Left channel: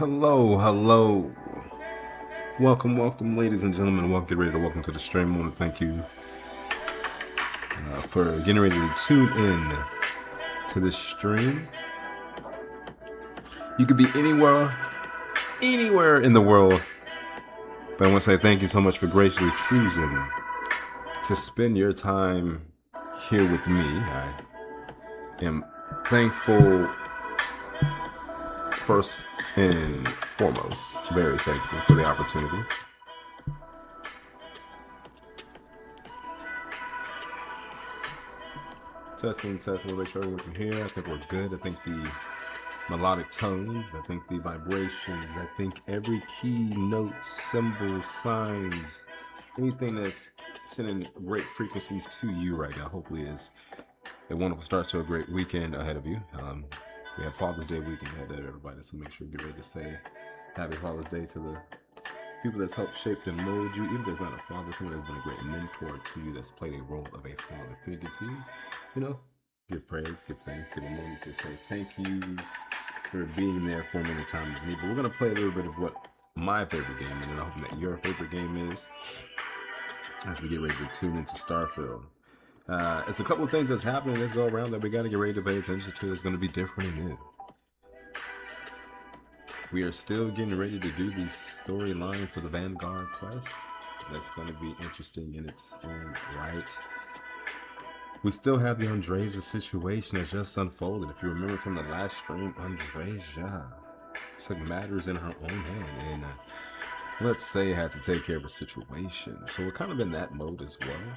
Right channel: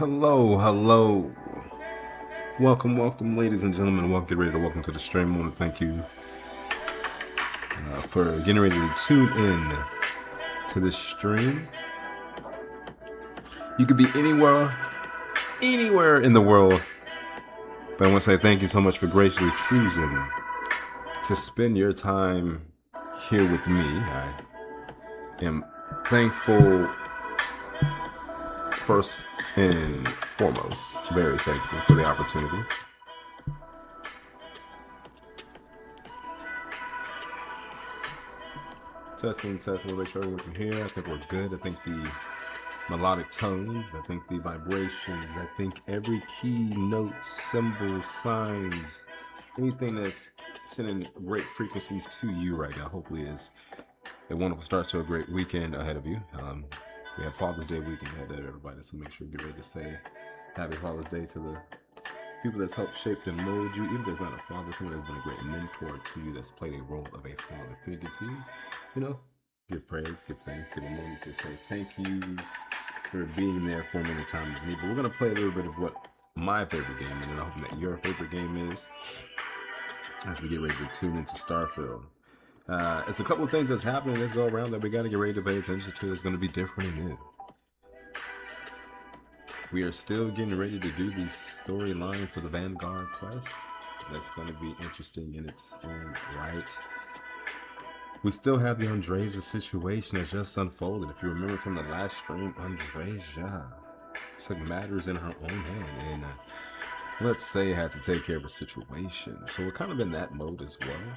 Hello, hello. Welcome, ladies and gentlemen. Get ready to welcome to the stream. I want to thank you for getting ready to tune in to this stream. You could be anywhere in the world, but I want to say thank you so much for graciously choosing to spend your time here with me. I am thankful, first and foremost, very thankful for the opportunity. Testing, we'll make sure everyone can hear. I think we're good. I think the melodic tones, I think the vibrations, I think every key, note, symbol, signs, anything that's sending great frequencies to you right now, hopefully is a wonderful start to a great weekend ahead of you. We have Father's Day weekend ahead of everybody, so make sure you get ready to say Happy Father's Day to the people that's helped shape and mold you. Even if there's not a father, someone that's been a great mentor to you, that's played a role of a father figure to you. You know, give praise, give thanks, give a moment to say thank you for being there for me in a time of need. But we're going to play a little bit of what my favorite game is, and I'm hoping that your favorite game is, as we get ready to tune into Starfield. It's a couple of things that's happening this go around that we got to get ready to pay attention to. It's going to be different and new. We are still getting ready to do the storyline for the Vanguard quest. That's going to be interesting in its own right. We still have the Andreja situation that just unfolded. If you remember from the last stream, Andreja took matters in her own hand and let's say had to take care of a situation. So we're kind of in that mode as well.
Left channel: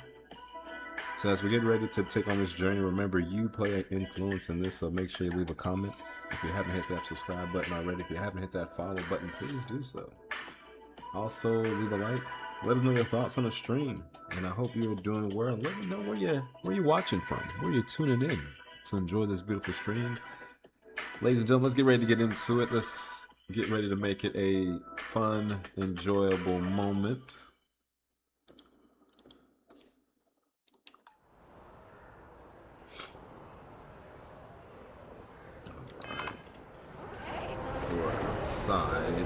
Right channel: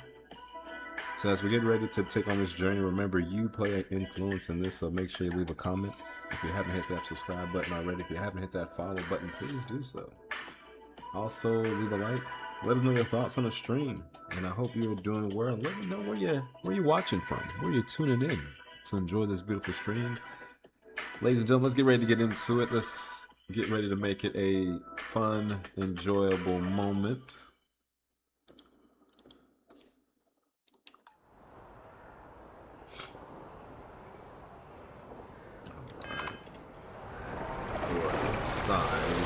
So as we get ready to take on this journey, remember you play an influence in this, so make sure you leave a comment. If you haven't hit that subscribe button already, if you haven't hit that follow button, please do so. Also, leave a like. Let us know your thoughts on the stream, and I hope you're doing well. Let me know where you're watching from, where you're tuning in to enjoy this beautiful stream. Ladies and gentlemen, let's get ready to get into it. Let's get ready to make it a fun, enjoyable moment. We're outside.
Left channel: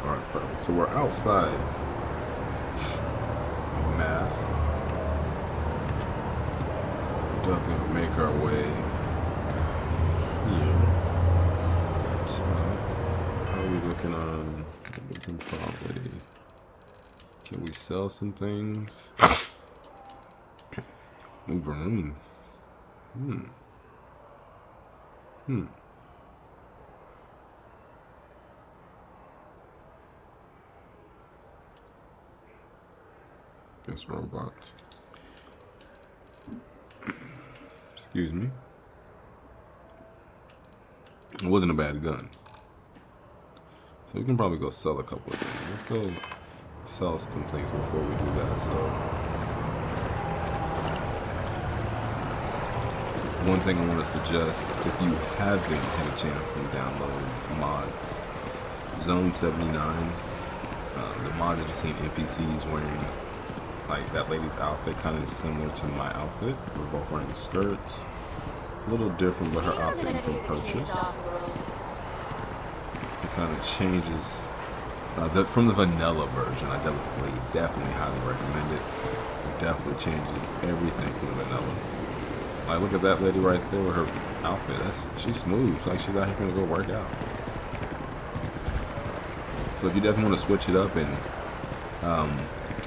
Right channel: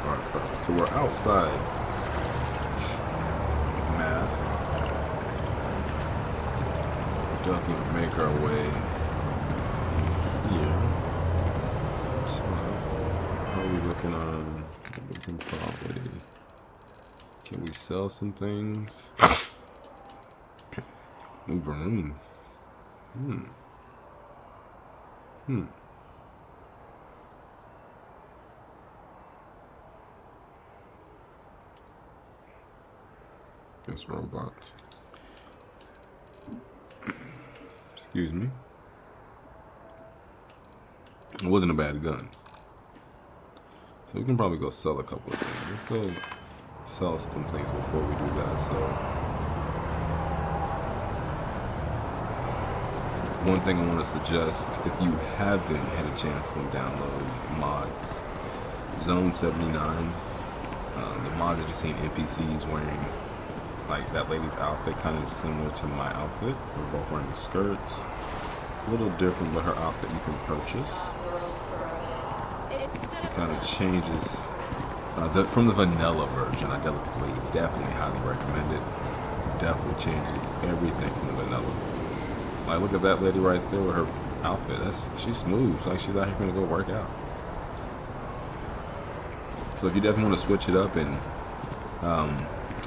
Alright, perfect. So we're outside. Masked. We'll definitely make our way here. How are we looking on? We can probably. Can we sell some things? Move a room. Guess robots. Excuse me. It wasn't a bad gun. So we can probably go sell a couple of things. Let's go sell some things before we do that. So one thing I want to suggest, if you haven't had a chance to download mods, Zone 79, the mod that you've seen NPCs wearing, like that lady's outfit kind of is similar to my outfit. We're both wearing the skirts. A little different, but her outfit you can purchase. Kind of changes from the vanilla version. I definitely highly recommend it. Definitely changes everything from the vanilla. Like, look at that lady right there with her outfit. She's smooth. It's like she's out here gonna go work out. So if you definitely want to switch it up and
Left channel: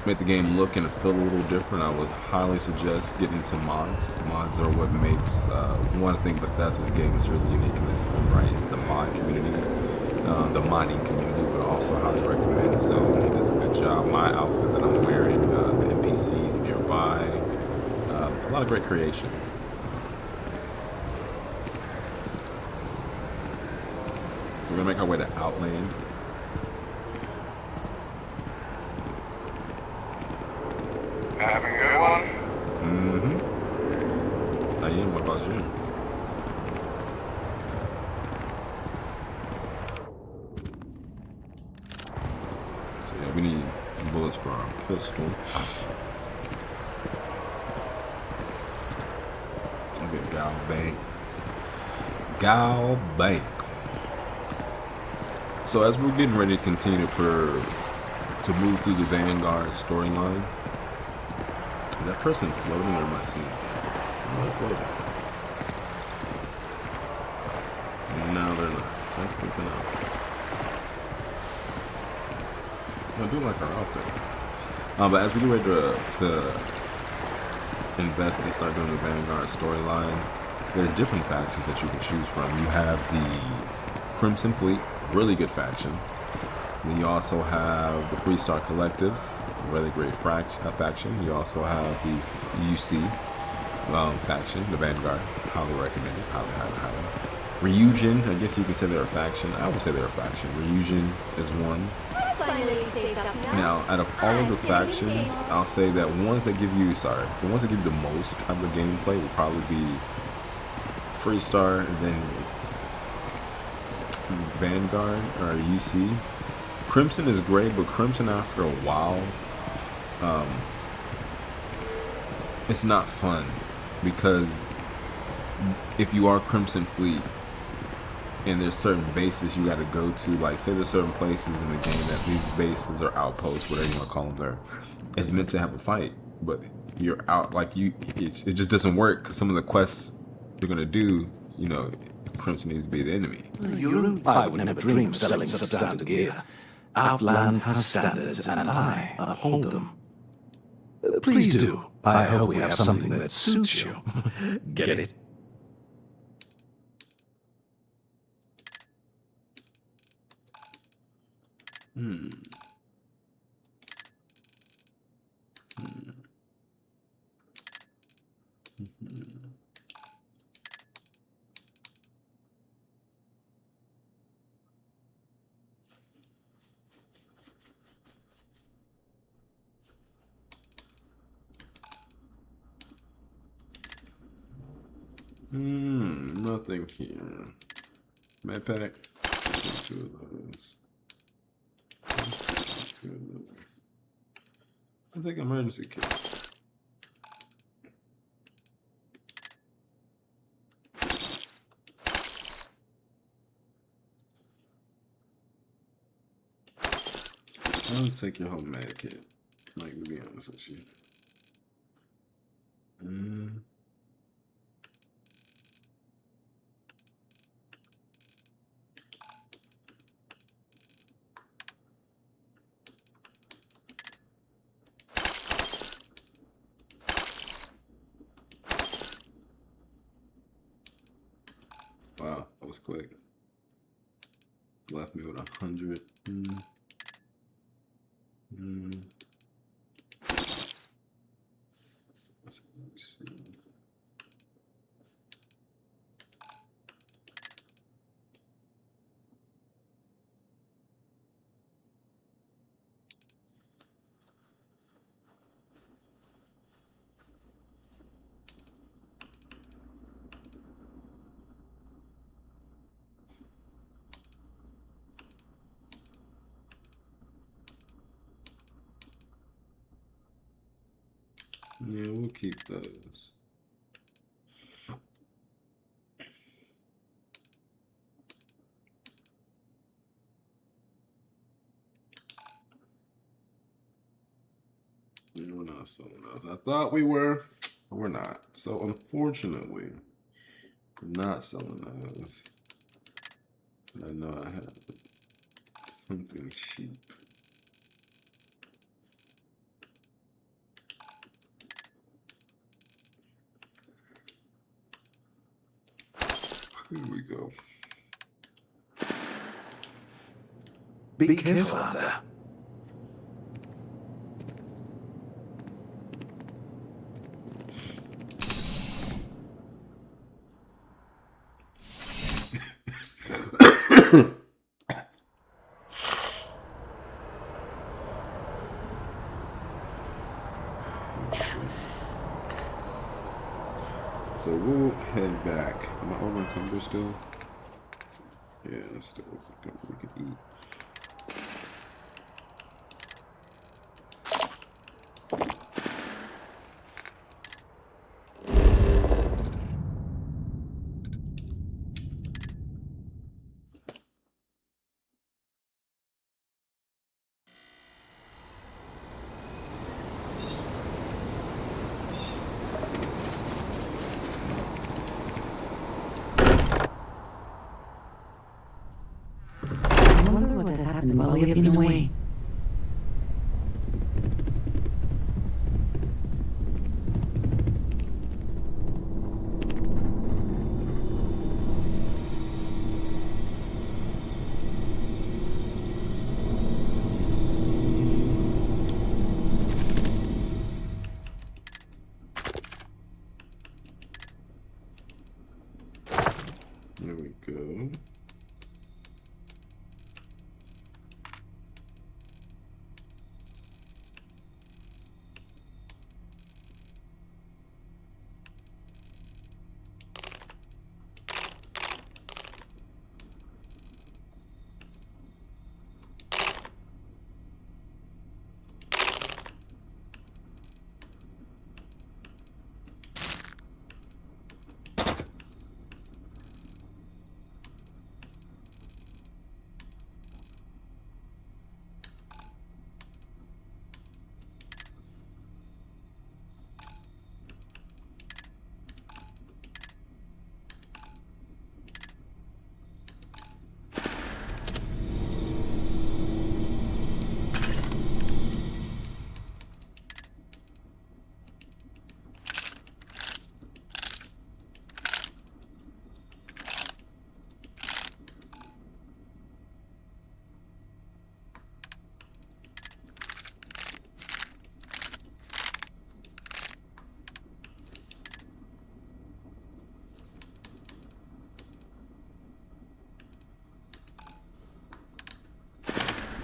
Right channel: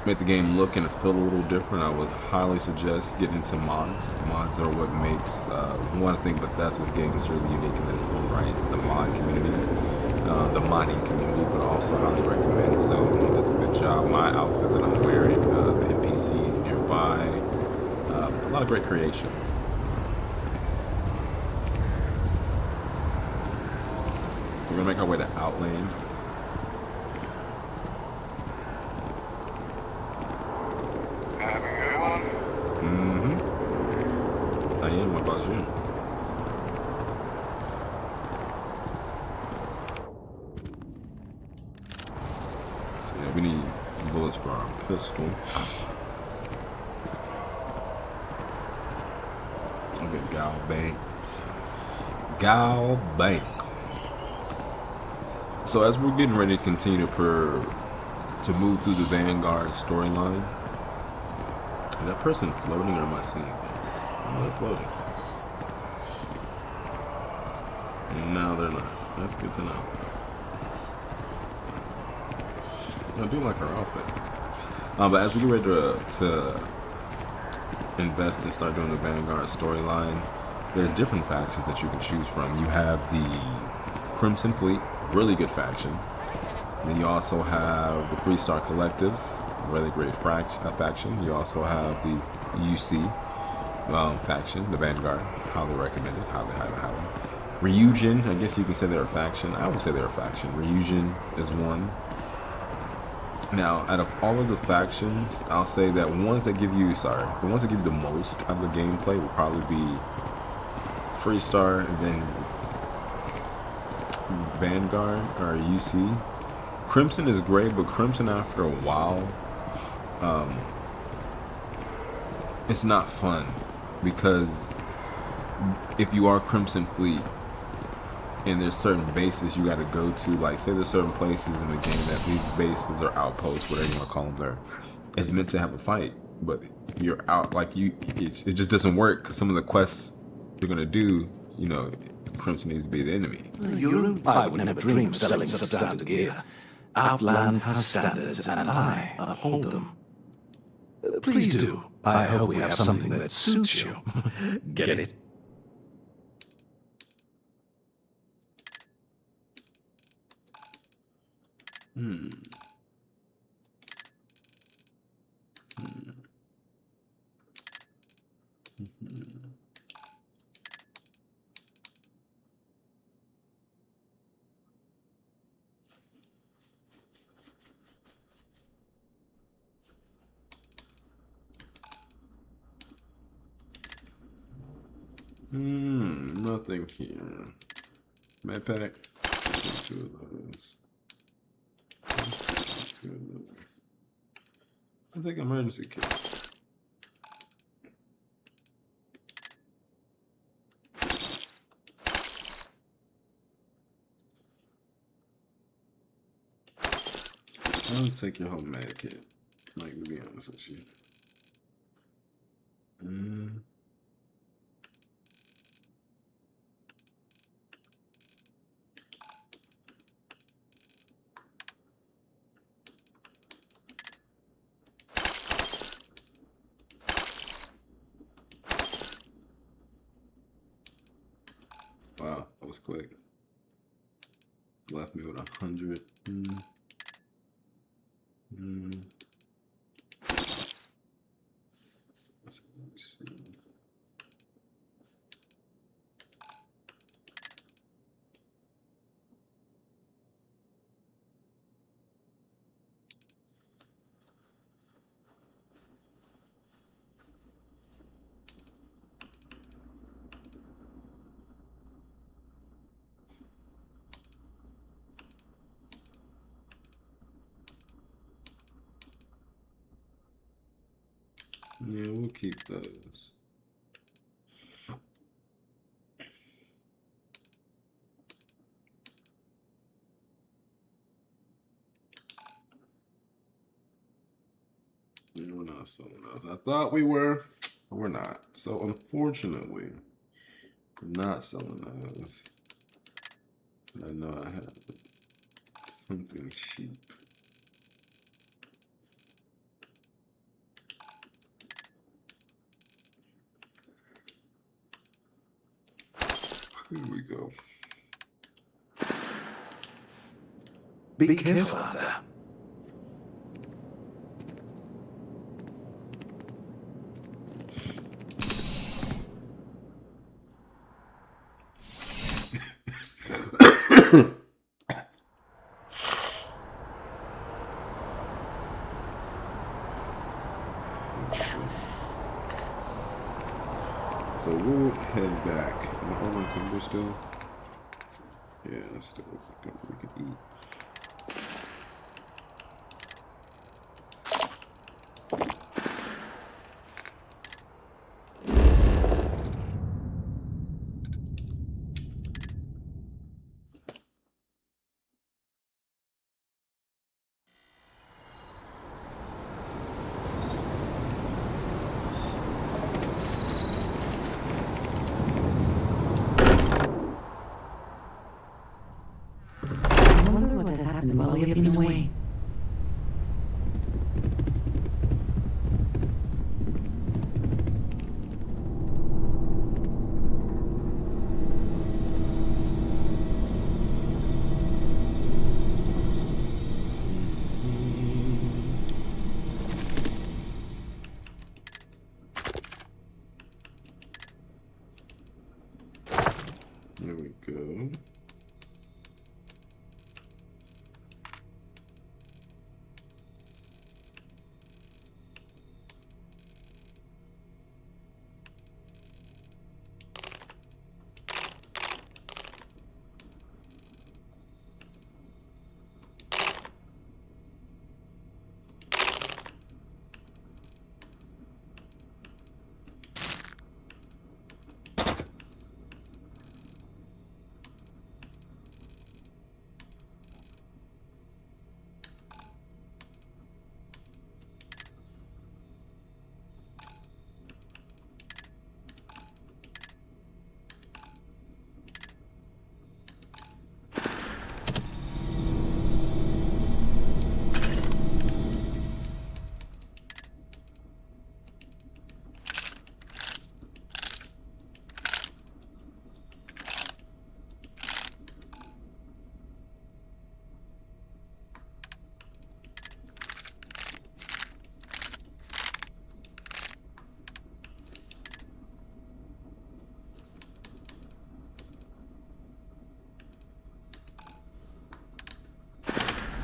make the game look and feel a little different, I would highly suggest getting into mods. Mods are what makes one thing Bethesda's game is really unique in its own right is the mod community. The modding community, but also highly recommend Zone. He does a good job. My outfit that I'm wearing, the NPCs nearby, a lot of great creations. So we're gonna make our way to Outland. Having a good one? I am. What about you? pistol. Okay, Gal Bank. Gal Bank. So as we're getting ready to continue to move through the Vanguard storyline, is that person floating or am I seeing things? No, they're floating. No, they're not. That's good to know. I do like our outfit. But as we get ready to invest and start doing the Vanguard storyline, there's different factions that you can choose from. You have the Crimson Fleet, really good faction. Then you also have the Freestar Collectives, really great faction. You also have the UC faction, the Vanguard, highly recommended, highly. Ryujin, I guess you can say they're a faction. I would say they're a faction. Ryujin is one. Now, out of all of the factions, I'll say that the ones that give you the most of the gameplay will probably be Freestar and then Vanguard or UC. Crimson is great, but Crimson after a while, it's not fun because if you are Crimson Fleet and there's certain bases you got to go to, like say there's certain places in the game that these bases or outposts, whatever you want to call them, there, it's meant to have a fight, but you're out it just doesn't work because some of the quests you're gonna do, Crimson needs to be the enemy. I would never dream of selling substandard gear. Outland has standards, and I uphold them. Please do. I hope we have something that suits you. Get it? Nothing here. Med pack. Two of those. Two of those. I think emergency kit. I'll take your whole med kit. Like, to be honest with you. Wow, that was quick. Left me with 100. Let's see. Yeah, we'll keep those. Yeah, we're not selling those. I thought we were, but we're not. So unfortunately, we're not selling those. I know I have something cheap. Here we go. Be careful out there. So we'll head back. Am I over still? Yeah, still we could eat. we have been away. There we go.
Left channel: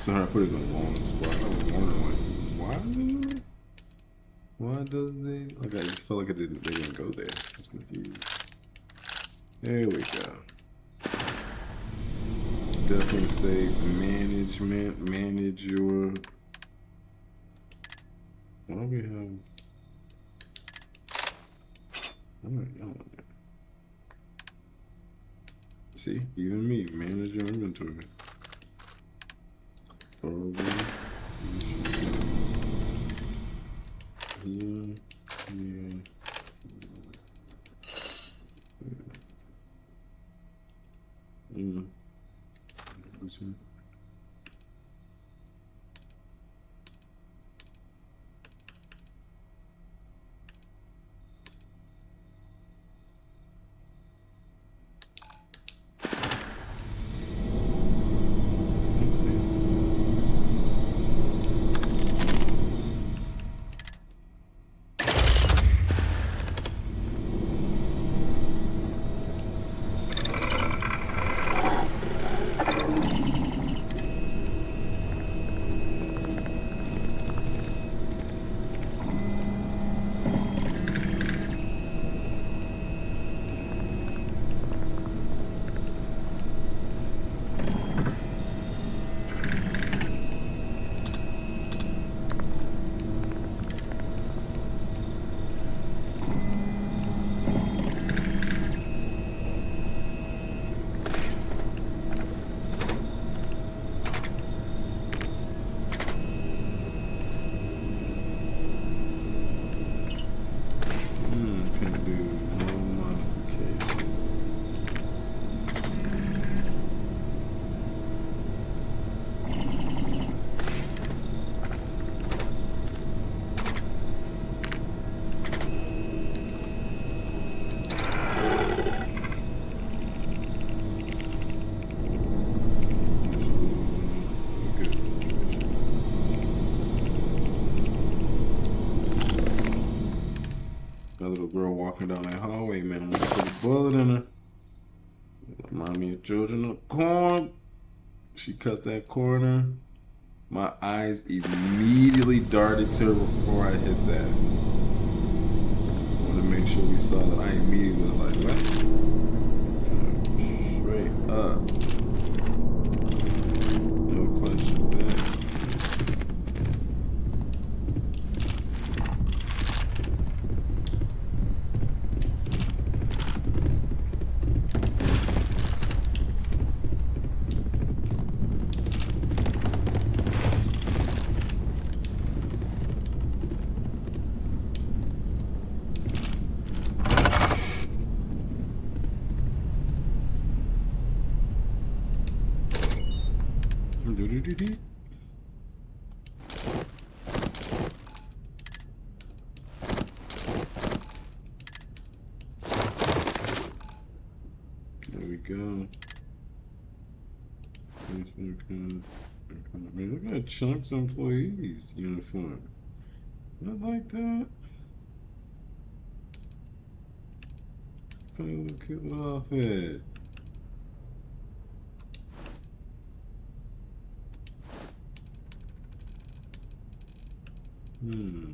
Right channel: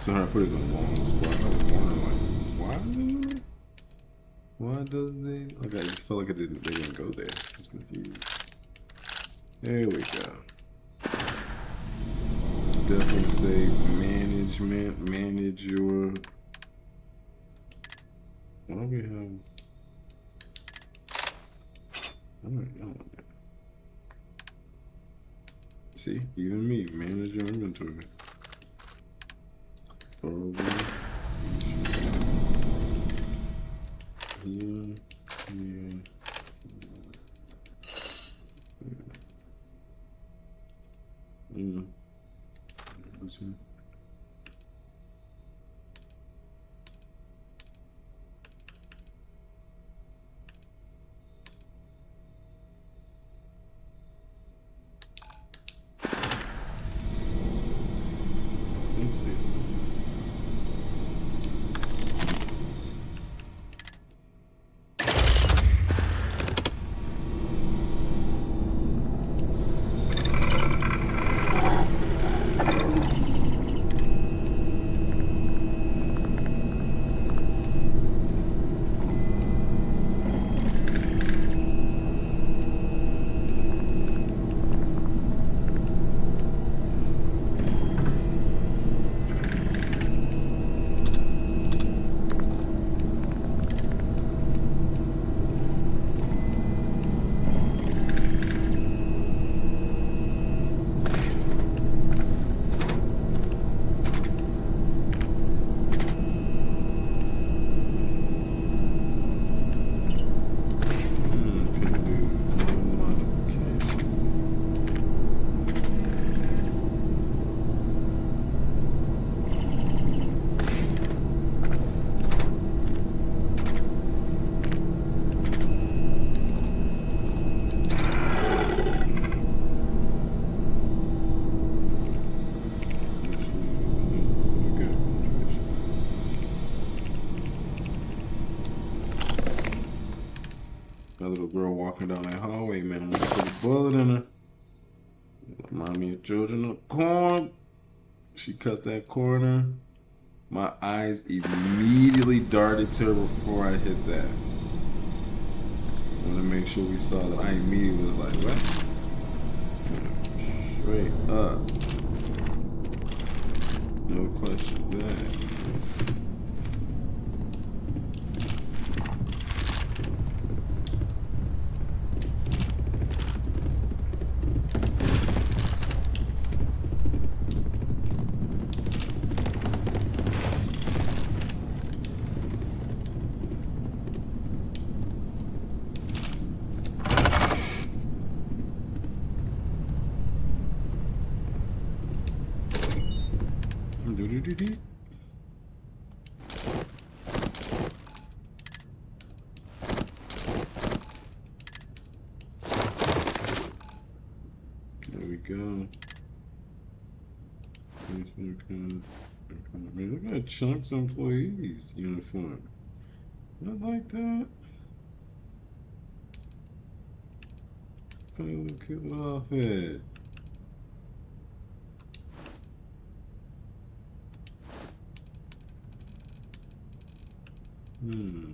So I put it in the wrong spot. I was wondering, like, why does they? Like, I just felt like they didn't go there. I was confused. There we go. Definitely say management, manage your. Why do we have? See, even me, manage your inventory. Here, here, What's this? That little girl walking down that hallway, man. I'm gonna put a bullet in her. Remind me of Children of the Corn. She cut that corner. My eyes immediately darted to her before I hit that. I want to make sure we saw that. I immediately was like, what? Straight up. No question there. Do-do-do-do. There we go. Man, look at Chunk's employees uniform. I like that. Funny little cute little outfit. Yeah.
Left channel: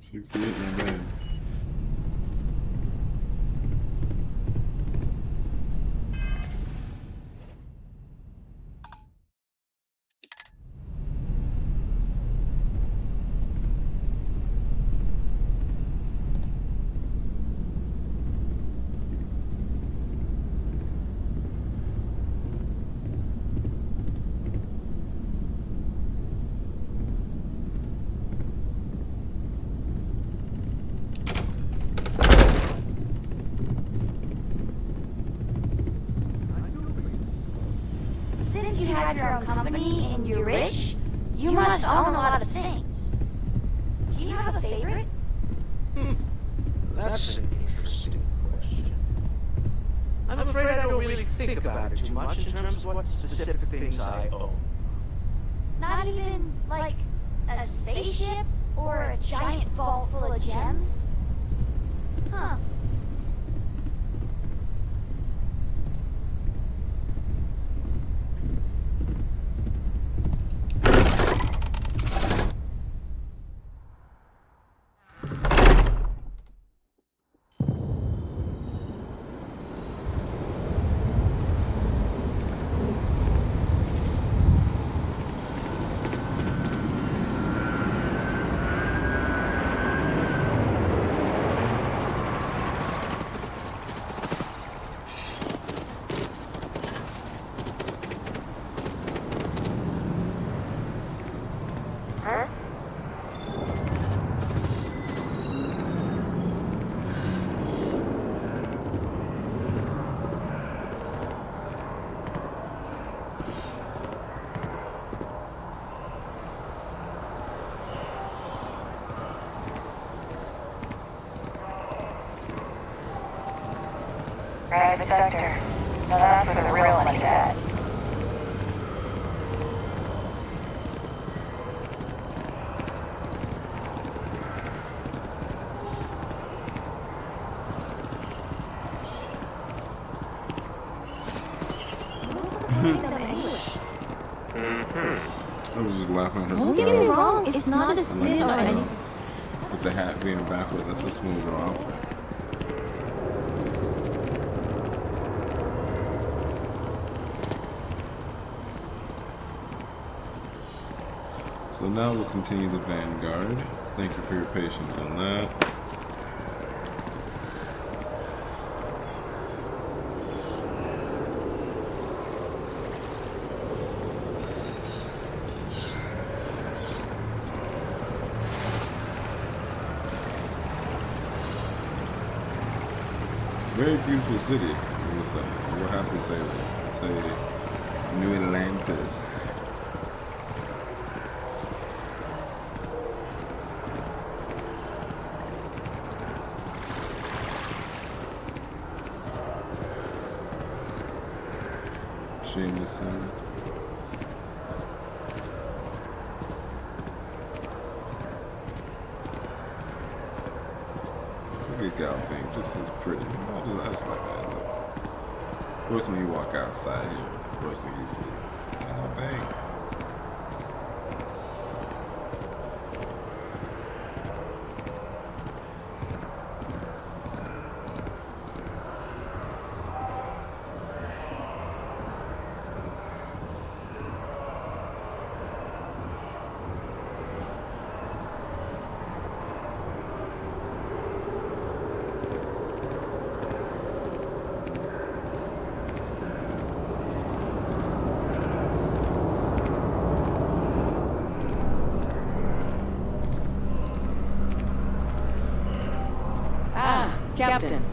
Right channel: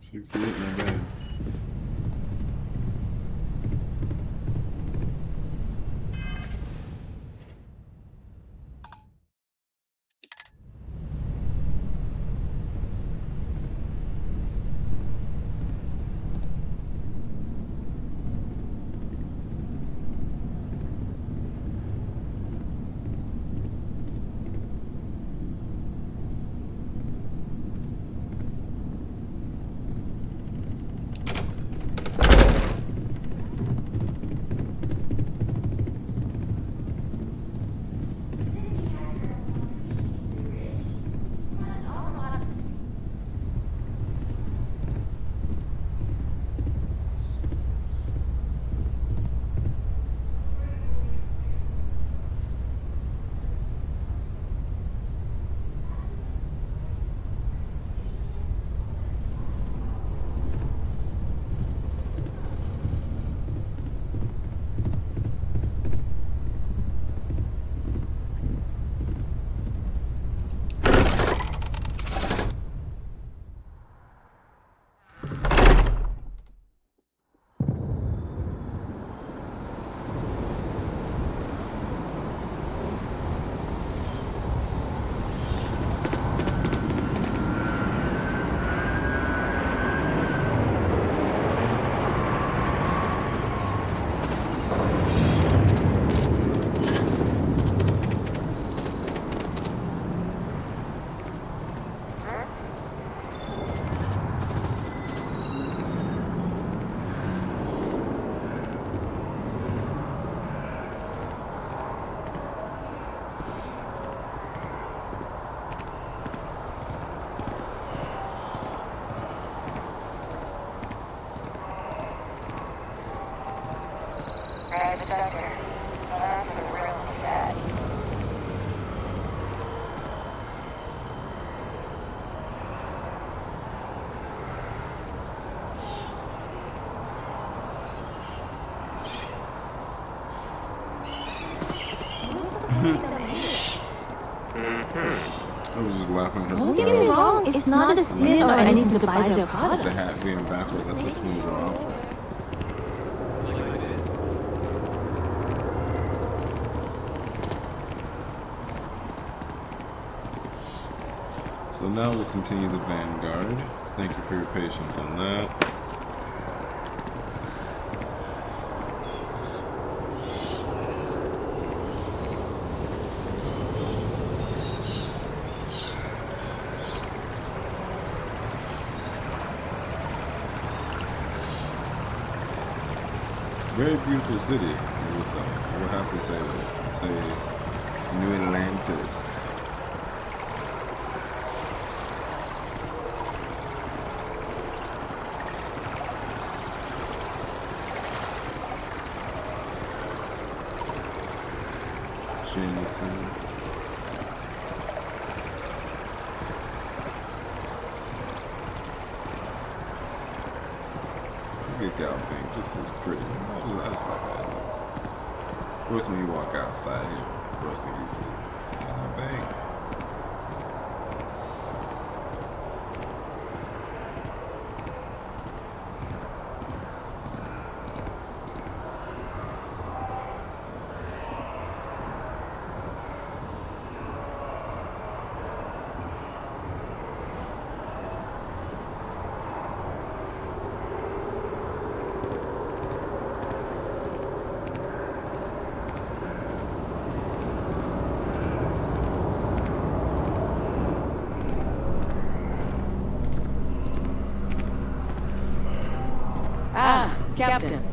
$68, not bad. Since you have your own company and you're rich, you must own a lot of things. Do you have a favorite? That's an interesting question. I'm afraid I don't really think about it too much in terms of what specific things I own. Not even, like, a spaceship or a giant vault full of gems? Huh. Private sector. Now that's where the real money's at. I was just laughing at her Don't get me style. wrong, it's not a sin or anything to buy their The product. hat being backwards, that's a smoother outfit. So now we'll continue the Vanguard. Thank you for your patience on that. Very beautiful city. I will have to say that. Say New Atlantis. Jameson. Look at Gal Pink, just as pretty. I just like how it looks. Of course, when you walk outside, you know, the first thing you see, Gal Pink. Captain.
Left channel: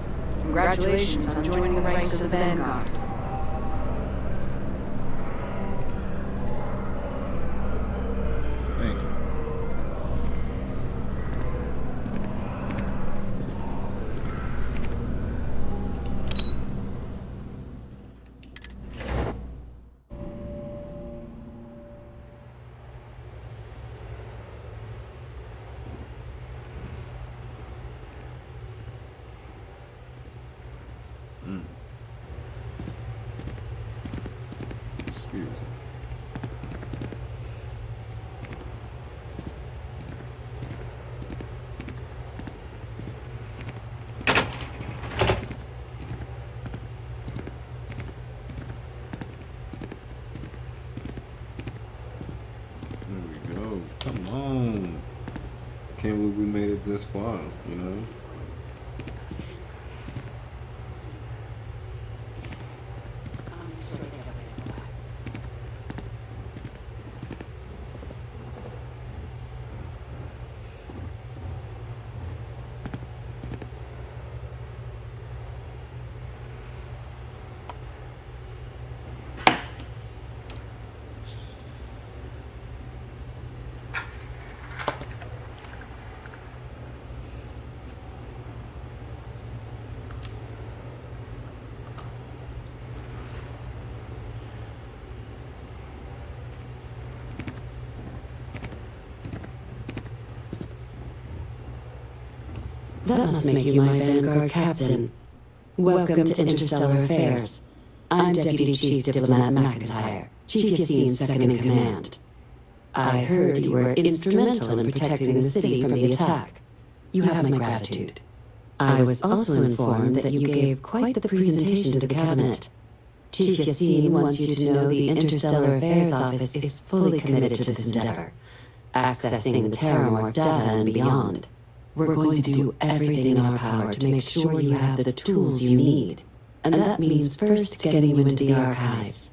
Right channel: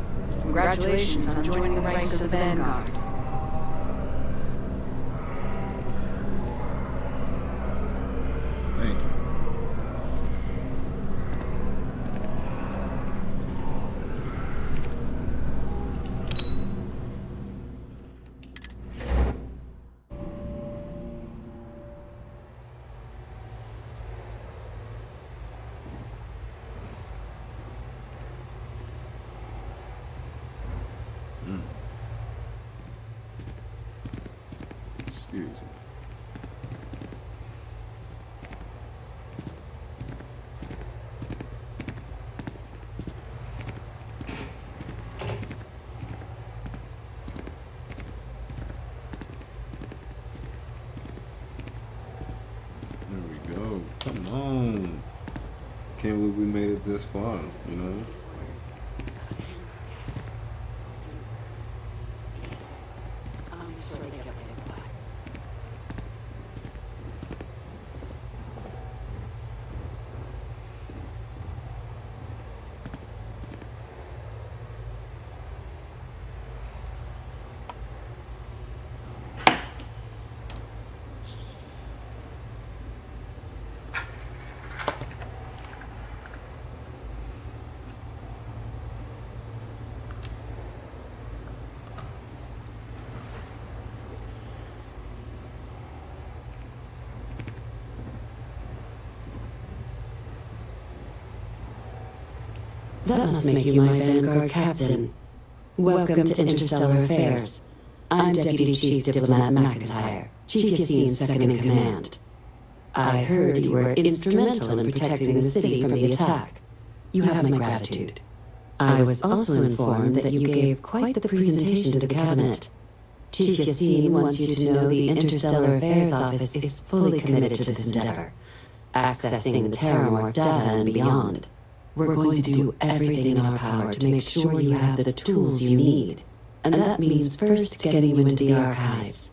Congratulations on joining the ranks of the Vanguard. Thank you. Excuse me. There we go. Come on. Can't believe we made it this far, you know? That must make you my Vanguard captain. Welcome to Interstellar Affairs. I'm Deputy Chief Diplomat McIntyre, Chief Yassine's second-in-command. I heard you were instrumental in protecting the city from the attack. You have my gratitude. I was also informed that you gave quite the presentation to the cabinet. Chief Yassine wants you to know the Interstellar Affairs Office is fully committed to this endeavor, accessing the Terramorph data and beyond. We're going to do everything in our power to make sure you have the tools you need. And that means first getting you into the archives.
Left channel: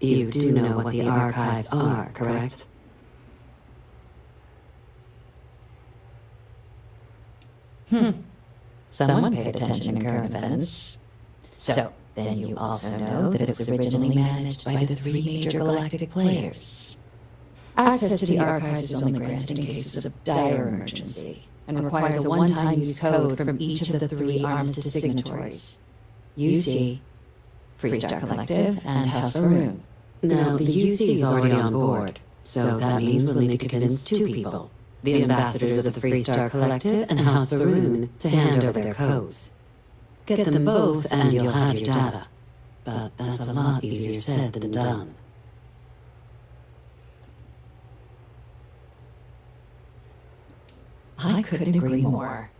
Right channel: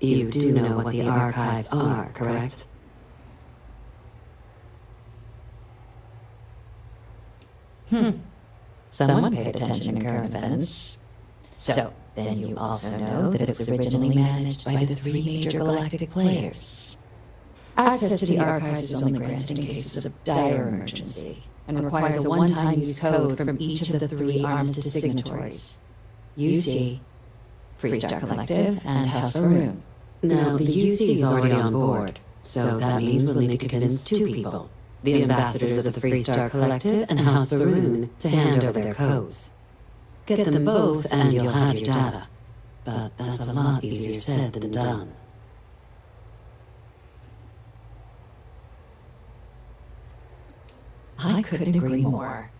You do know what the archives are, correct? Someone paid attention to current events. So, then you also know that it was originally managed by the 3 major galactic players. Access to the archives is only granted in cases of dire emergency, and requires a one-time use code from each of the 3 armistice signatories. UC, Freestar Collective, and House Varun. Now, the UC is already on board, so that means we'll need to convince 2 people. The ambassadors of the Freestar Collective and House Varun to hand over their codes. Get them both and you'll have your data. But that's a lot easier said than done. I couldn't agree more.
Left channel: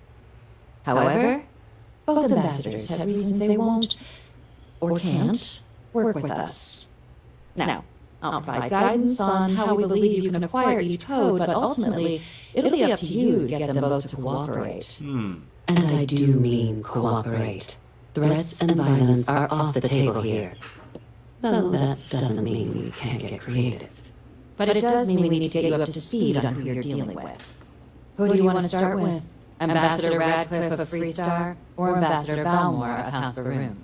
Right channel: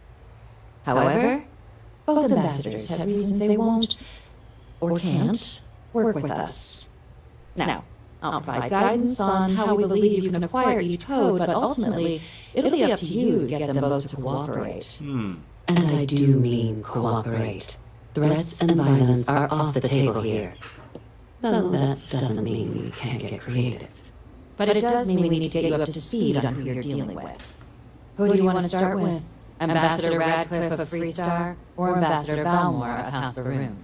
However, both ambassadors have reasons they won't, or can't, work with us. Now, I'll provide guidance on how we believe you can acquire each code, but ultimately, it'll be up to you to get them both to cooperate. And I do mean cooperate. Threats and violence are off the table here. Though that doesn't mean we can't get creative. But it does mean we need to get you up to speed on who you're dealing with. Who do you want to start with? Ambassador Radcliffe of Freestar, or Ambassador Balmore of House Varun?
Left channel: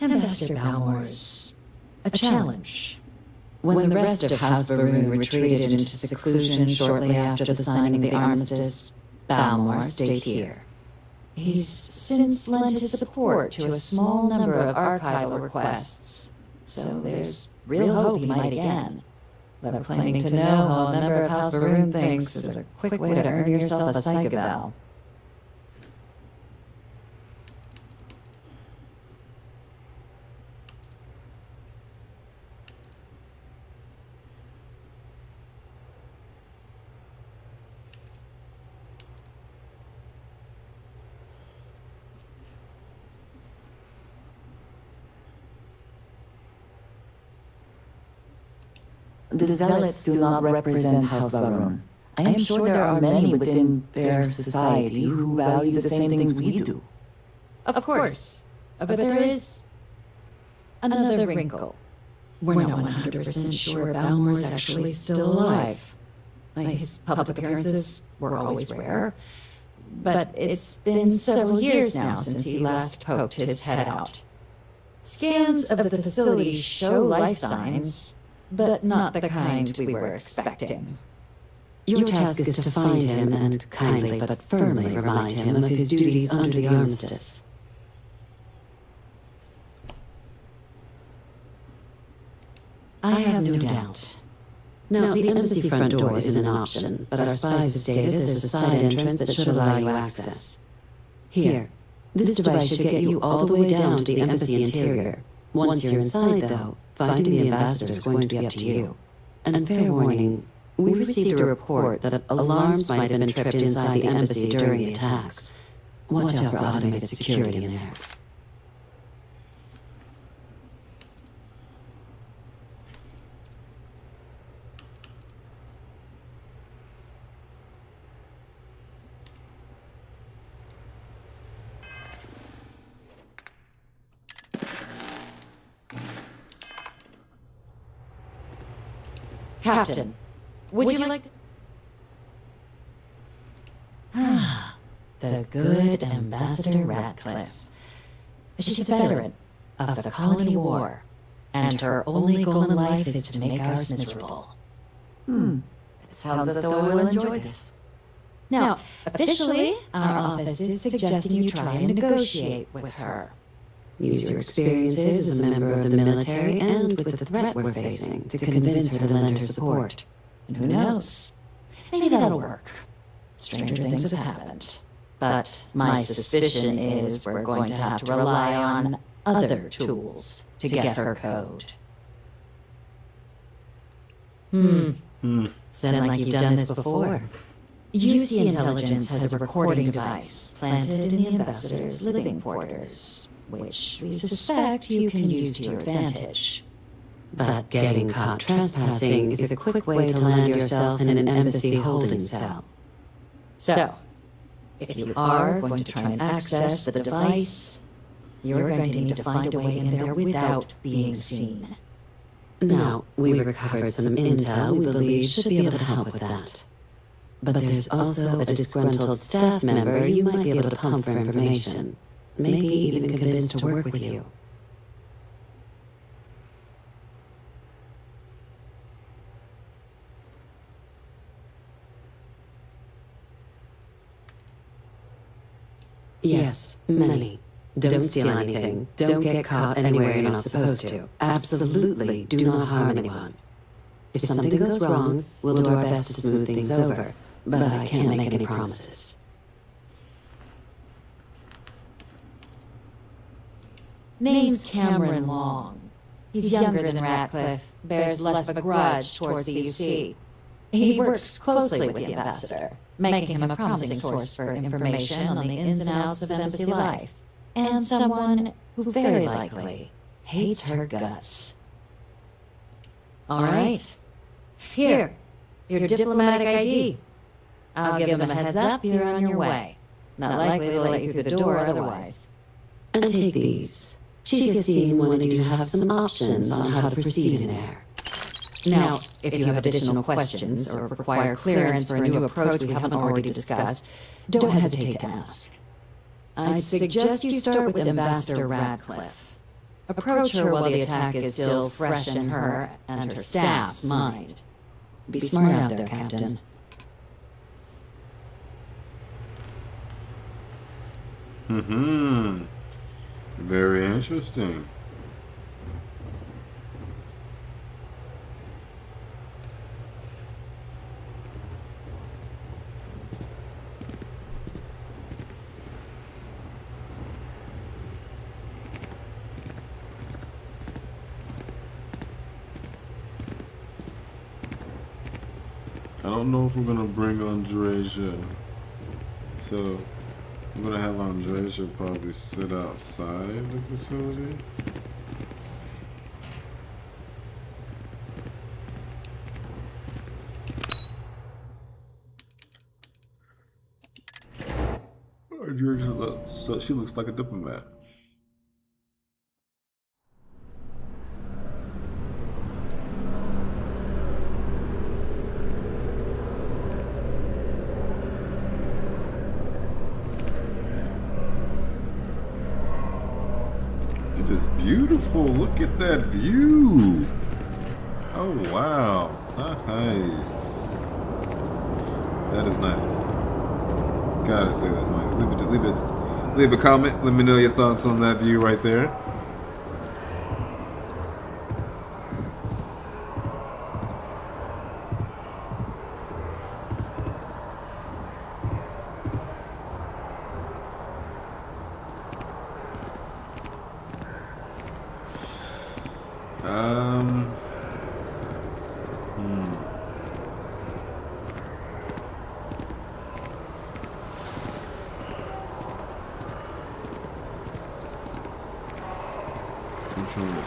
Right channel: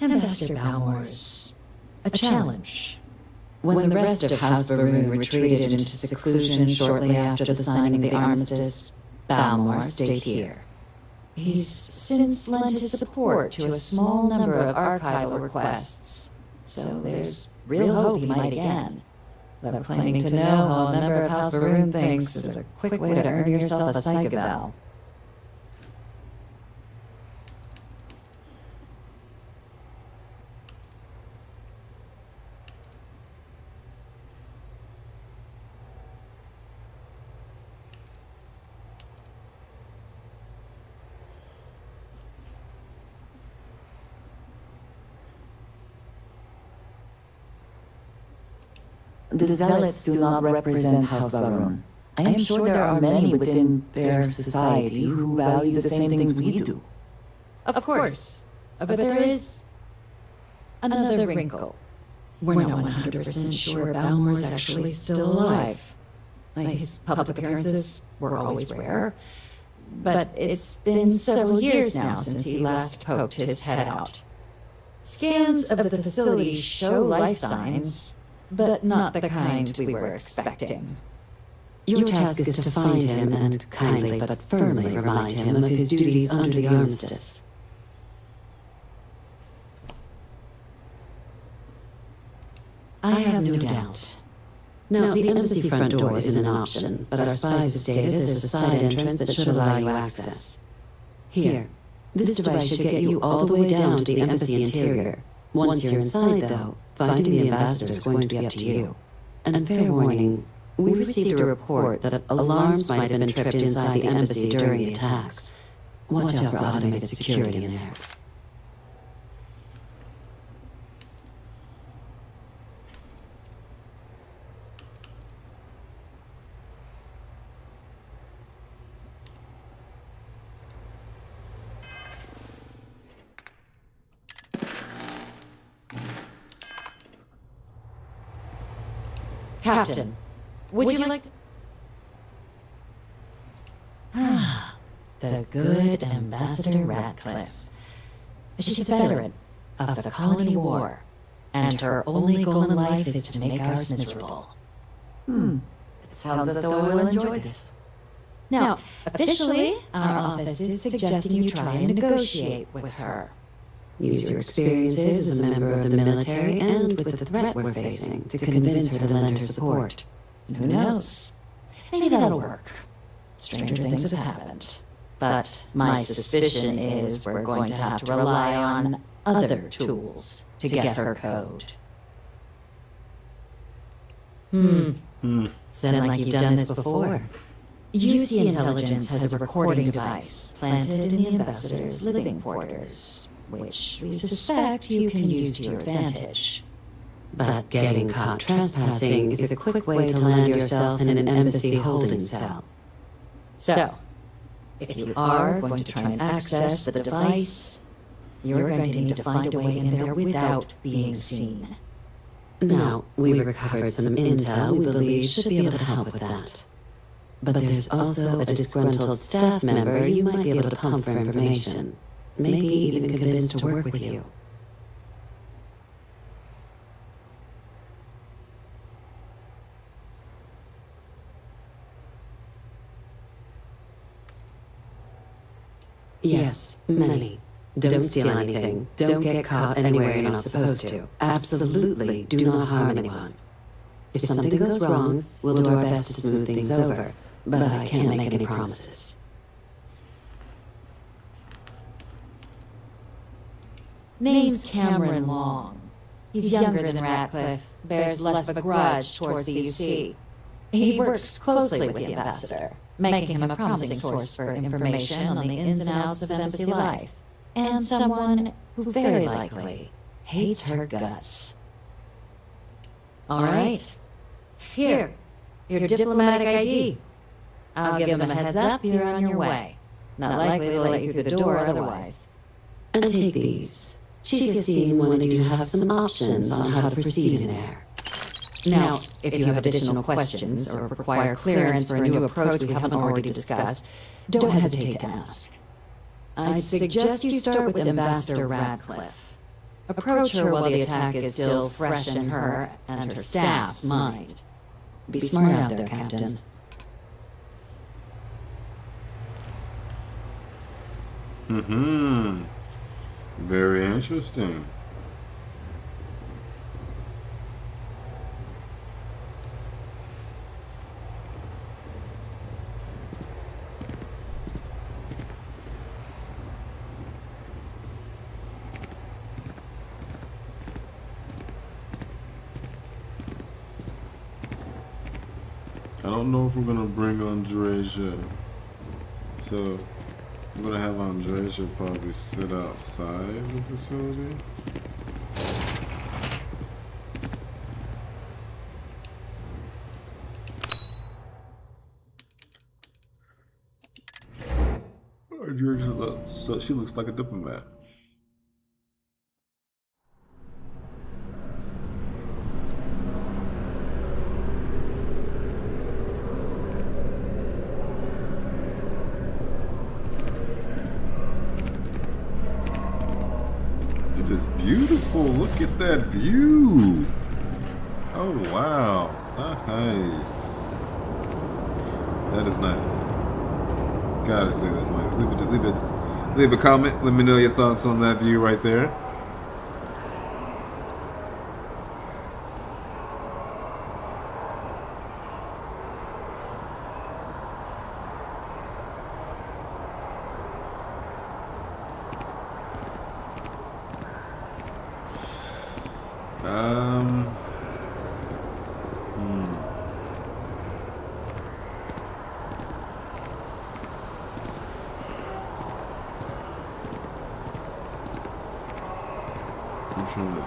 Ambassador Balmore's a challenge. When the rest of House Varun retreated into seclusion shortly after the signing of the armistice, Balmore stayed here. He's since lent his support to a small number of archival requests, so there's real hope he might again. But claiming to know how a member of House Varun thinks is a quick way to earn yourself a psych eval. The Zealots do not represent House Varun. I am sure there are many within their society who value the same things we do. Of course, but there is another wrinkle. We're not 100% sure Balmore's actually still alive. His public appearances were always rare, but it's been several years now since he last poked his head out. Scans of the facility show life signs, but not the kind we were expecting. Your task is to find him and kindly but firmly remind him of his duties under the armistice. I have no doubt. Now, the embassy front door isn't an option, but our spies have stated there's a side entrance that should allow you access. Here, this device should get you all the way down to the embassy interior. Once you're inside, though, finding the ambassador is going to be up to you. And fair warning, we received a report that alarms might have been tripped inside the embassy during the attacks. Watch out for automated security in there. Captain, would you like to... Ah, the good Ambassador Ratcliffe. She's a veteran of the Colony War, and her only goal in life is to make ours miserable. It sounds as though we'll enjoy this. Now, officially, our office is suggesting you try and negotiate with her. Use your experiences as a member of the military and with the threat we're facing to convince her to lend her support. And who knows? Maybe that'll work. Stranger things have happened. But my suspicion is we're going to have to rely on other tools to get her code. Sound like you've done this before. UC Intelligence has a recording device planted in the ambassador's living quarters, which we suspect you can use to your advantage. But getting caught trespassing is a quick way to land yourself in an embassy holding cell. So, if you are going to try and access the device, you're going to need to find a way in there without being seen. Now, we recovered some intel we believe should be able to help with that. But there's also a disgruntled staff member you might be able to pump for information. Maybe even convinced to work with you. Yes, many. Don't steal anything. Don't get caught anywhere you're not supposed to. Absolutely do not harm anyone. If something goes wrong, we'll do our best to smooth things over, but I can't make any promises. Name's Cameron Long. He's younger than Ratcliffe, bears less of a grudge towards the UC. He works closely with the ambassador, making him a promising source for information on the ins and outs of embassy life, and someone who very likely hates her guts. All right. Here, your diplomatic ID. I'll give them a heads up you're on your way. Not likely to let you through the door otherwise. And take these. Chief Yassine wanted you to have some options on how to proceed in there. Now, if you have additional questions or require clearance for a new approach we haven't already discussed, don't hesitate to ask. I'd suggest you start with Ambassador Ratcliffe. Approach her while the attack is still fresh in her and her staff's mind. Be smart out there, Captain. Very interesting. I don't know if we're gonna bring Andreja, so I'm gonna have Andreja probably sit outside the facility. Andreja she looks like a diplomat. is beautiful. Look at that view. Oh wow, nice. That is nice. Gotta say that's nice. Leave a comment. Let me know your thoughts on that view right there. I'm trying to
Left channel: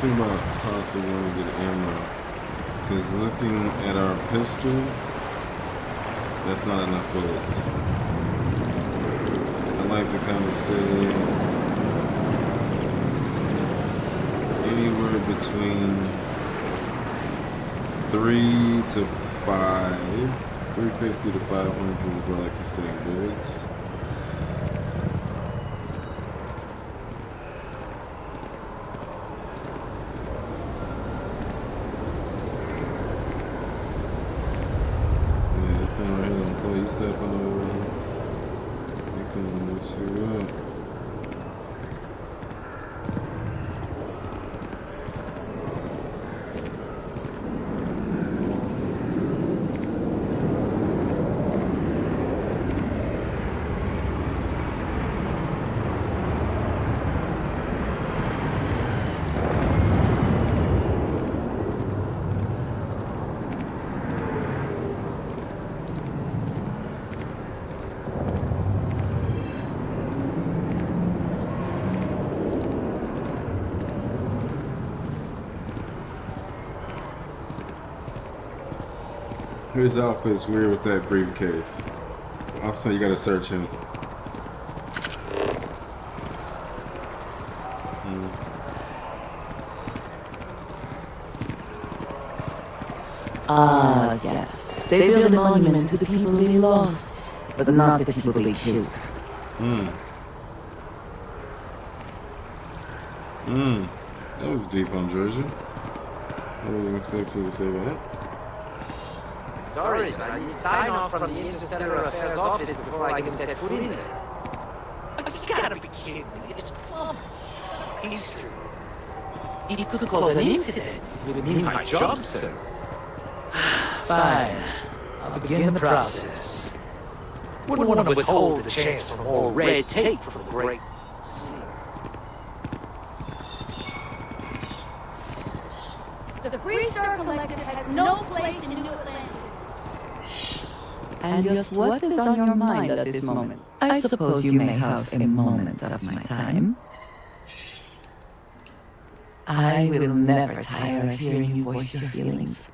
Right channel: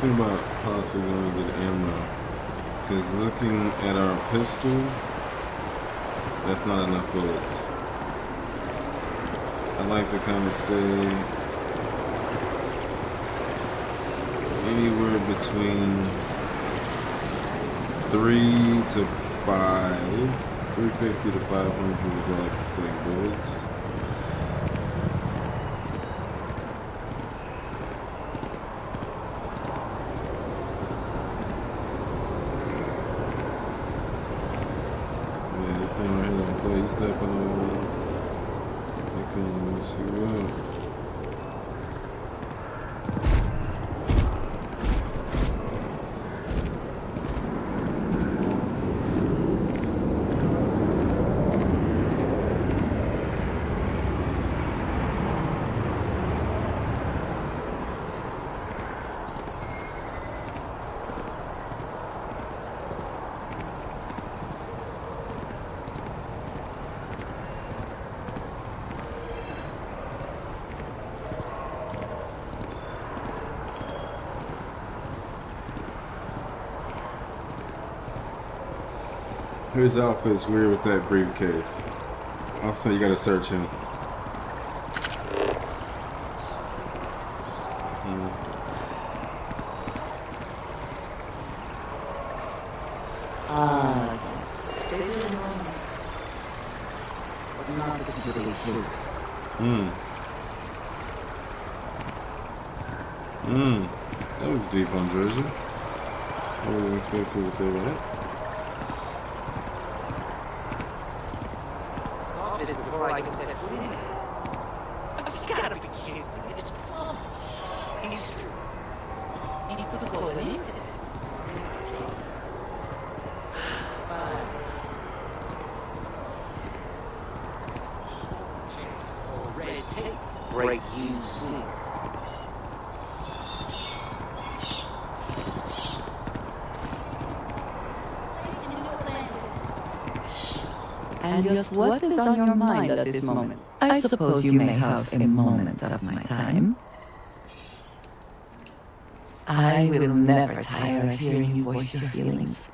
think about possibly going to get ammo, because looking at our pistol, that's not enough bullets. I like to kind of stay anywhere between 3 to 5, 350 to 500 is where I like to stay in bullets. Yeah, this thing right here don't play. You step on the they can mess you up. His outfit's weird with that briefcase. I'm saying you gotta search him. Ah, yes. They built a monument to the people they lost, but not the people they killed. That was deep on Jersey. I wasn't expecting you to say that. Sorry, man. You sign off from the Interstellar Affairs office before I can set foot in it. You gotta be kidding me. It's plum history. It could cause an incident with me and my job, sir. Fine. I'll begin the process. Wouldn't want to withhold the chance for more red tape for great UC. The Freestar Collective has no place in New Atlantis. And just what is on your mind at this moment? I suppose you may have a moment of my time. I will never tire of hearing you voice your feelings.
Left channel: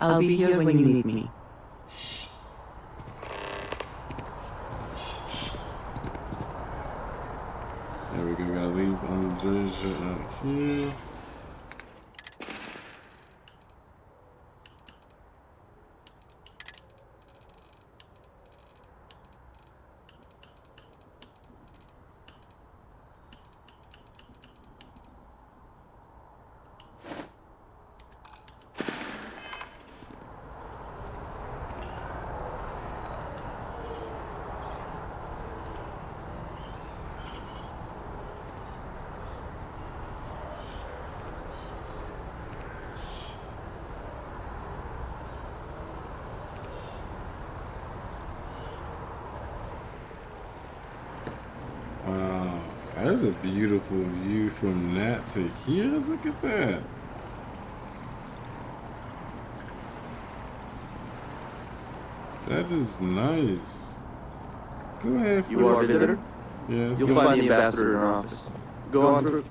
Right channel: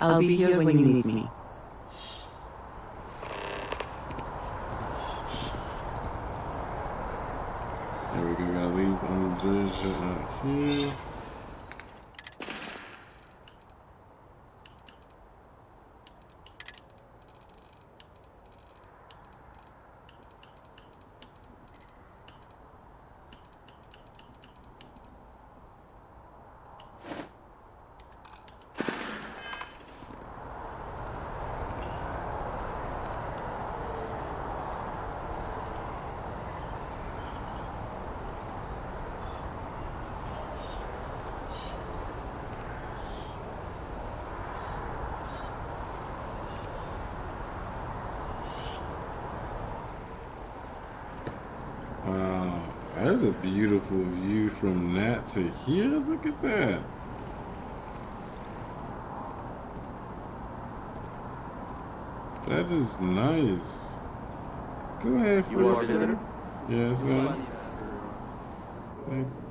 I'll be here when you need me. There we go, gotta leave on the Jersey out here. Wow, that's a beautiful view from that to here. Look at that. That is nice. Go ahead. You are a visitor? Yes. You'll find the ambassador in our office. Go on through.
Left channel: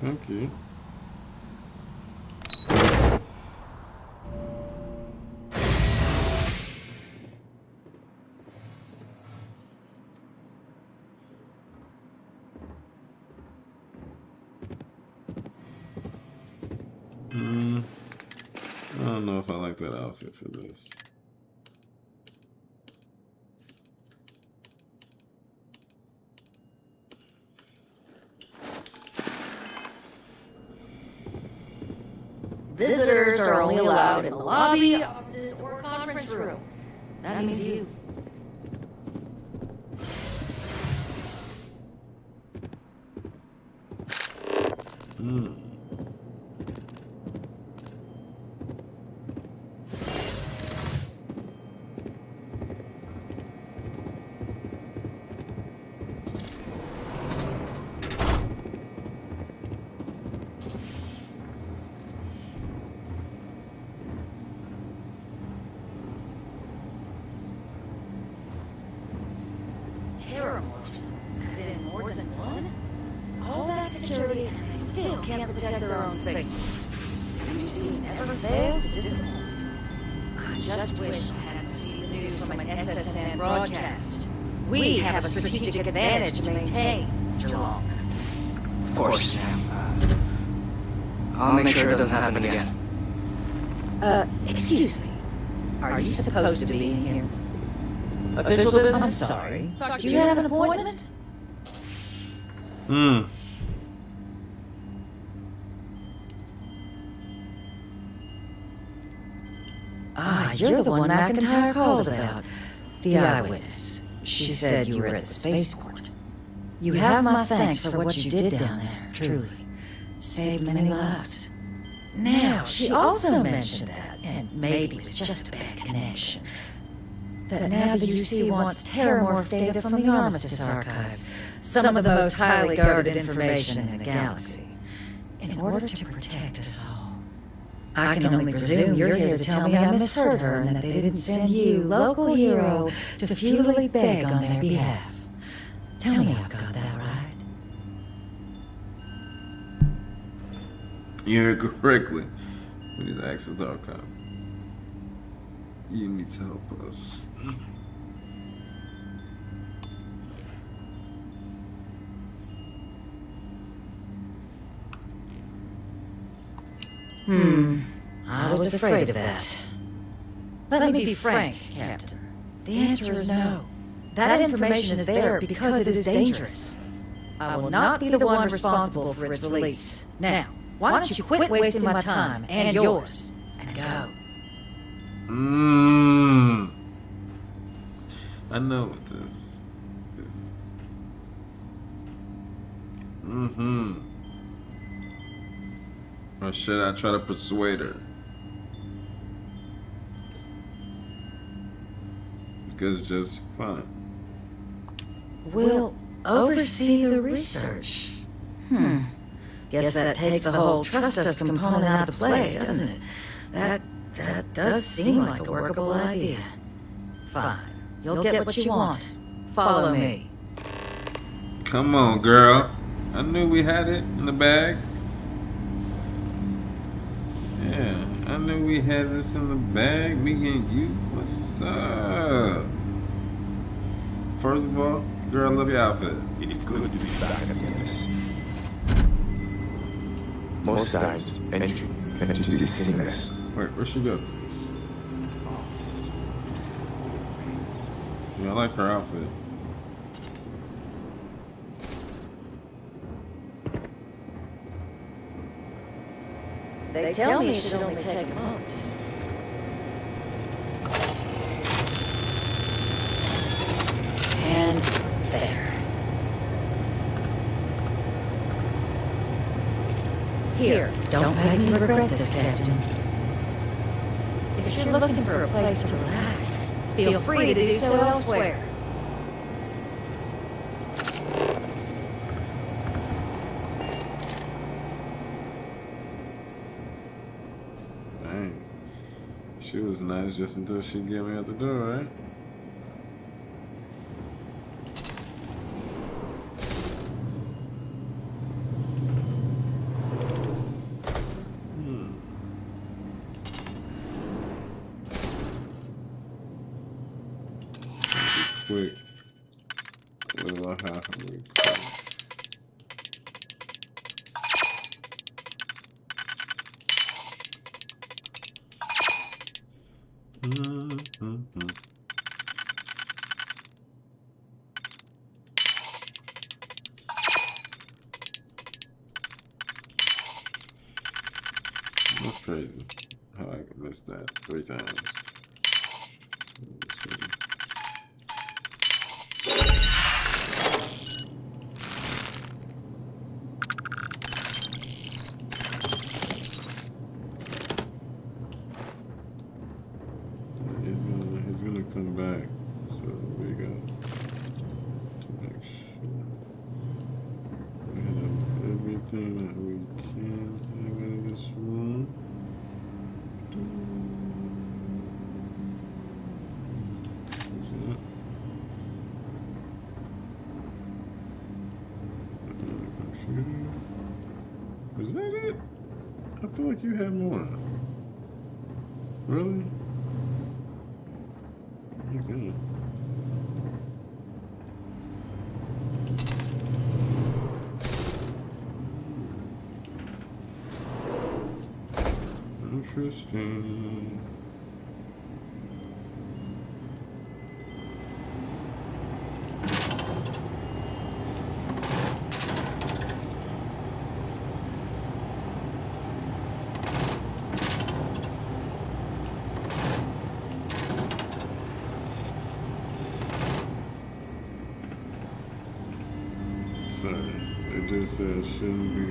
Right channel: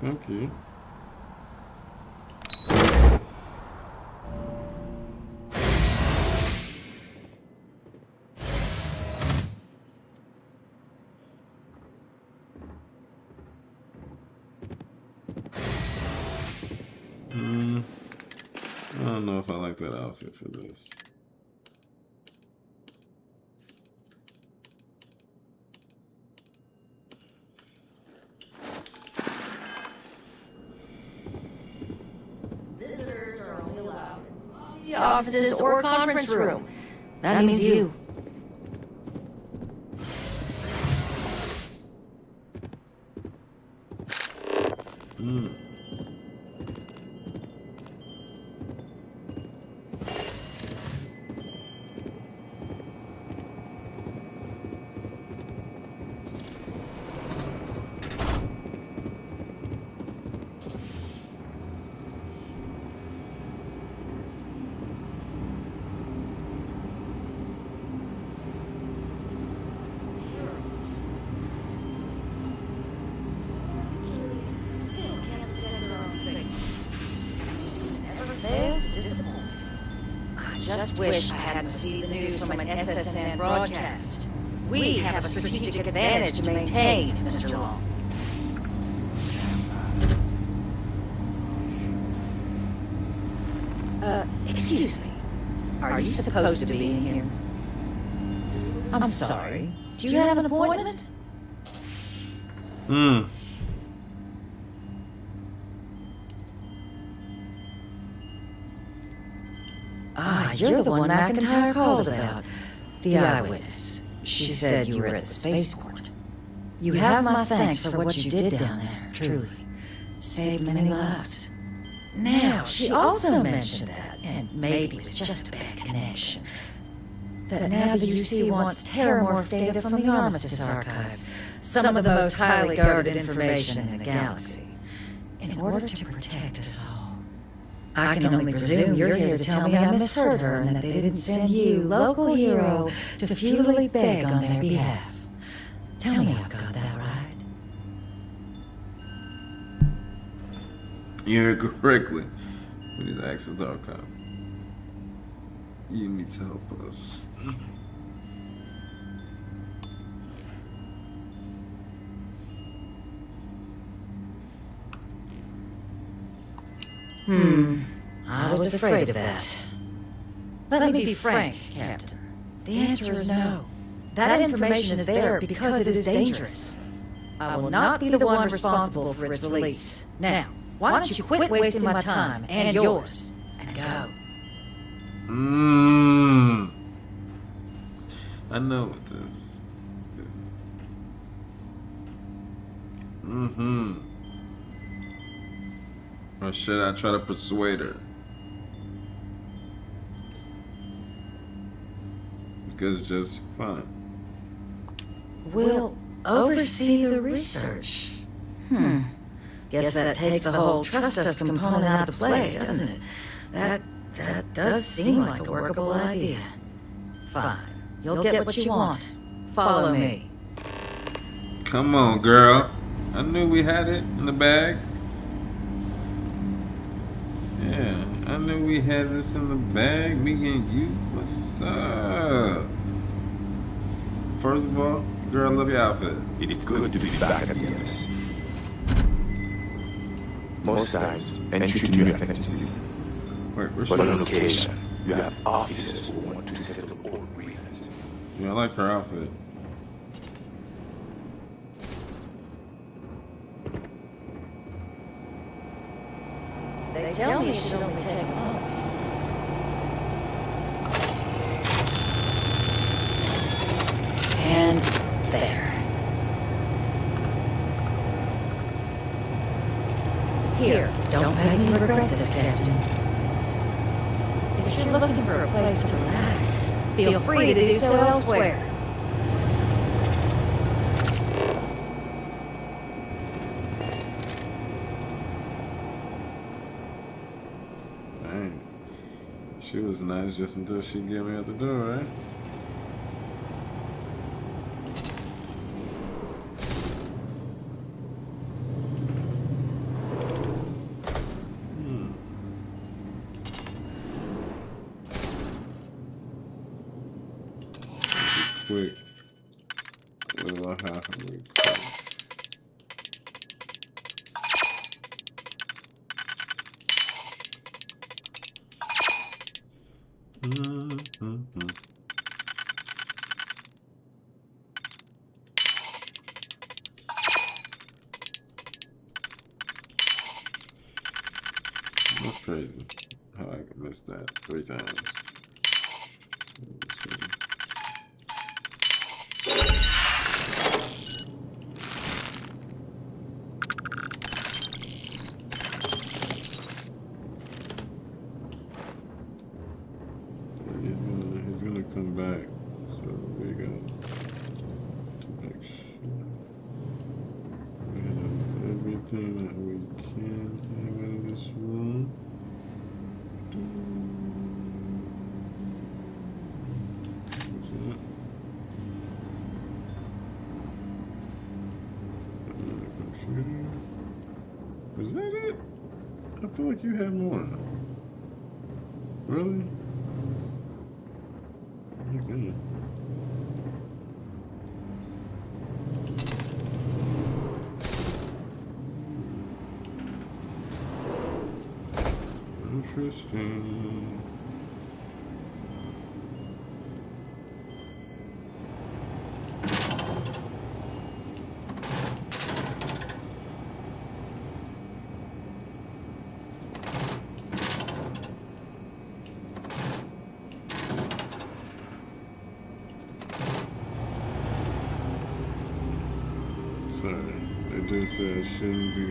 Thank you. I don't know if I like that outfit for this. Visitors are only allowed in the lobby, offices, or conference room. That means you. Terrors, as in more than one? All that security and they still can't protect their own space. UC never fails to disappoint. I just wish I hadn't received the news from an SSN broadcast. We have a strategic advantage to maintain, Mr. Long. Of course, Sam. I'll make sure it doesn't happen again. Excuse me. Are you supposed to be in here? Official business? I'm sorry. Do you have an appointment? Ah, you're the one McIntyre called about. The eyewitness. She said you were at the spaceport. You have my thanks for what you did down there, truly. Saved many lives. Now, she also mentioned that, and maybe it was just a bad connection, that now the UC wants terramorph data from the Armistice archives, some of the most highly guarded information in the galaxy, in order to protect us all. I can only presume you're here to tell me I misheard her and that they didn't send you, local hero, to futilely beg on their behalf. Tell me I've got that right. You heard correctly. We need to access the archive. You need to help us. I was afraid of that. Let me be frank, Captain. The answer is no. That information is there because it is dangerous. I will not be the one responsible for its release. Now, why don't you quit wasting my time and yours and go? I know what this. Or should I try to persuade her? Because it's just fine. We'll oversee the research. Guess that takes the whole trust us component out of play, doesn't it? That does seem like a workable idea. Fine. You'll get what you want. Follow me. Come on, girl. I knew we had it in the bag. Yeah, I knew we had this in the bag. Me and you. What's up? First of all, girl, I love your outfit. It's good to be back at the NS. Most times, entry to new adventures is seamless. Where's But she? on occasion, you have officers who want to settle all grievances. Yeah, I like her outfit. They tell me it should only take a moment. And there. Here, don't make me regret this, Captain. If you're looking for a place to relax, feel free to do so elsewhere. Dang. She was nice just until she get me out the door, right? Quick. What do I have? Really quick. Mm-hmm. That's crazy. How I missed that 3 times. He's gonna come back. So we got to make sure we have everything that we can have out of this room. Was that it? I feel like you had more. Really? Okay. Interesting. Sorry, they just said I shouldn't be.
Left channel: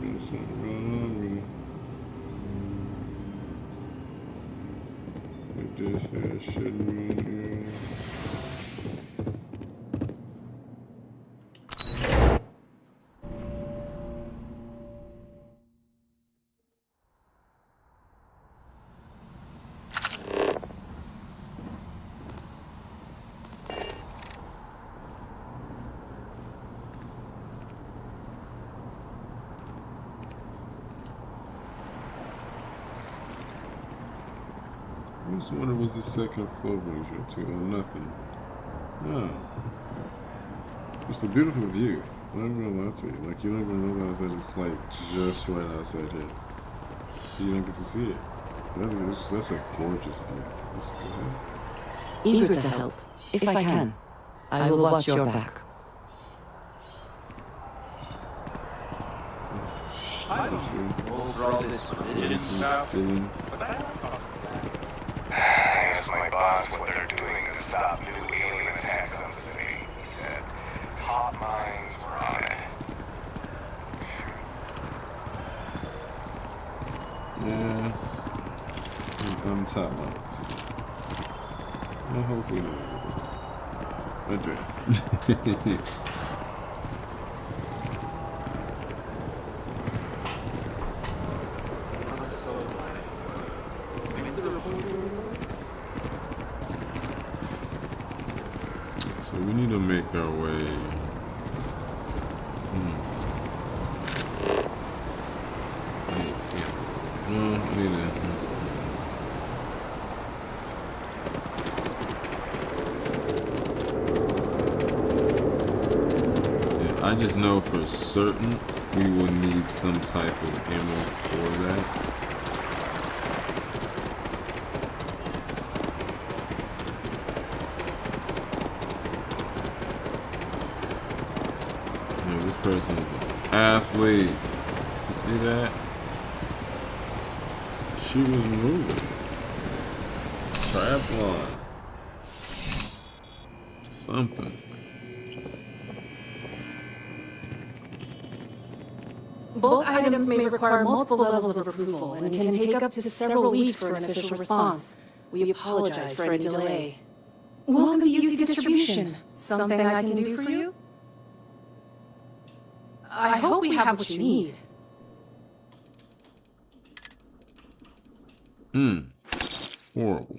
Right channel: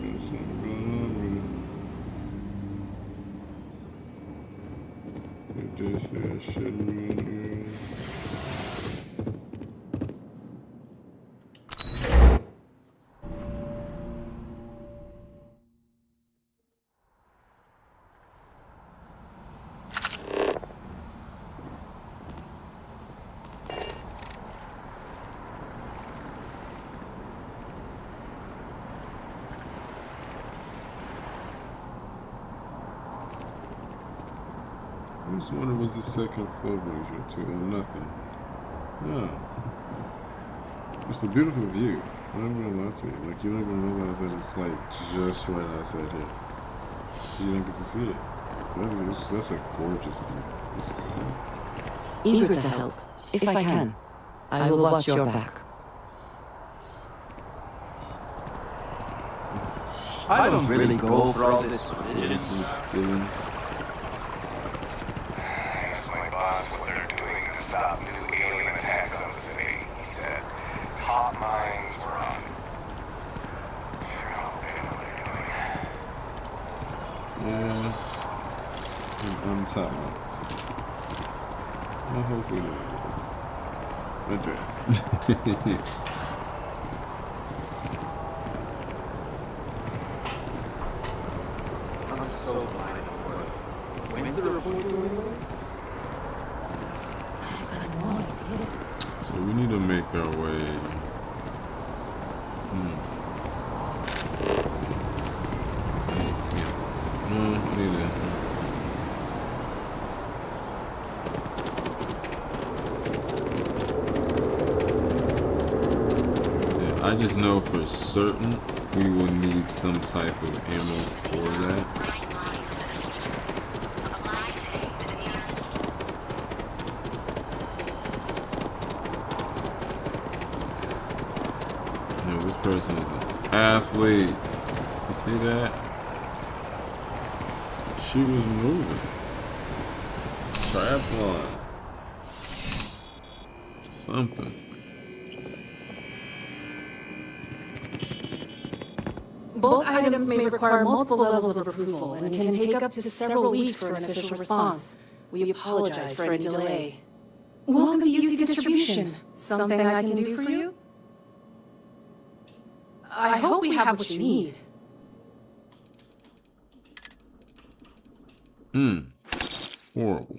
There's something going on with it. They just said I shouldn't be in here. I was wondering what the second floor brings you to, or nothing. No. It's a beautiful view. I'm not gonna lie to you. Like, you don't even realize that it's like just right outside here. You don't get to see it. That's a gorgeous view. Eager to help, if I can. I will watch your back. I don't really go for all this religion stuff. Asked my boss what they're doing to stop new alien attacks on the city. He said top minds were on it. Yeah. I'm top minds. I hope we know. I do. I'm so glad. When's the report going on? So we need to make our way. No, I need to. Yeah, I just know for certain we will need some type of ammo for that. This person is an athlete. You see that? She was moving. Triathlon. Something. Bulk items may require multiple levels of approval and can take up to several weeks for an official response. We apologize for any delay. Welcome to UC Distribution. Something I can do for you? I hope we have what you need. Horrible.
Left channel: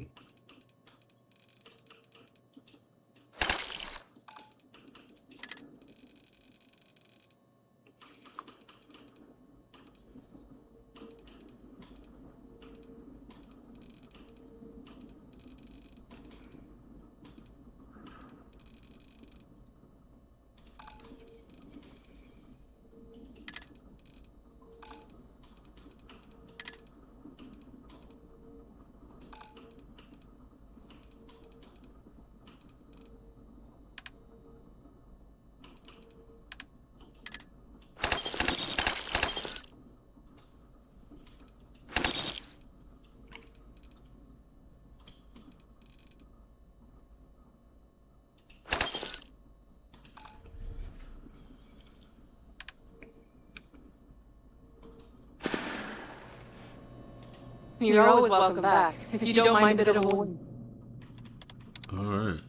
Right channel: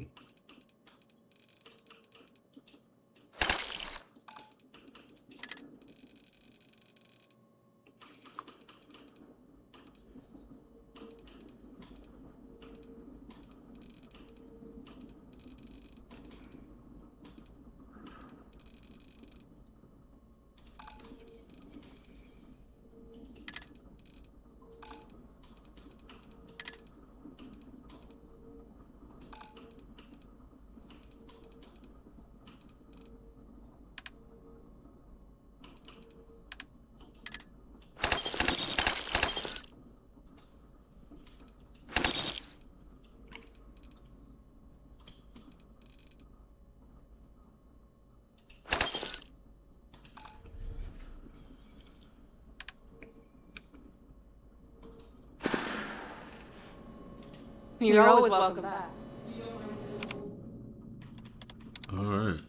You're always welcome back, if you don't mind a bit of a wait. Alright.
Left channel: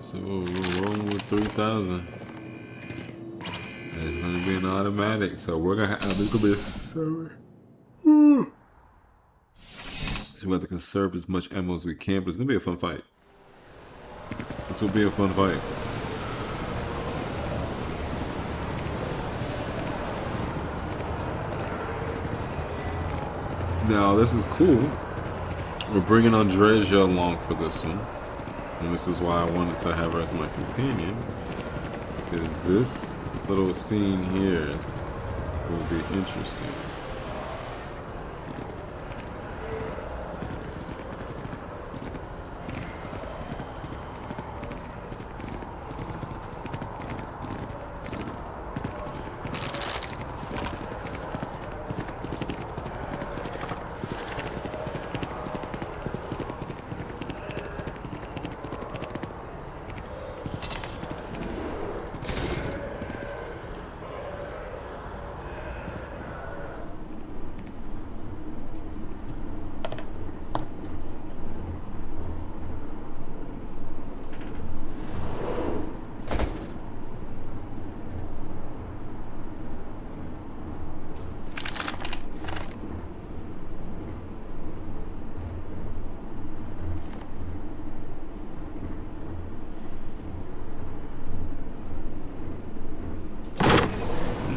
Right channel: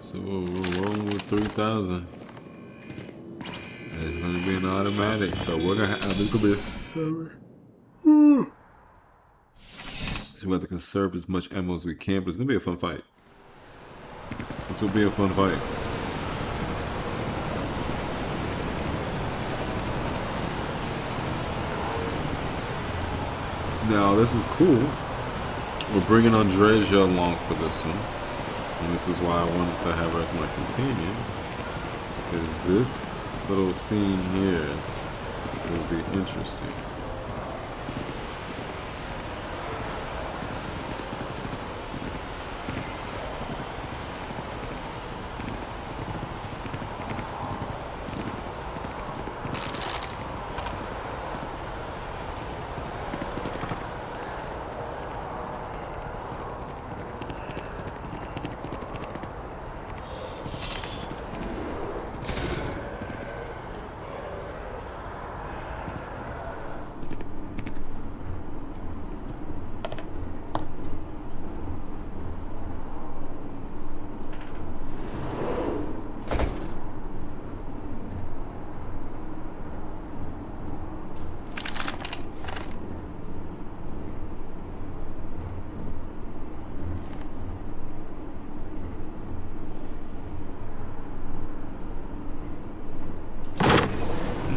So we're rolling with 3,000. It's gonna be an automatic, so we're gonna have this gonna be a server. So we have to conserve as much ammo as we can, but it's gonna be a fun fight. This will be a fun fight. Now this is cool. We're bringing Andreja along for this one, and this is why I wanted to have her as my companion, because this little scene here will be interesting.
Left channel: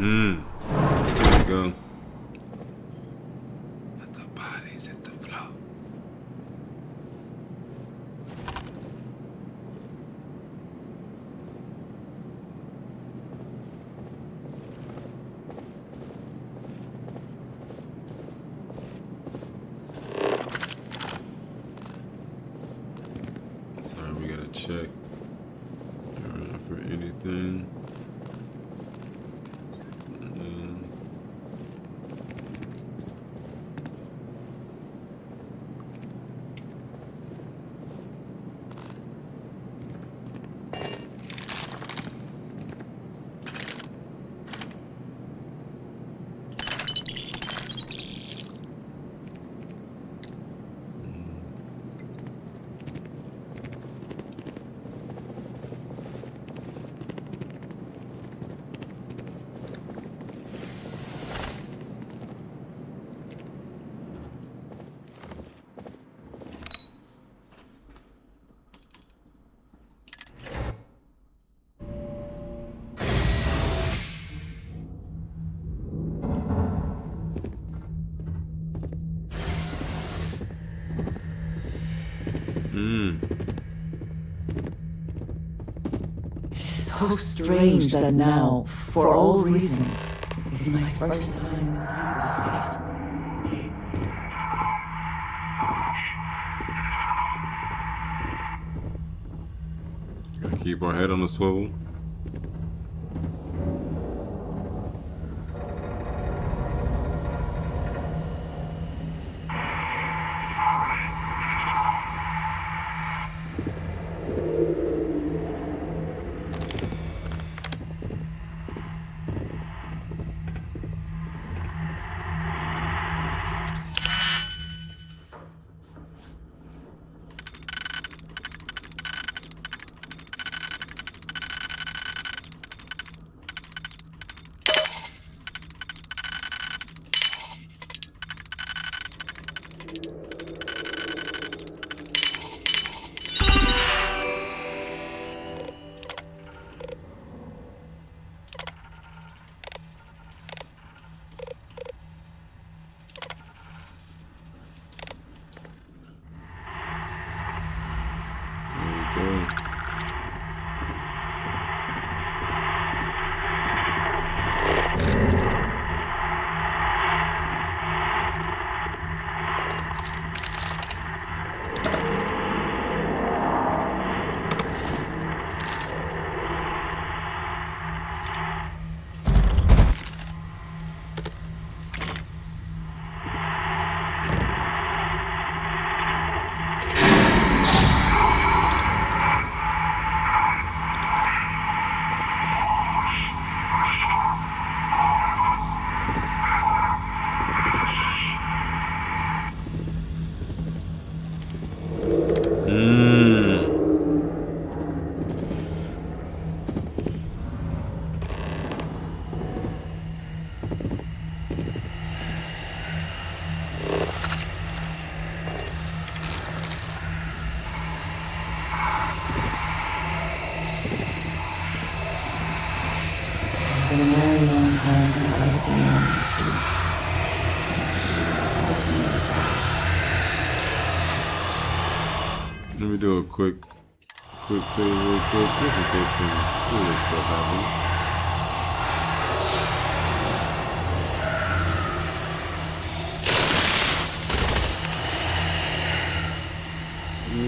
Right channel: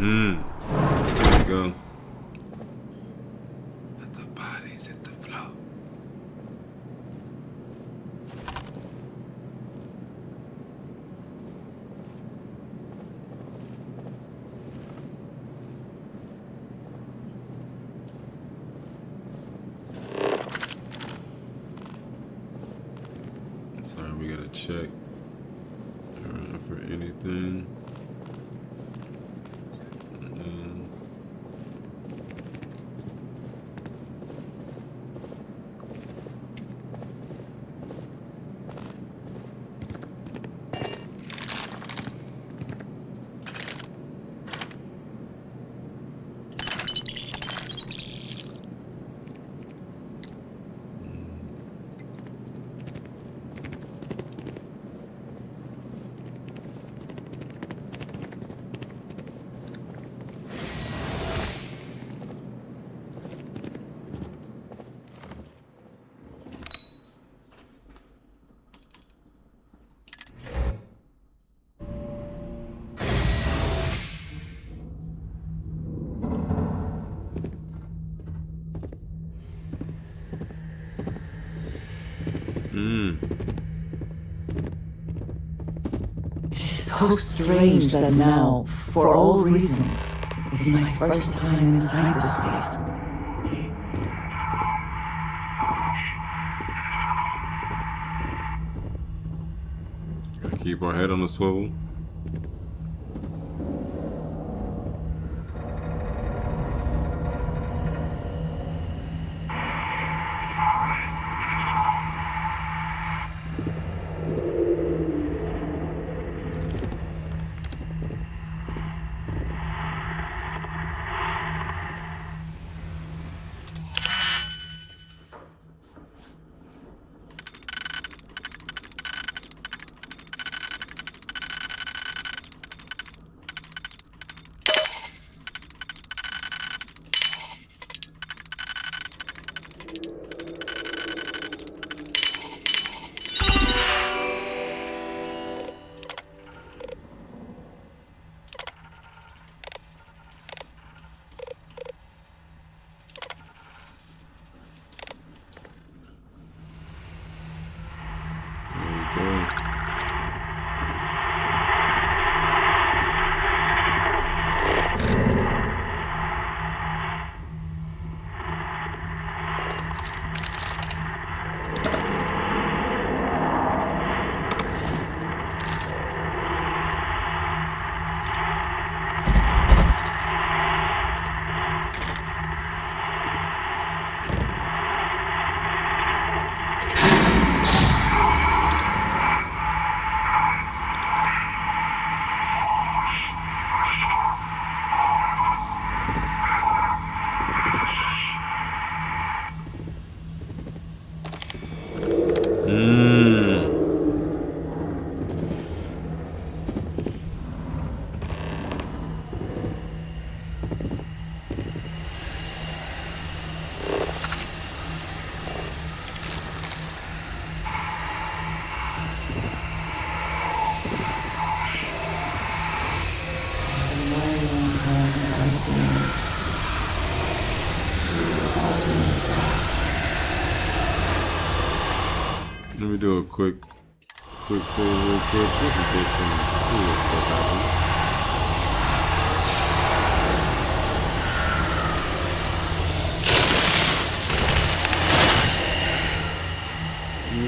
There we go. Let the bodies hit the floor. Sorry, we gotta check for anything. It is so strange that now, for all reasons, is my first time inside this place. Gotta keep our head on the swivel. Let me do a quick save real quick, just in case some weird stuff happens.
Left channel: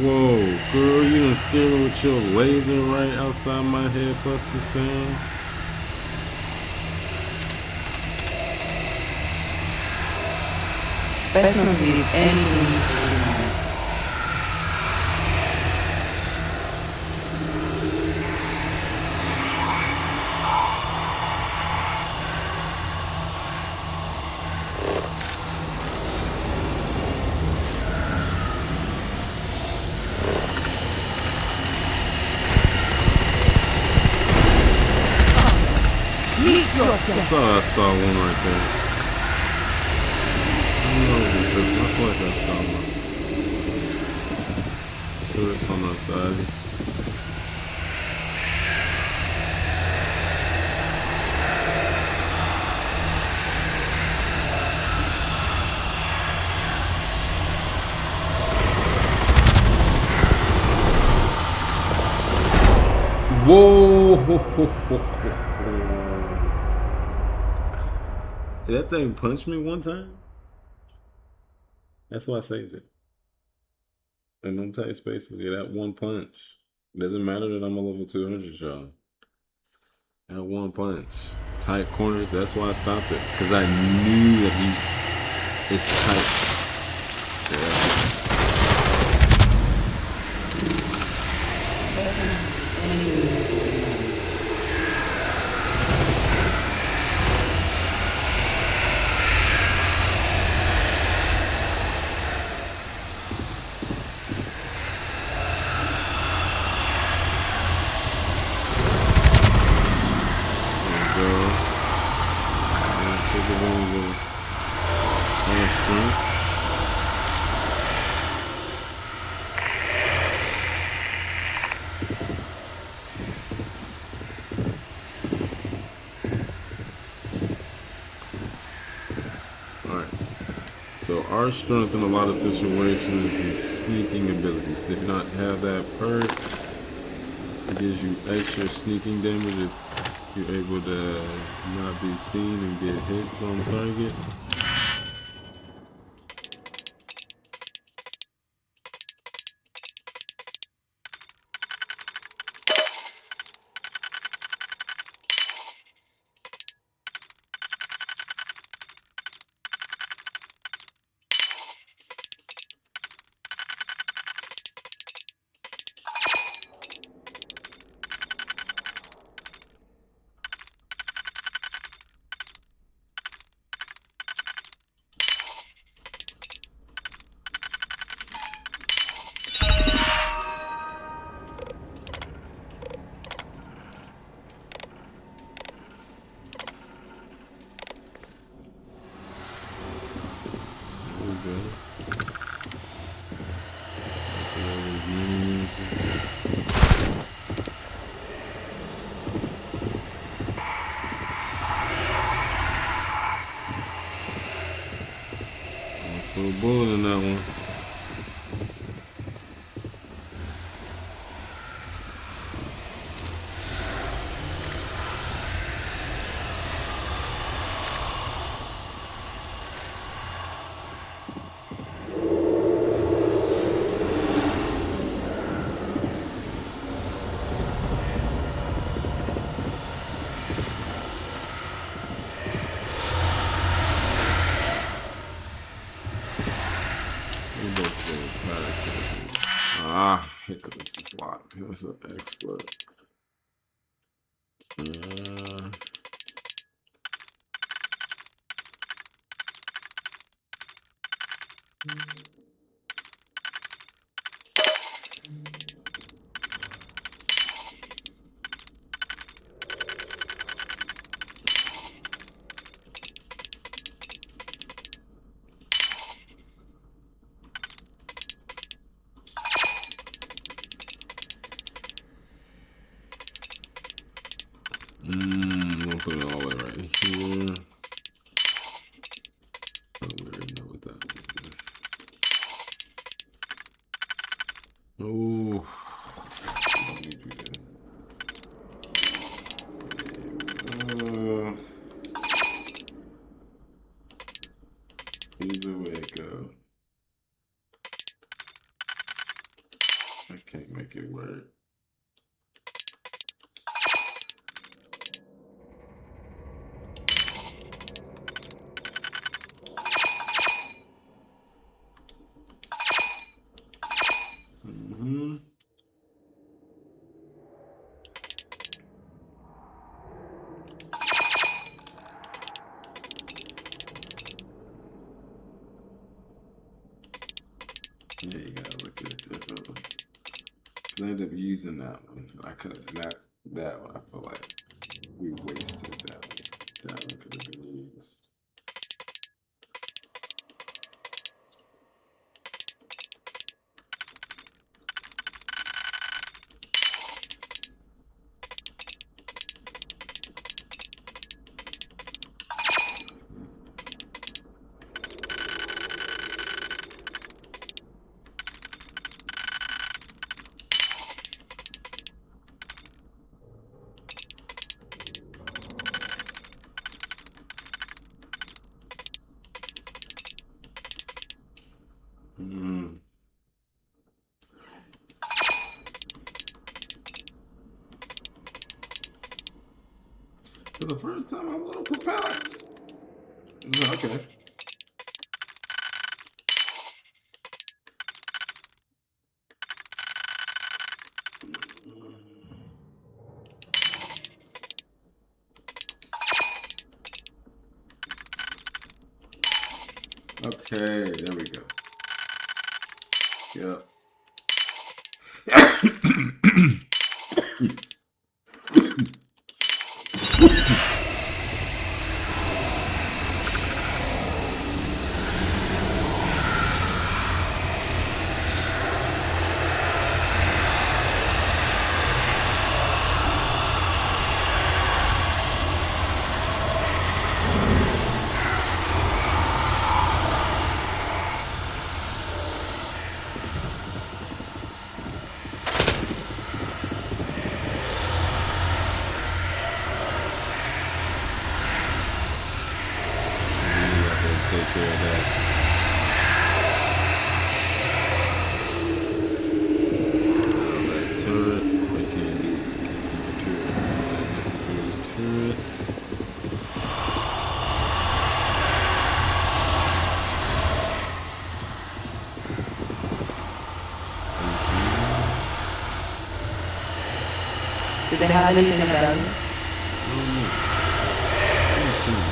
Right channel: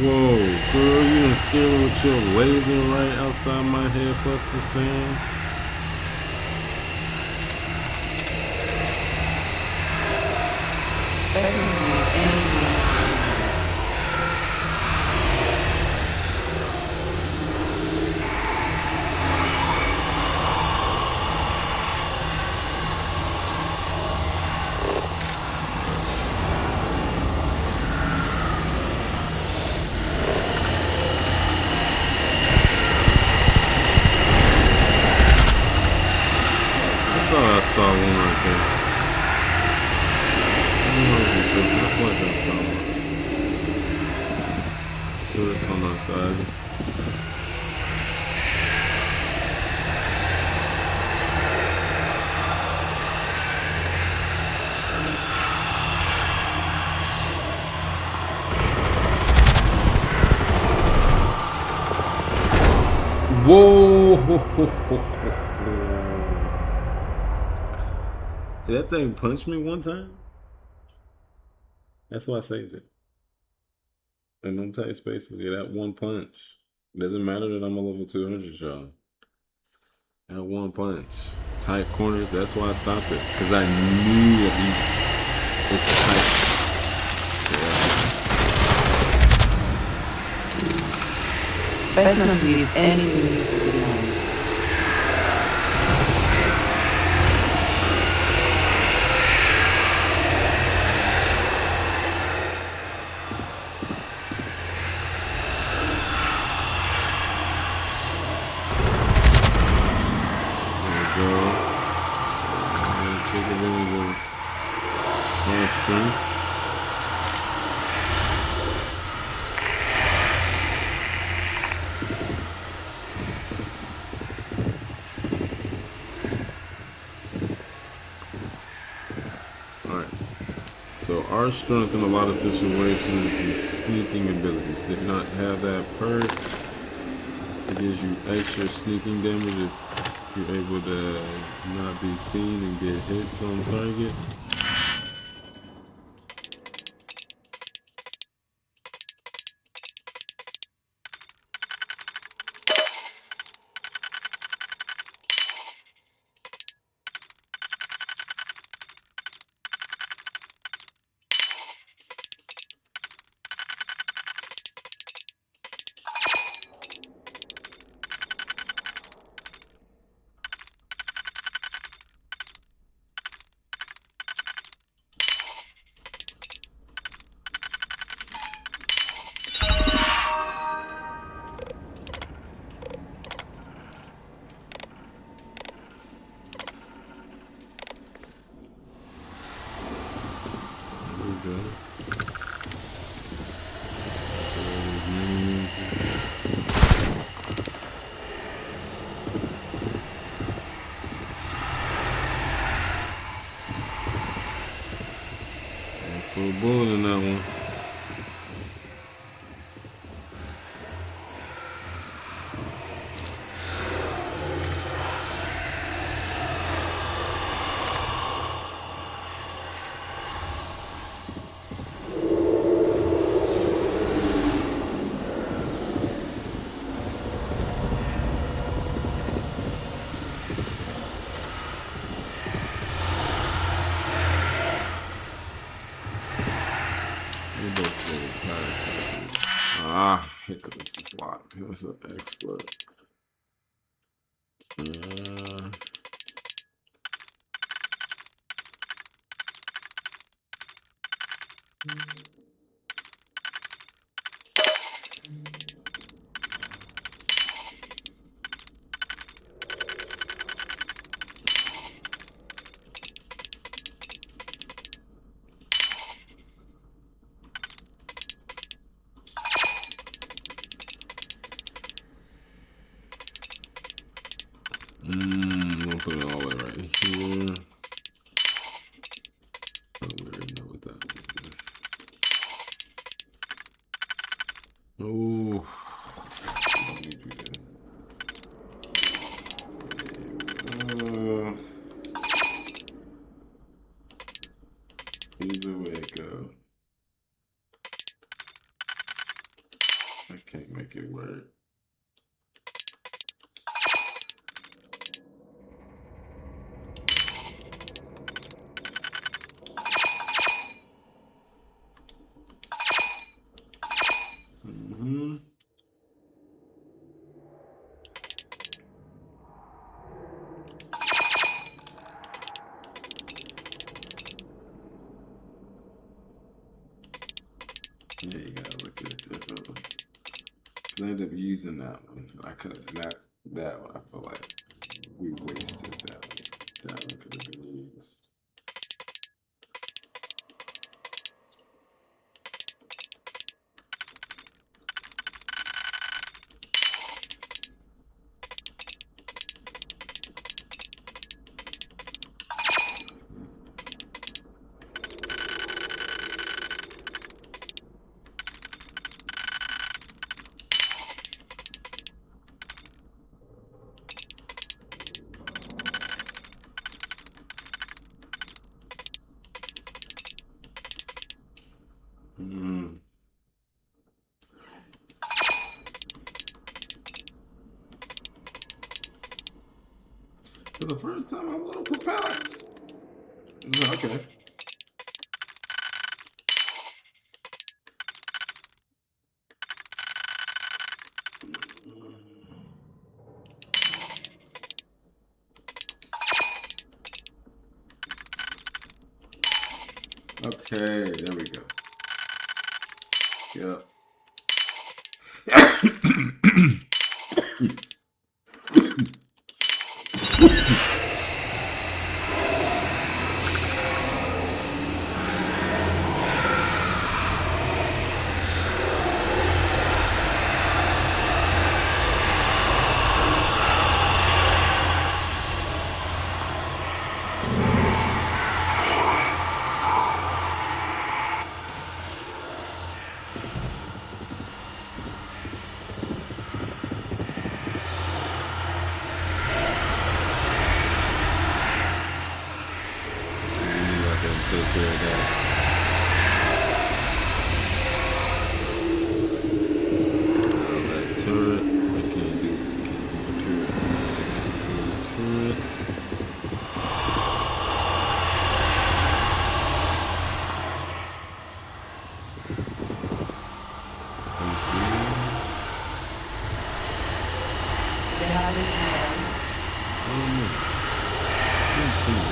Whoa, girl, you done scared me with your laser right outside my head, Buster Sam. Best not to leave any room behind. I thought I saw one right there. I don't know if it's tripping. I feel like I saw one. Turrets on our side. Whoa! Did that thing punch me one time? That's why I saved it. In them tight spaces, yeah, that one punch. Doesn't matter that I'm a level 200, y'all. That one punch. Tight corners, that's why I stopped it. Because I knew that it's tight. Yeah. Best not to leave any room behind. Take advantage of our strength. Alright. So our strength in a lot of situations is sneaking abilities. If you not have that perk, it gives you extra sneaking damage if you're able to not be seen and get hits on target. So bullet in that one. Because this is locked. That's an exploit. I'll put it all the way right here. Oh. Either way it go. I can't make it work. Mm-hmm. Yeah, you gotta look at it differently. I ended up using that one. I could have not that one. I feel like we wasted that one. That one could have been used. Mm. For the first time, I'm a little perplexed. Okay. Okay, there we go. Yep. Take care of that. That turret, I can't do the turret. The turret. Did they have anything about it? Let's see.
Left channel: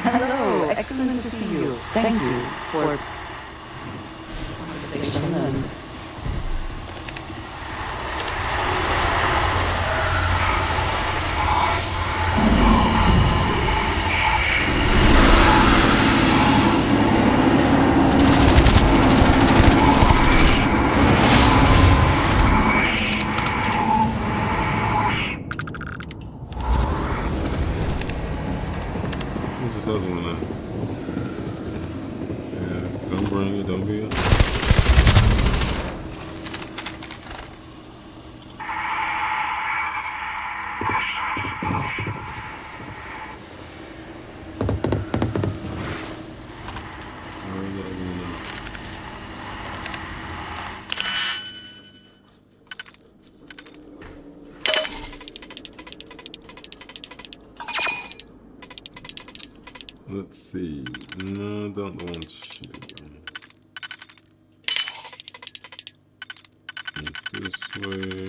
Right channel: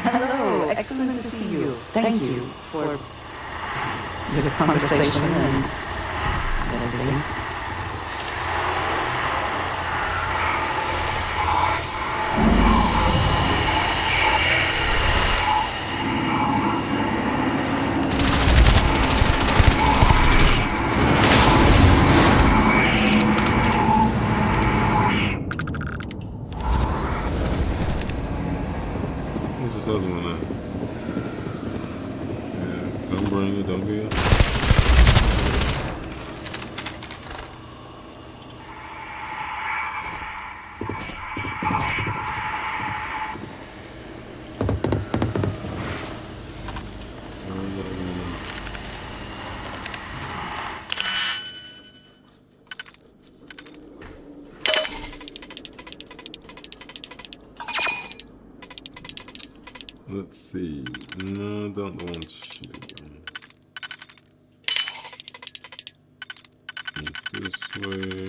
Hello, excellent to see you. Thank you for the conversation and What's this other one now? Yeah, don't bring it, don't be it. Let's see. No, don't want you. This way.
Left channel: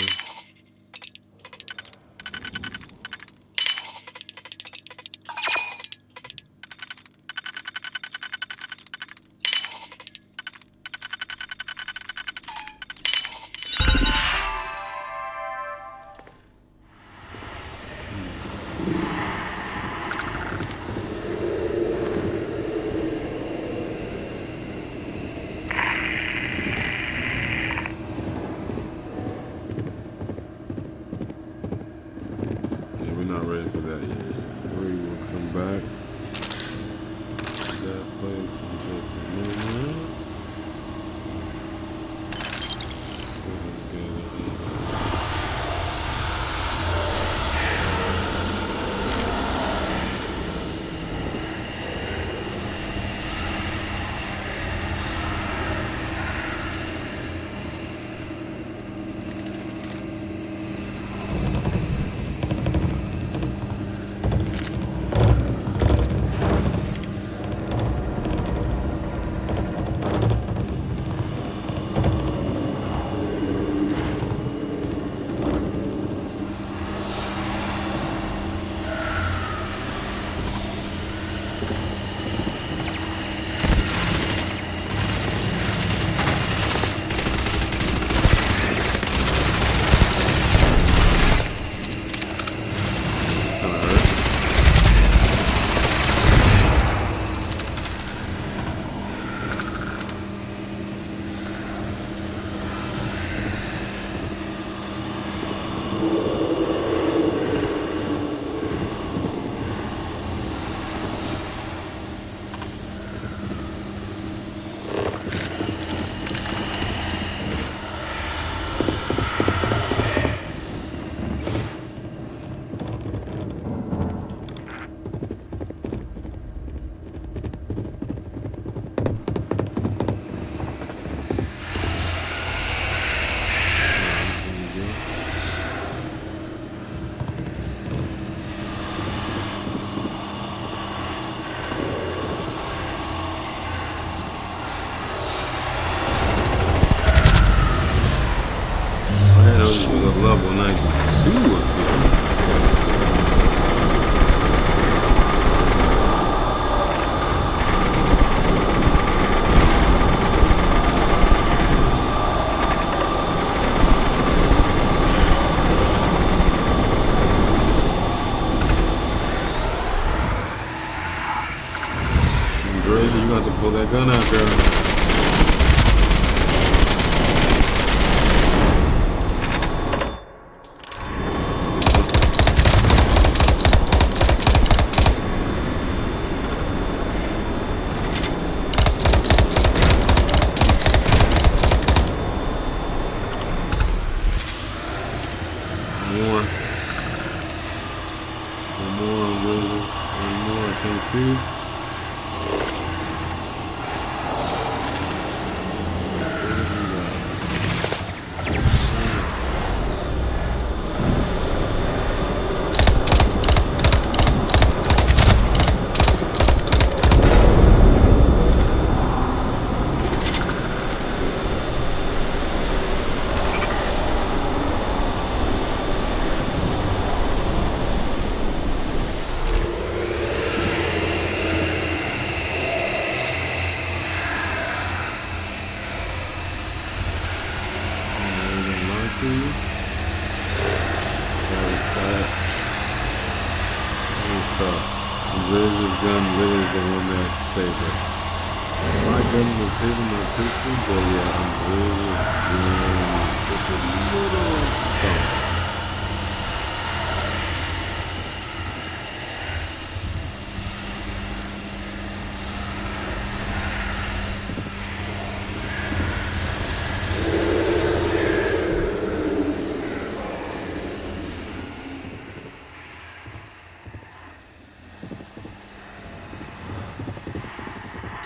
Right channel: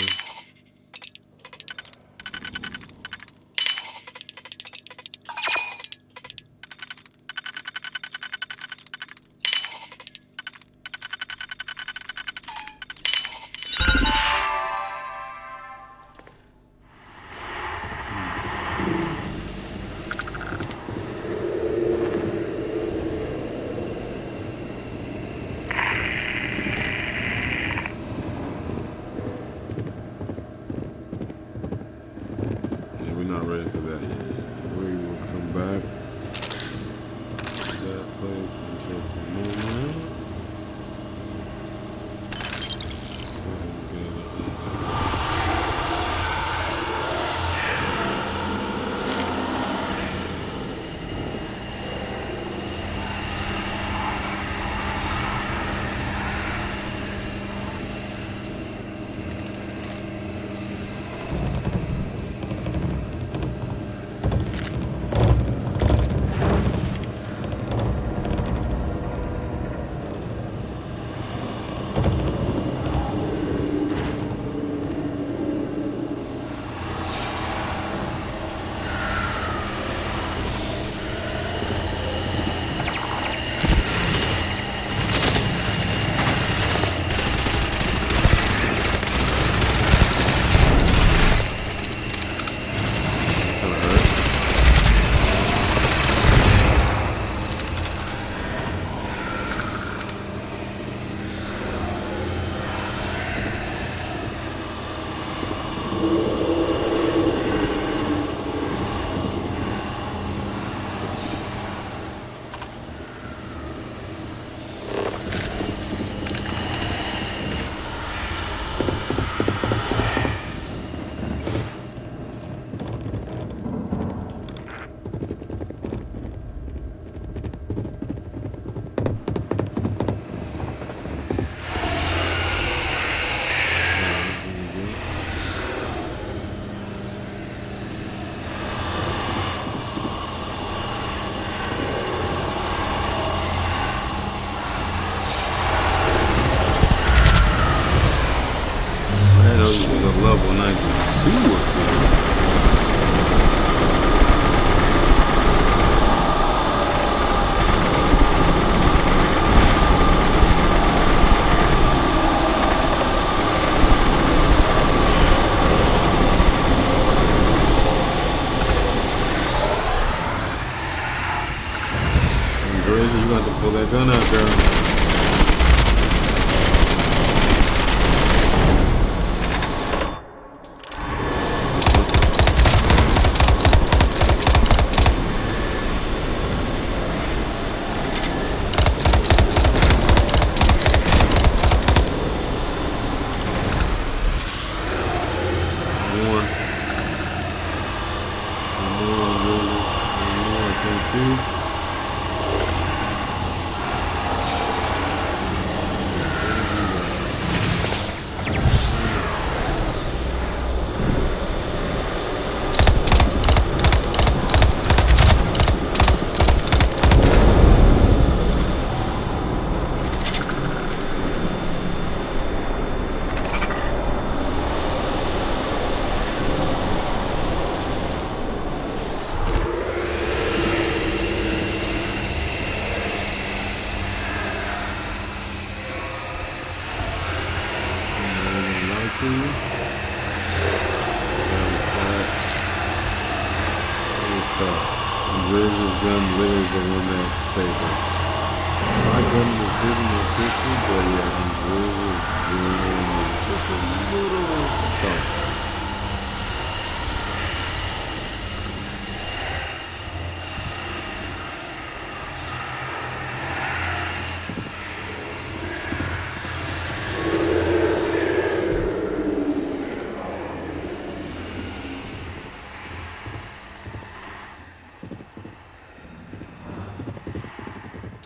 level 92 up here. Andrea, you got to pull that gun out, girl. My gun was hitting my pistol, but yeah, I'm really just a little thumps.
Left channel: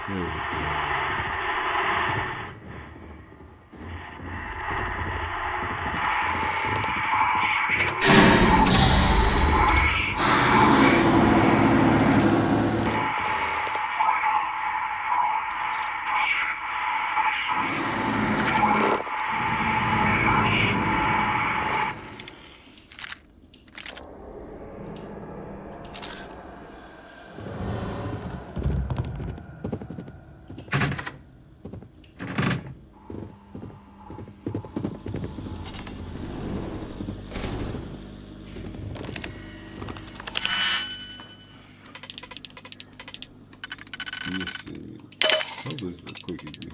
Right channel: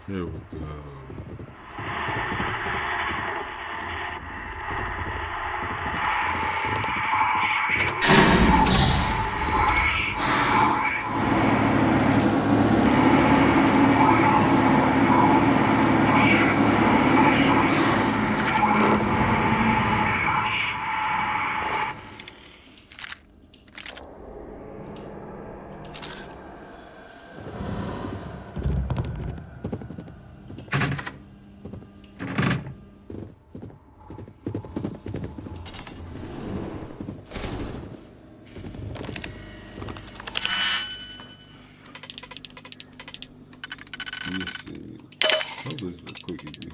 Here we go. Let me see. Hope this is a quickie.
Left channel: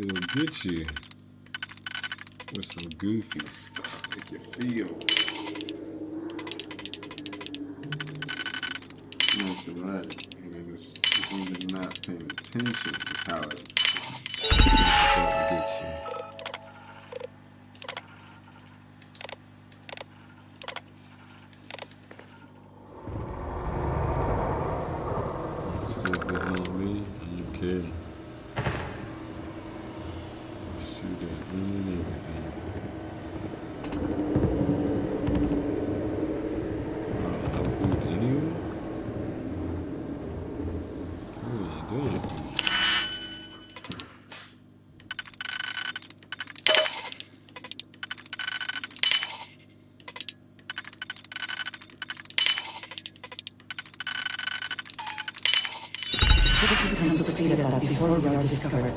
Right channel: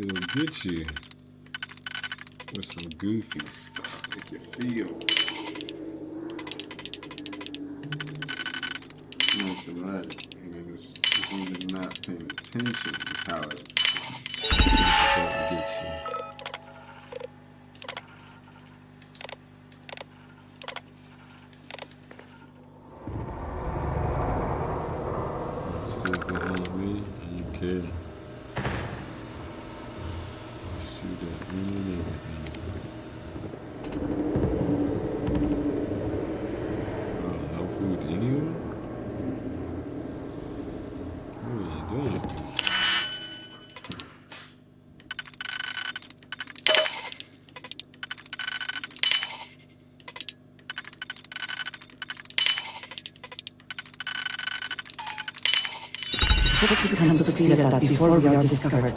It'll get you with some goofy stuff. Make you feel nice and right. And it's when you're not paying attention is how it gets you. Me, okay. Shoot at me and everything. No food anywhere? What are you doing? You can succeed at that before we are discovered.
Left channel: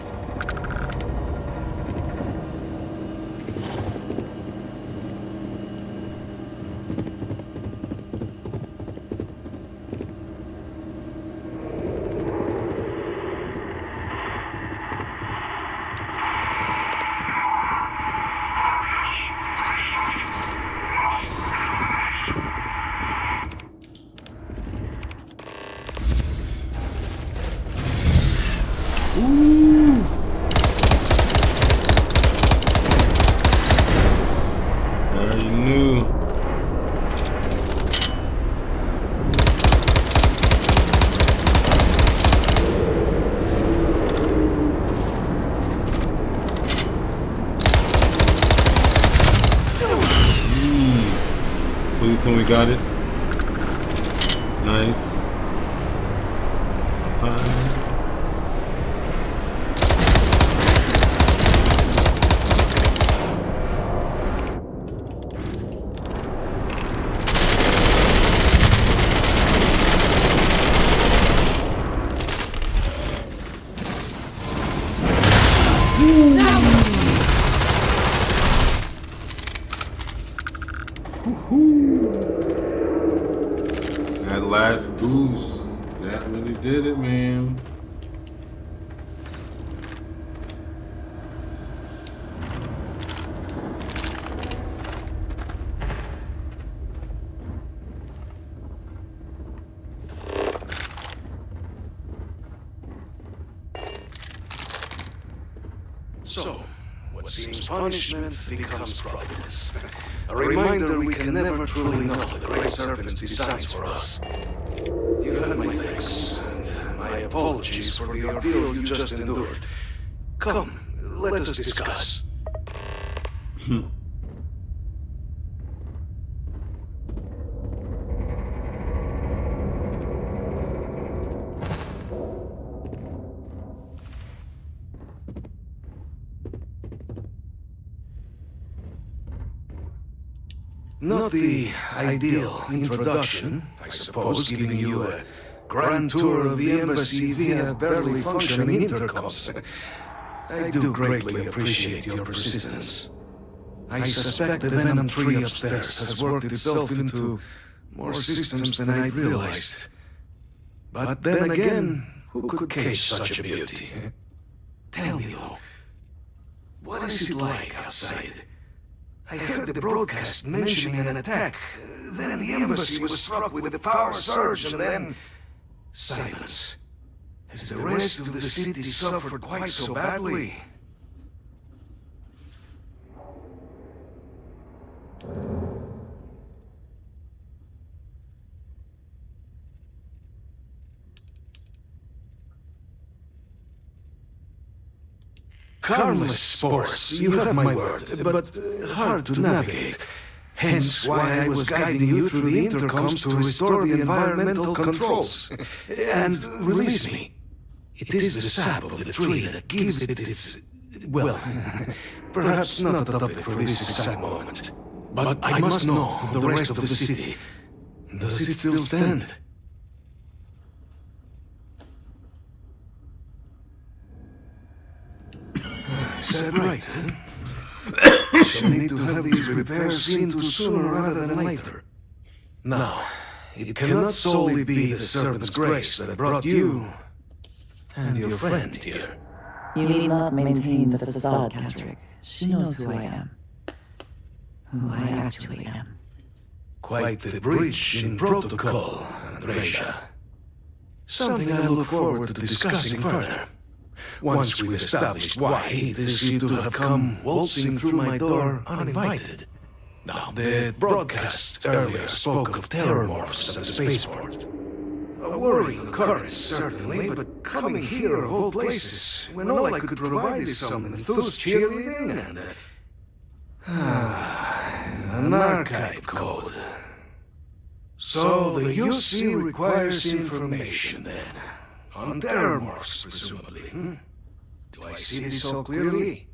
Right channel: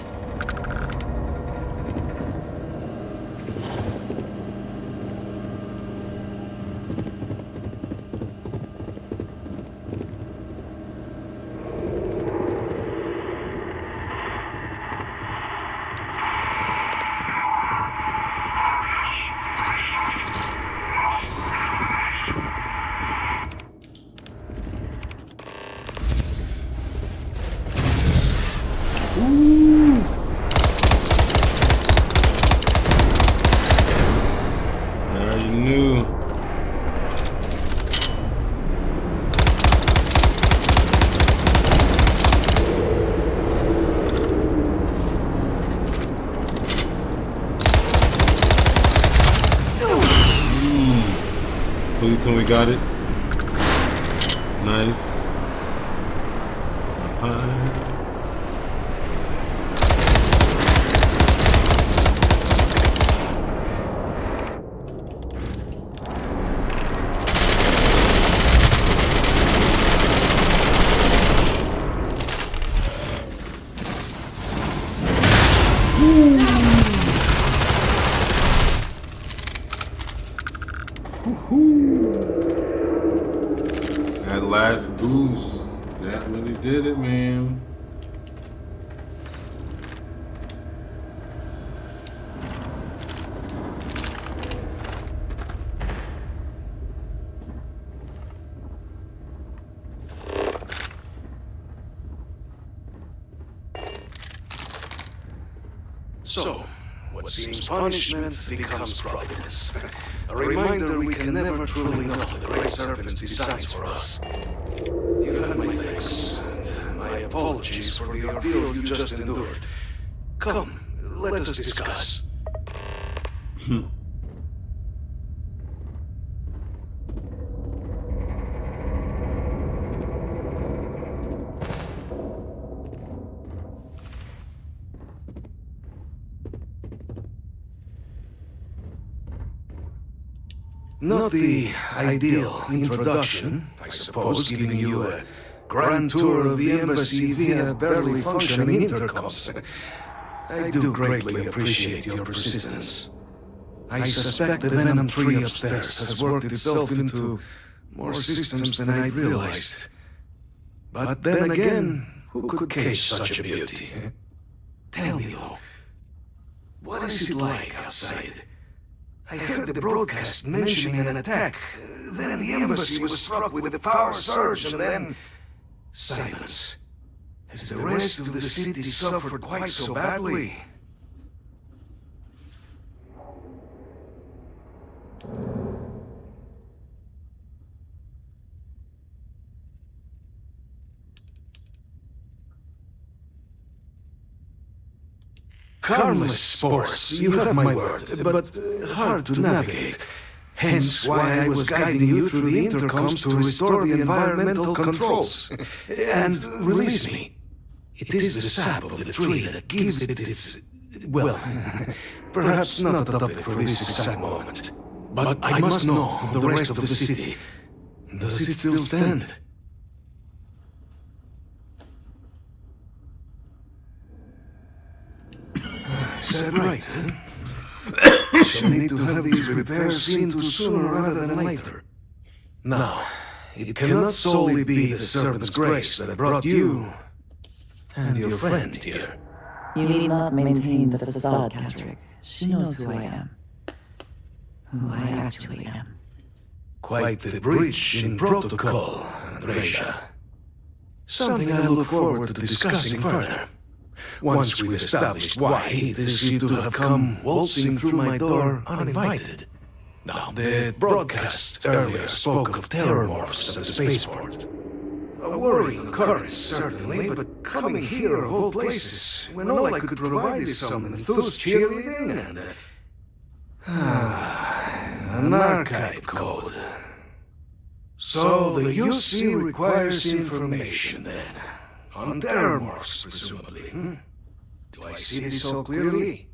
Please tell me we got it. Nice. Up high. last boost. That really did it, man. So, what seems punishment becomes providence. A reminder we can never truly know the Great Serpent's designs for us. You have my thanks, and my apologies for the ordeal you just endured. Come, let us discuss. Not the ideal introduction, I suppose, giving you a grand tour of the embassy via barely functioning intercoms. I do greatly appreciate your persistence. I suspect the Venom tree upstairs has worked itself into more systems than I'd realized. But then again, who could cage such a beauty? Tell me though, what is it like outside? I heard the broadcast mentioning an attack. Then the embassy was struck with a power surge, and then silence. Has the rest of the city suffered quite so badly? Harmless spores, you have my word, but hard to navigate. Hence why I was guiding you through the intercoms to restore the environmental controls. And release me. It is the sap of the tree that gives it its... well, perhaps not a topic for this exact moment. But I must know of the rest of the city. Does it still stand? Is that right, huh? Shall need to have these repairs seen to sooner rather than later. Now, it cannot solely be the Serpent's grace that brought you and your friend here. You need not maintain the facade, Kasric. She knows who I am. Who I actually am. Quite the breach in protocol, Andreja. Something I look forward to discussing further. Once we've established why it is you to have come waltzing through my door uninvited. Now, the broadcast earlier spoke of terrormorphs at the spaceport. A worrying occurrence, certainly, but coming here of all places, when all I could provide is some enthused cheerleading and... an archive code. So the UC requires information, then. On terrormorphs, presumably. Do I see this so clearly?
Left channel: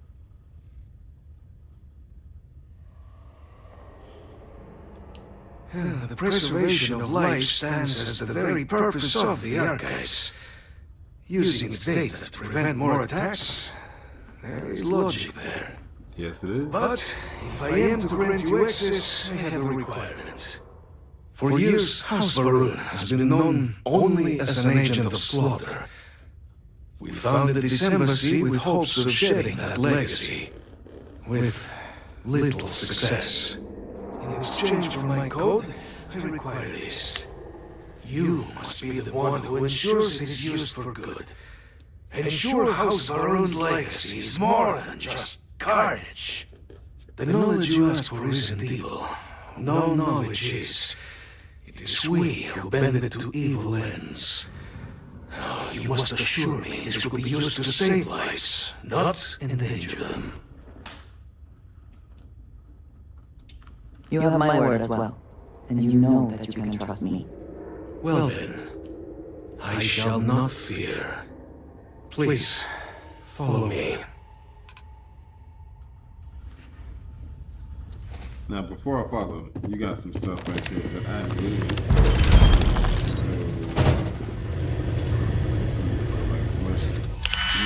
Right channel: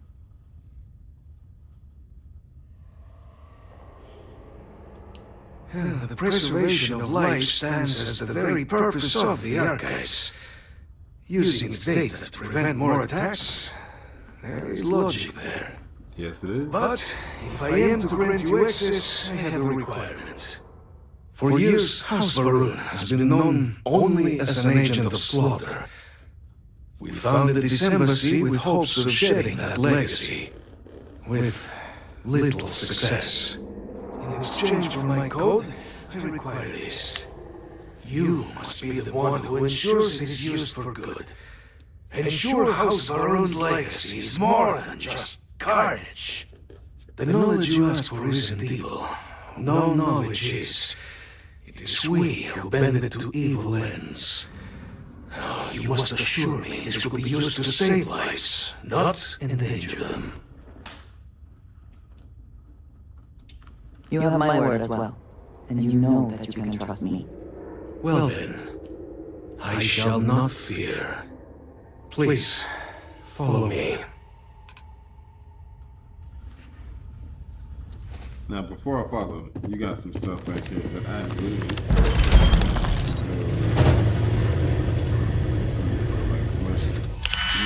The preservation of life stands as the very purpose of the archives. Using its data to prevent more attacks, there is logic there. Yes, it is. But if I am to grant you access, I have a requirement. For years, House Varun has been known only as an agent of slaughter. We founded this embassy with hopes of shedding that legacy, with little success. In exchange for my code, I require this. You must be the one who ensures it is used for good. Ensure House Varun's legacy is more than just carnage. The knowledge you ask for isn't evil. No knowledge is. It is we who bend it to evil ends. Oh, you must assure me this will be used to save lives, not endanger them. You have my word as well, and you know that you can trust me. Well then, I shall not fear. Please, follow me. Now, before I follow, you got some stuff back here that I really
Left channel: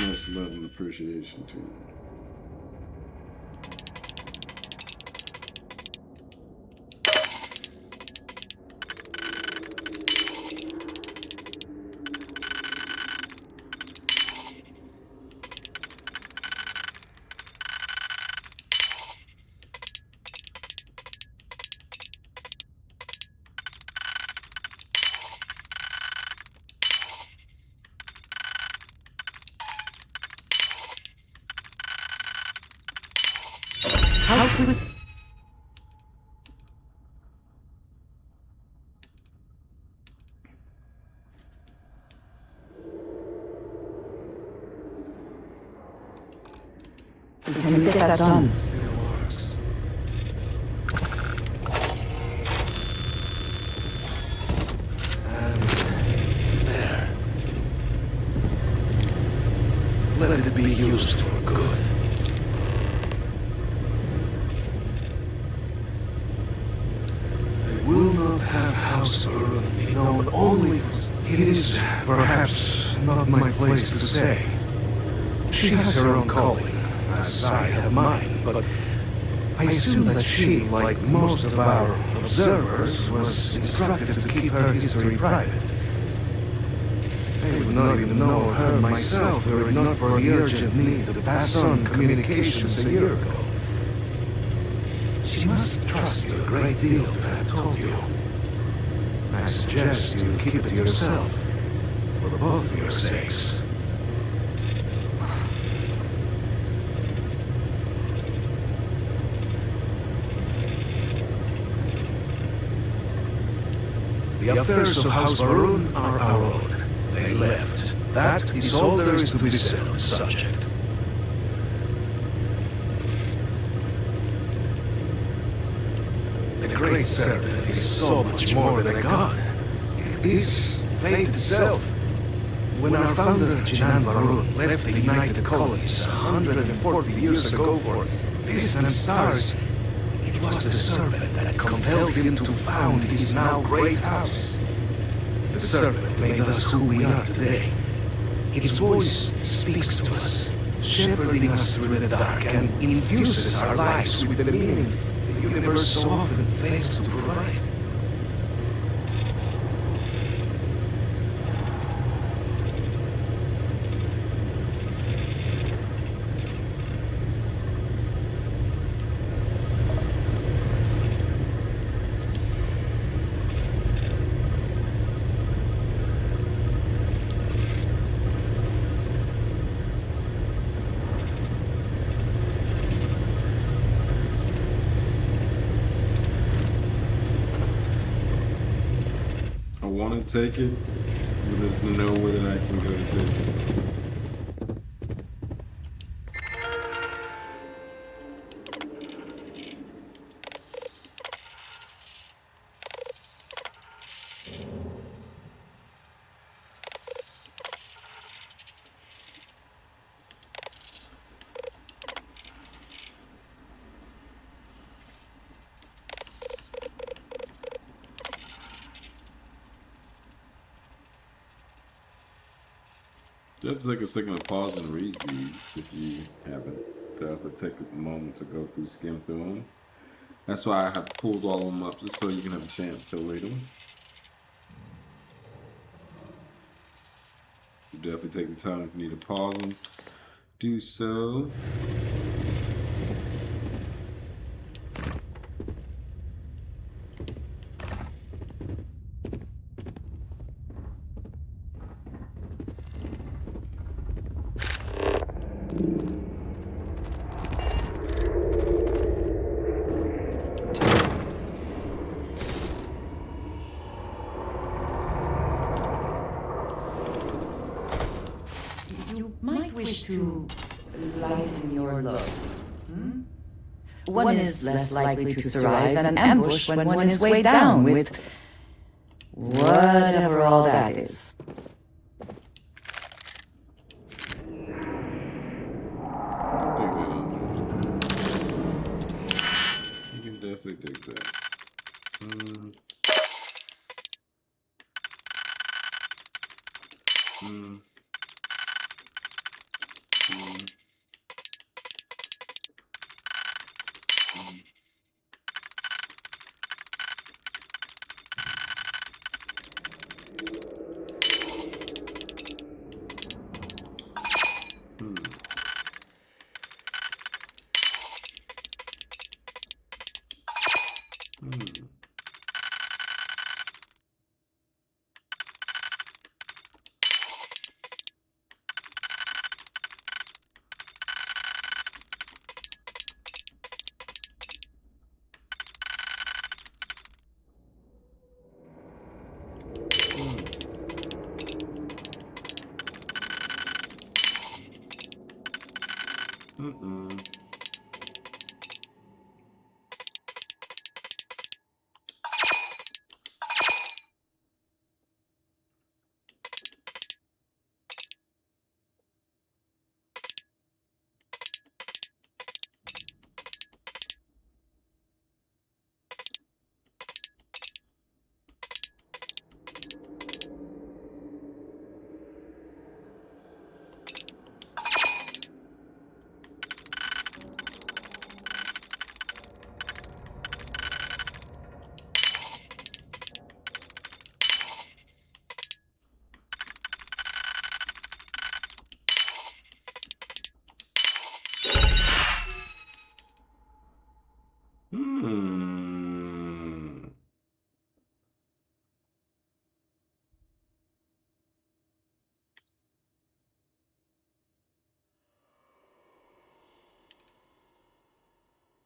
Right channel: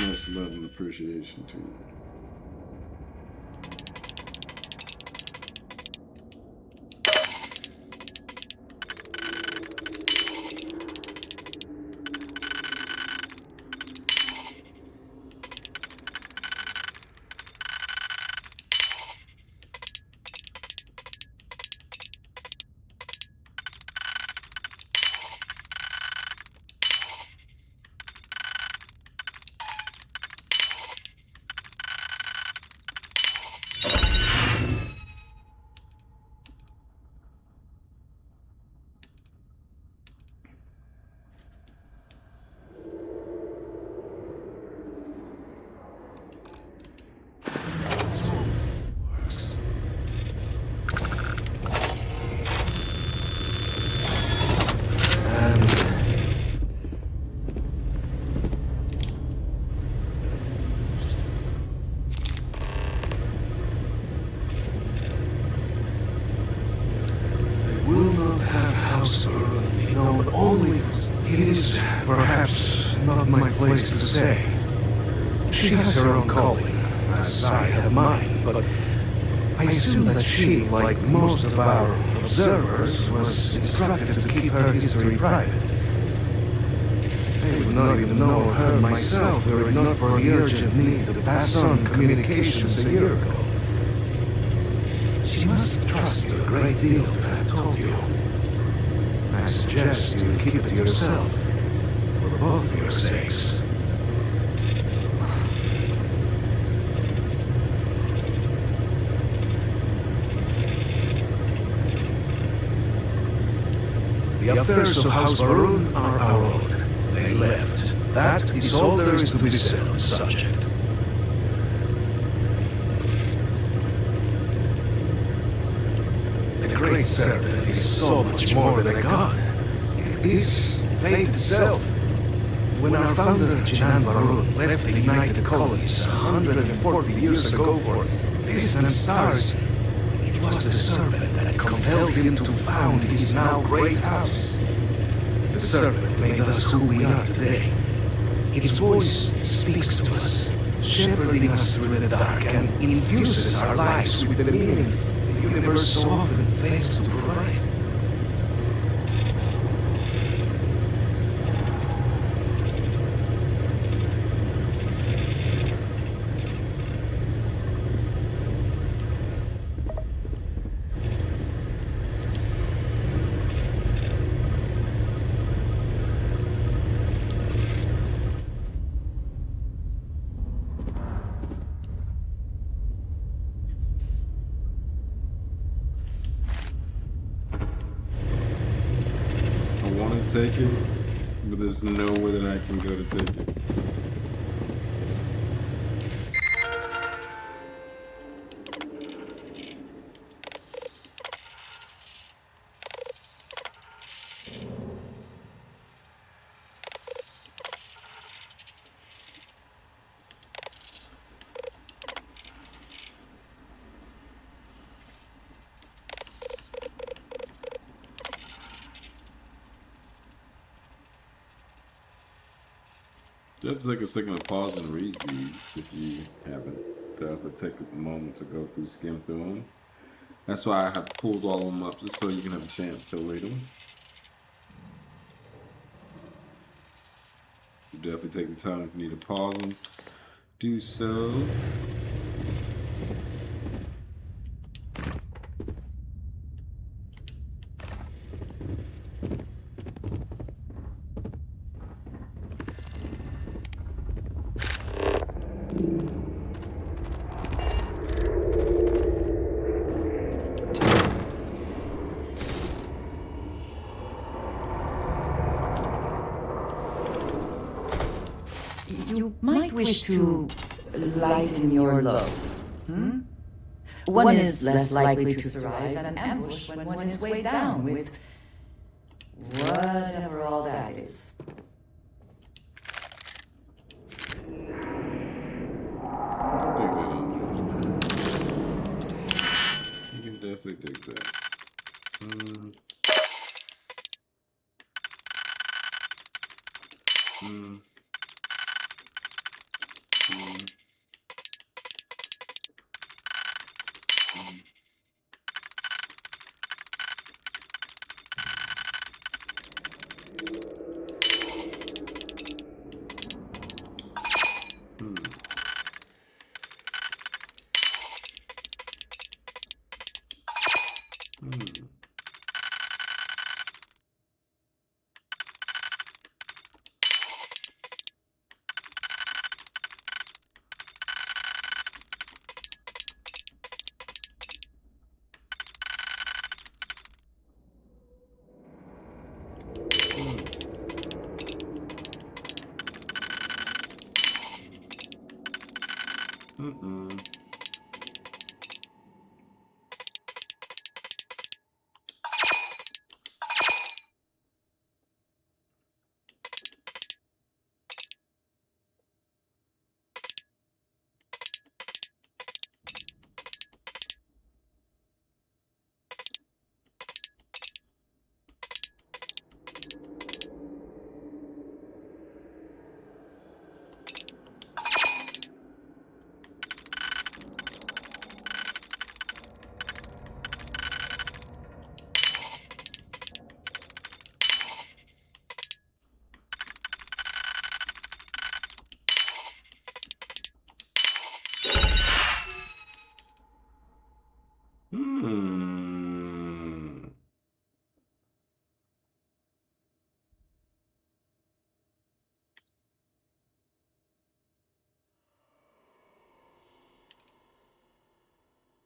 much love and appreciation to you. that done? And there. Let it be used for good. I will not have House Barun be known only for... It is perhaps not my place to say. She has her own calling, as I have mine, but I assume that she, like most of our observers, was instructed to keep her history private. I would not even know of her myself were it not for the urgent need to pass on communications a year ago. She must trust you a great deal to have told you. I suggest you keep it to yourself, for both of your sakes. The affairs of House Barun are our own. They left. That is all there is to be said on the subject. The Great Serpent is so much more than a god. It is fate itself. When our founder, Jinan Varun, left the United Colonies 140 years ago for distant stars, it was the Serpent that compelled him to found his now great house. The Serpent made us who we are today. Its voice speaks to us, shepherding us through the dark and infuses our lives with the meaning the universe so often fails to provide. I want to take it, but there's nowhere that I can go to take it. You have to take a second to pause and read these if you haven't. Definitely take a moment to go through, skim through them. That's why I have pulled all of them up, just so you can have a chance to read them. You definitely take the time if you need to pause them. Do so. You might wish to lighten your load. One is less likely to survive an ambush when one is weighed down with whatever all that is. You can definitely take that.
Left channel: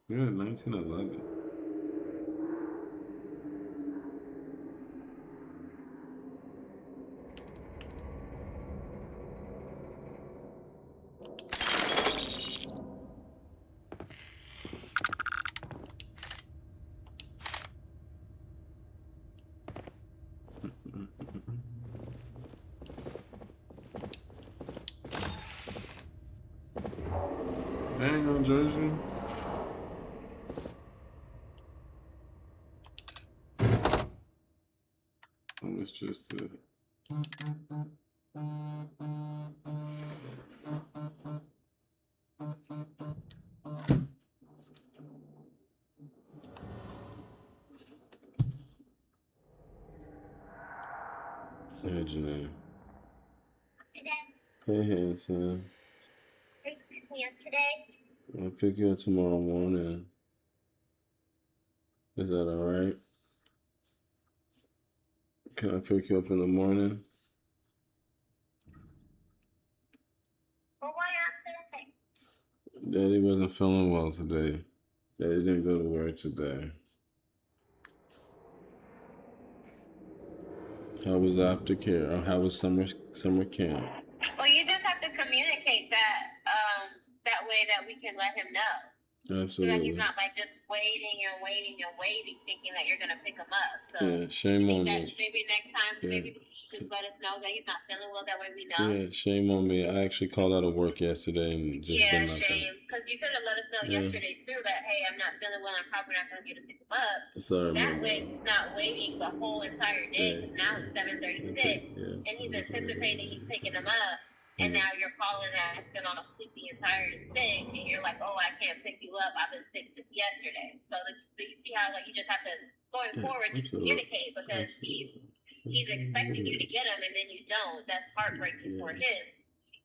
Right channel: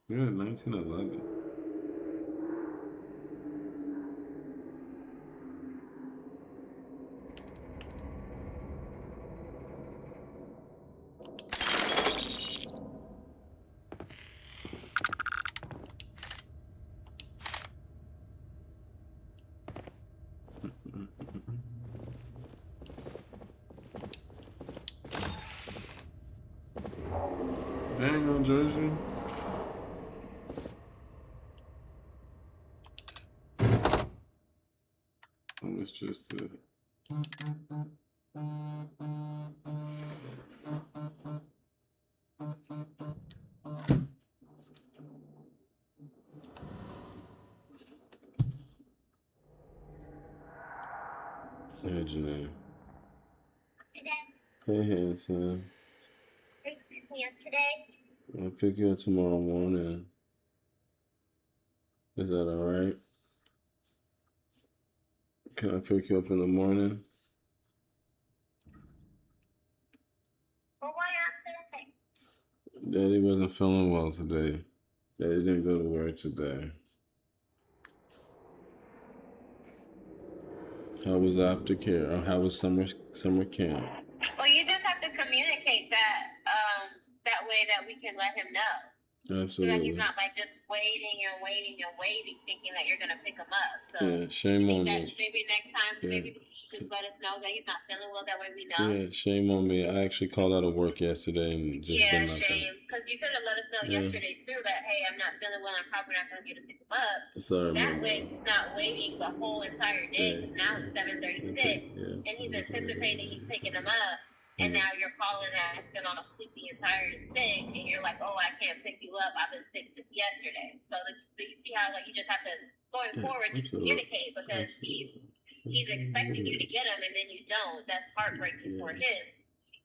Yeah, 1911. Dang on Jersey. Oh, it's just a. Hey, Janae. Hey, handsome. Are you picking me up today? I'll pick you up tomorrow morning. Is that alright? Can I pick you up in the morning? Well, why not Thursday? Daddy wasn't feeling well today. Daddy didn't go to work today. How was aftercare? Or how was summer camp? Well, you just have to communicate that, that way that we can let him know. So that Absolutely. he's not like just waiting and waiting and waiting, thinking that you're gonna pick him up. So Yeah, shame on me. maybe next time, Yeah. maybe you should just let us know that he's not feeling well. That way we know. Yeah, shame on me. I actually called out of work yesterday and just Yeah, been like shame. Because you could have let us know yesterday too that hey, I'm not feeling well. I'm probably not gonna be able to pick him up. Sorry, That way he's not waiting the whole entire day. Because now it's 7:36, and he's anticipating you picking him up. And now you're calling acting all sleepy and tired and sick, and you're like, oh, I can't pick you up. I've been sick since yesterday. So you see how like you just have to going forward just communicate because he's expecting you to get him and then you don't. That's heartbreaking for him.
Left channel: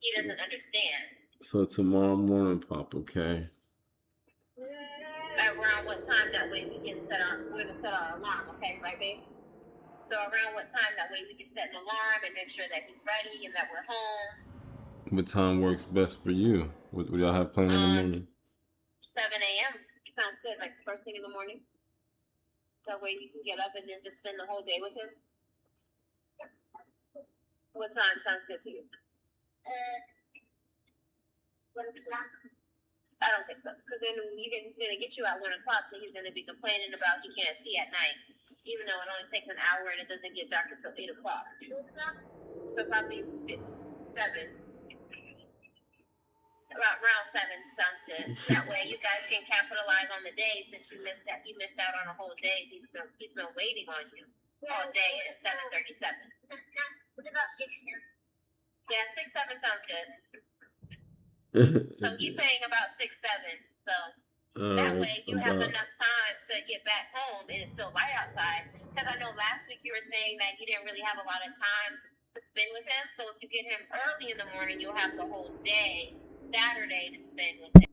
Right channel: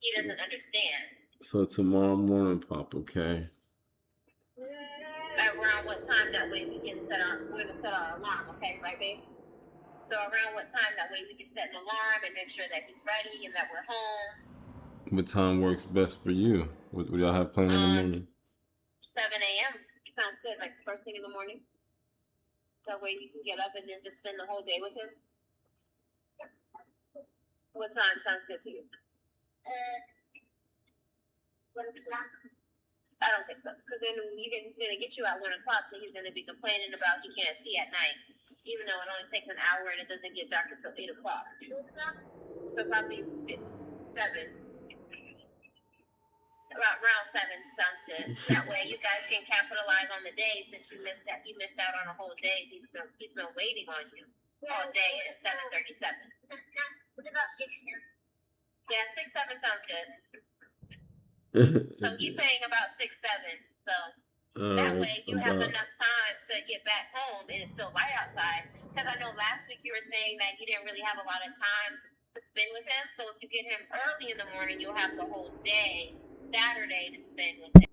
He doesn't understand. So tomorrow morning, Pop, okay? Around what time? That way we can set our alarm. Okay, right, babe? So around what time? That way we can set an alarm and make sure that he's ready and that we're home. What time works best for you? What y'all have planned in the morning? 7 a.m. Sounds good, like first thing in the morning. That way you can get up and then just spend the whole day with him. What time sounds good to you? 1 o'clock. I don't think so, because then he's gonna get you at 1 o'clock, so he's gonna be complaining about he can't see at night, even though it only takes an hour and it doesn't get dark until 8 o'clock. 2 o'clock. So probably 6, 7. Around 7 sounds good. That way you guys can capitalize on the day since you missed out on a whole day. He's been waiting on you all day at 7:37. What about 6, 7? Yeah, 6, 7 sounds good. So he's saying about 6, 7. So that way you have enough time to get back home and it's still light outside. Because I know last week you were saying that you didn't really have a lot of time to spend with him. So if you get him early in the morning, you'll have the whole day Saturday to spend with him.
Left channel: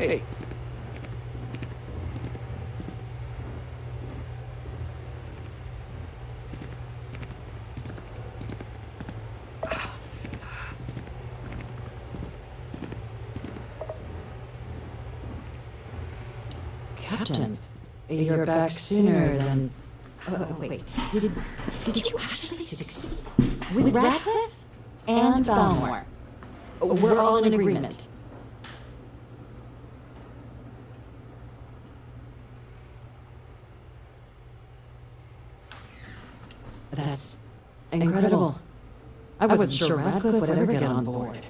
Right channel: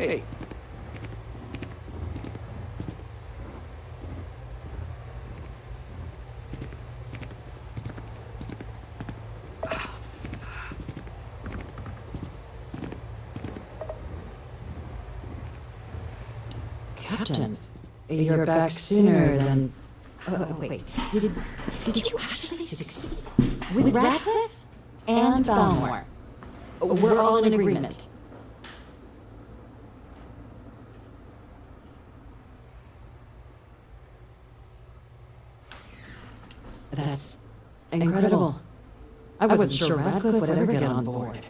Hey. Captain, you're back sooner than... Oh, wait. Did you actually succeed? With Radcliffe and Balmore. We're all in agreement. That's incredible. I wasn't sure Radcliffe would ever get on board.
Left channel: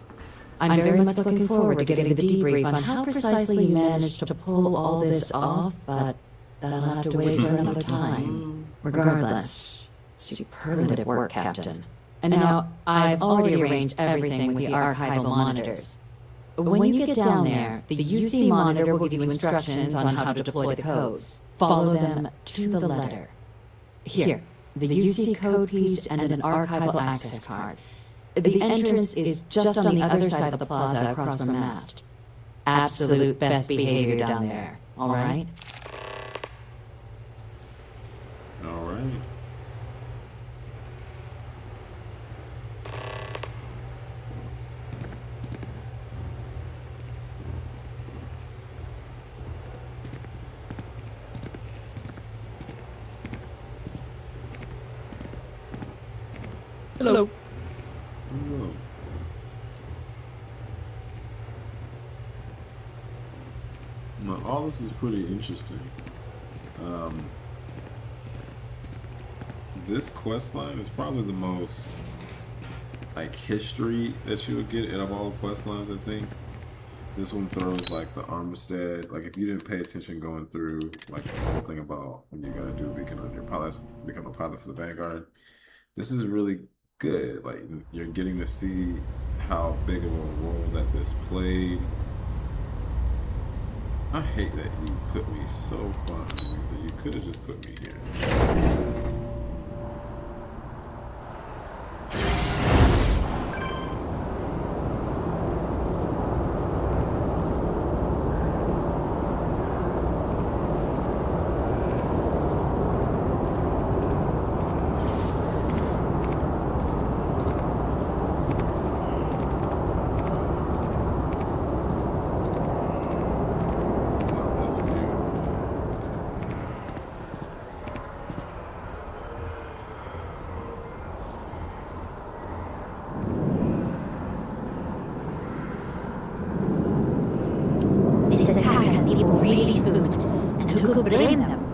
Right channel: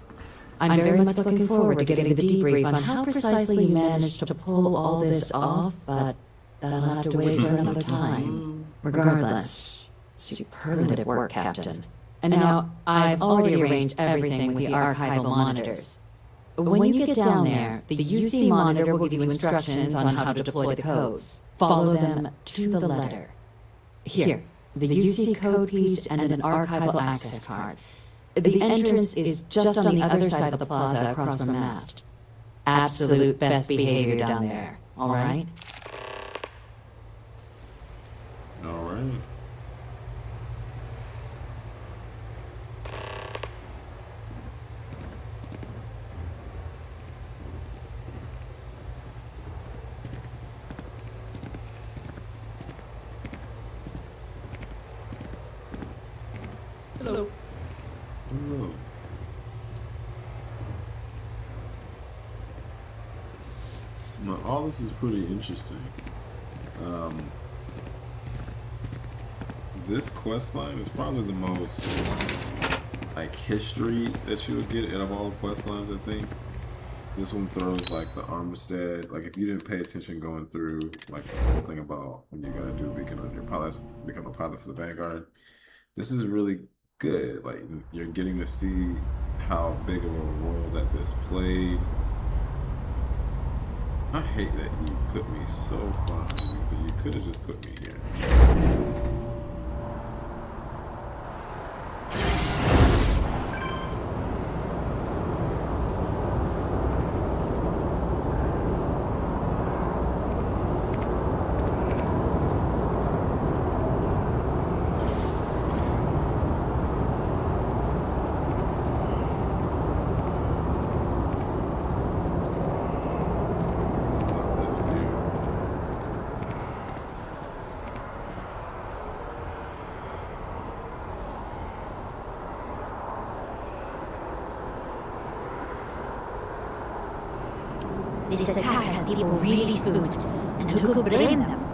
I'm very much looking forward to getting the debrief on how precisely you managed to pull all this off, but that'll have to wait for another time. Regardless, superlative work, Captain. And now, I've already arranged everything with the archival monitors. When you get down there, the UC monitor will give you instructions on how to deploy the codes. Follow them to the letter. Here, the UC code piece and an archival access card. The entrance is just on the other side of the plaza across from Mast. Absolute best behavior down there, all right? All right. Hello. Hello. Now, all this is pretty interesting. This quest line is probably the most like history that you would get out of all the quest lines, I think. This one throws like the Armistead, like if you didn't pay attention going through like the whole thing about when you gotta do a beacon on your pilot, become a pilot for the Vanguard. This is really good. Like you're getting to see how big of a role that this played. I hate that you put me so far underneath that you could have just put me here. This attack has people really spooked, and who could blame them?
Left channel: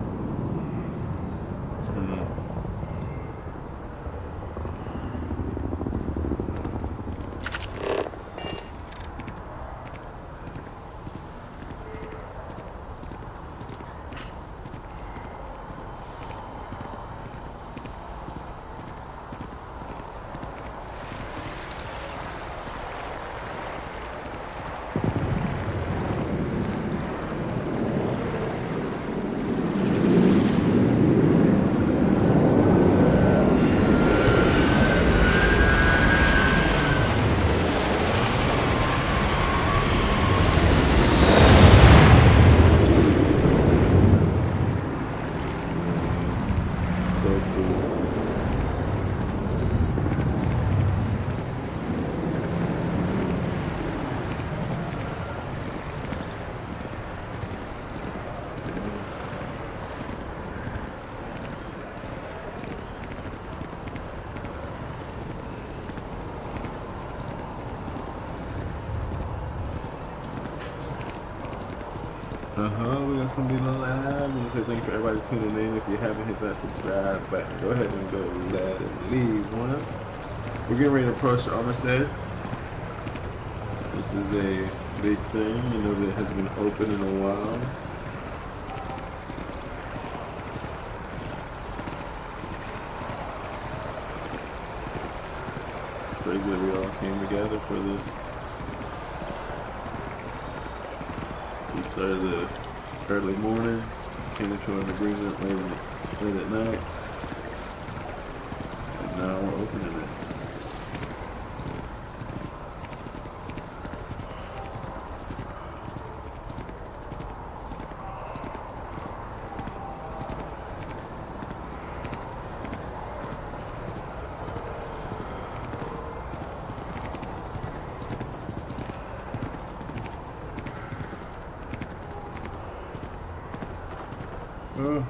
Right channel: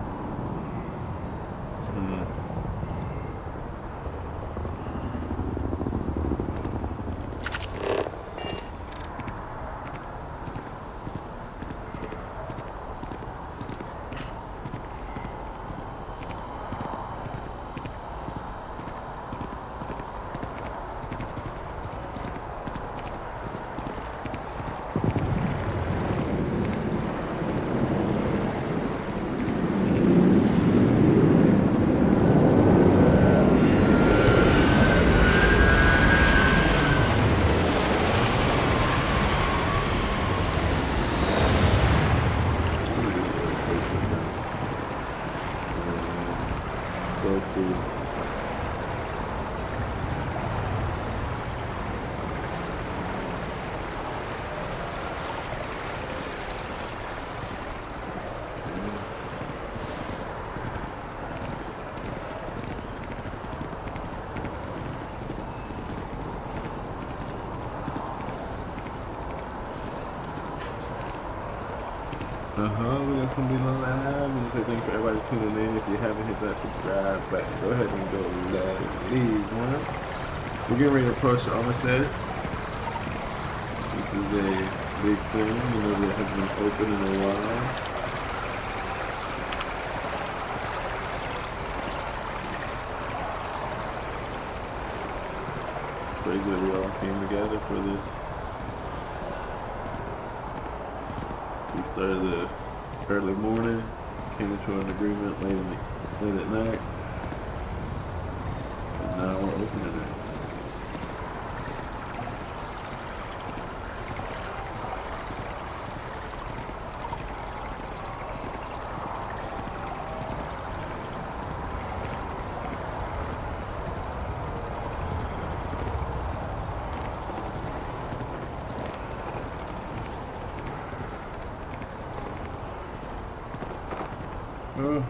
We got some people live. I want to say thank you for everybody tuning in. If you haven't hit that subscribe button, go ahead and go let it leave one. We're getting ready to approach the Armistead. This is a big thing, you know, that has been open in a while. Crazy that we all came together for this. We started the early morning, came into an agreement late at night, and now we're opening it. Oh.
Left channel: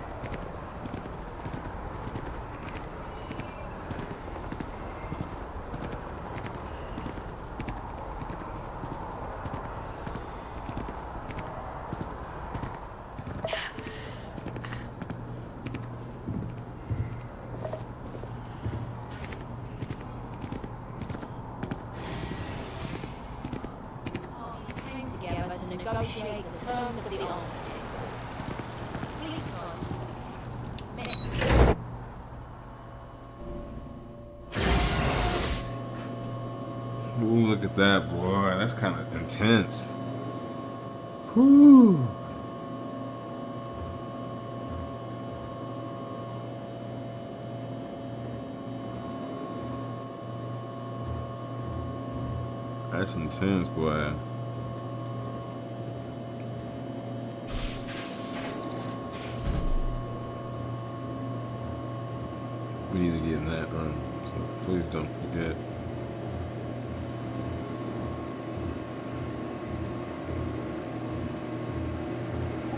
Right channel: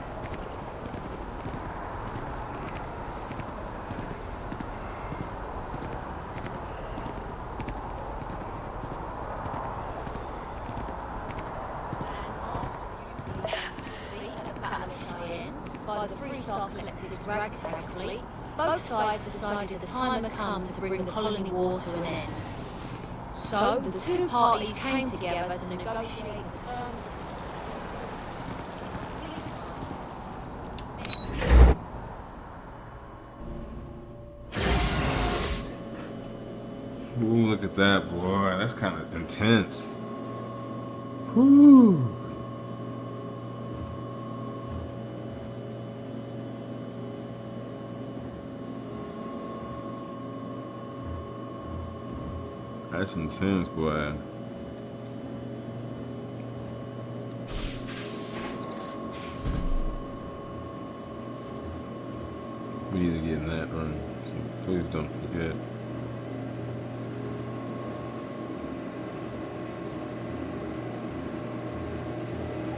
By the freestyle collectors dragged to the fleet, both sides decided the time had come to bring the colony war to an end. So the two parties came together to negotiate the terms of the armistice. Ooh, look at that, boy. That's kind of intense. Whew. That's intense, boy. We need to get in that room, so please don't forget.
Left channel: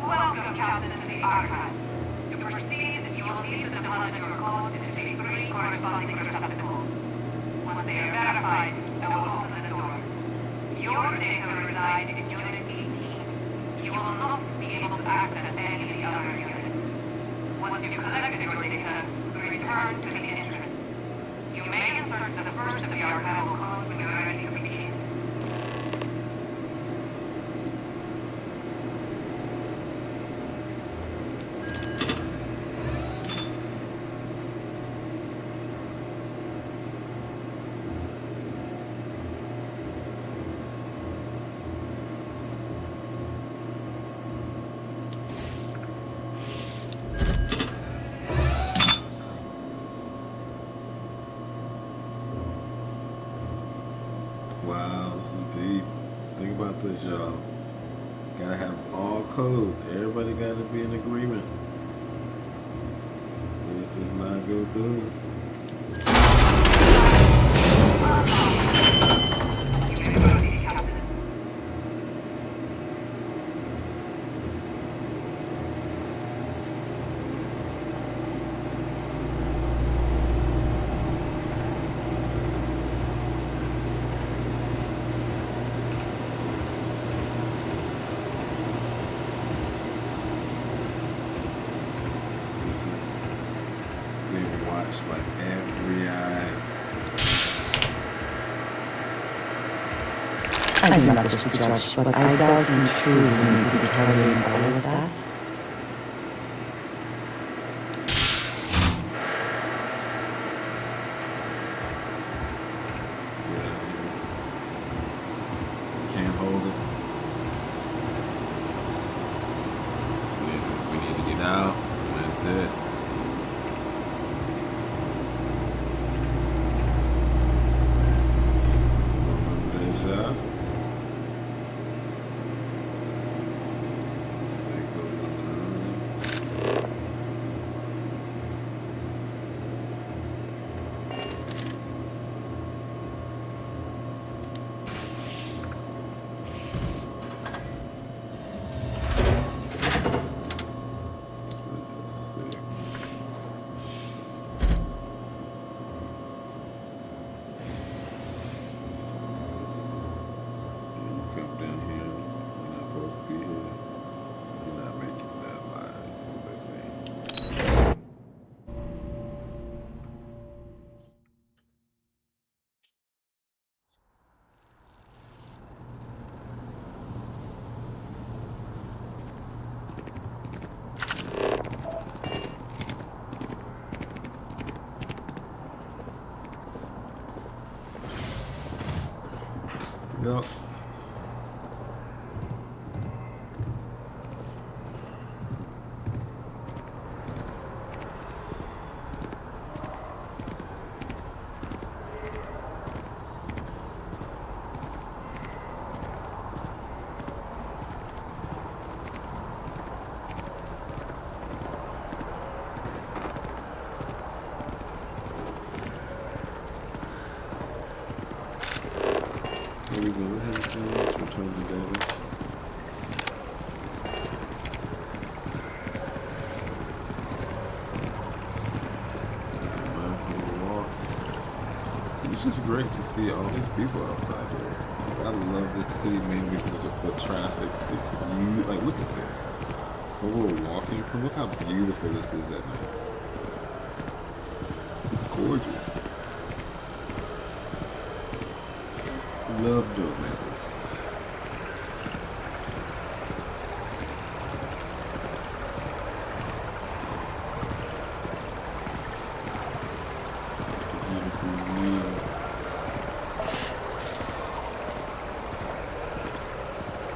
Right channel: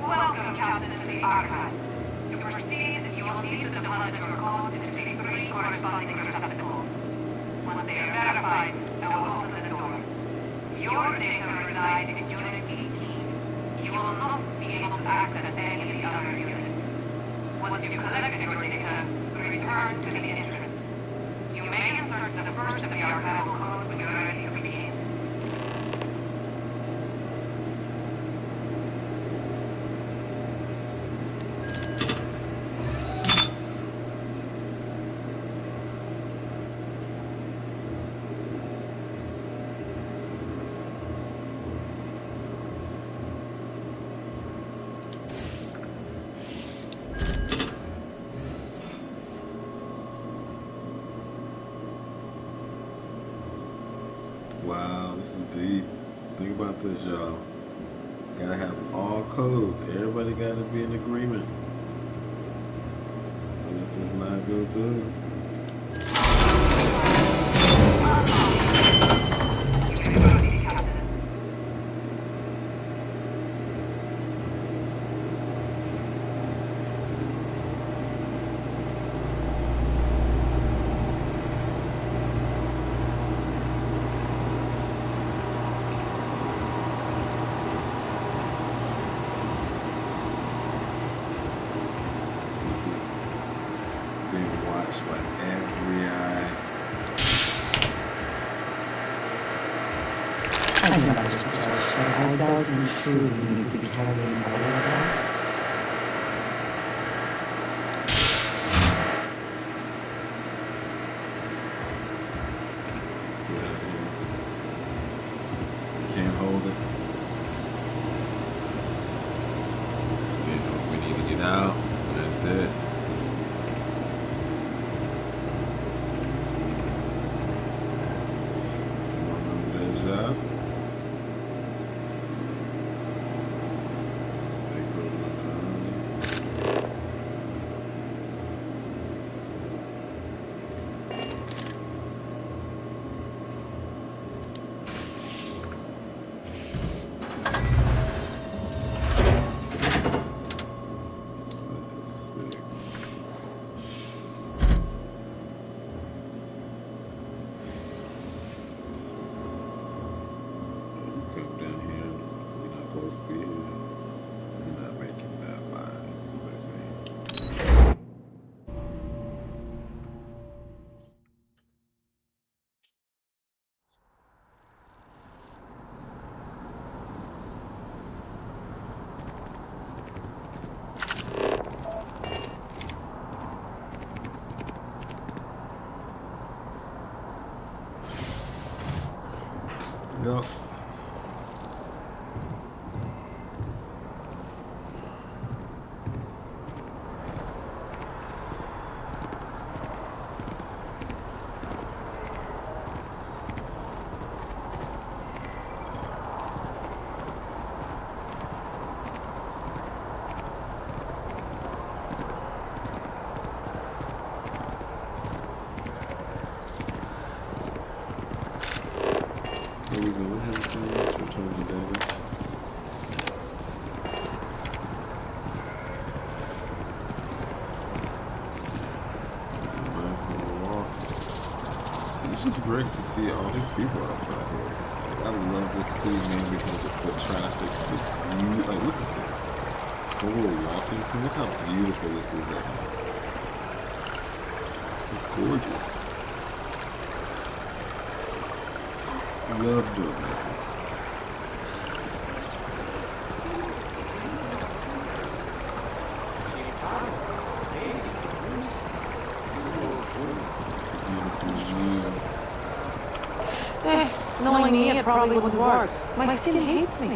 Welcome, Captain, to the Archives. To proceed, you will need to deposit your codes into the 3 corresponding receptacles. Once they are verified, I will open the door. Your data reside in Unit 18. You will not be able to access any of the other units. Once you've collected your data, return to the entrance. You may insert the first of the archival codes when you're ready to begin. Wow, this is deep. Think about this, y'all. Gotta have all codes. Everybody gotta be in agreement. But it's just not go through. This is being watched by every eye. I do not wish to judge, but I doubt you truly need to be carrying all of that. Let's get out of here. We can't hold it. We need to get out. That's it. Come on, Deja. Stay close on the early. That is sick. Yeah, you come down here, you're not supposed to be here. You're not making that line, that's what they're saying. Yep. Where we going with him? just great to see all these people outside here. Like, I love the city mainly because of the foot traffic. So like, look at this. When we're walking through, look how beautiful this is at night. It's gorgeous. Love doing Atlantis. It's a beautiful view. Knowing me, it probably wouldn't work. My city hates me.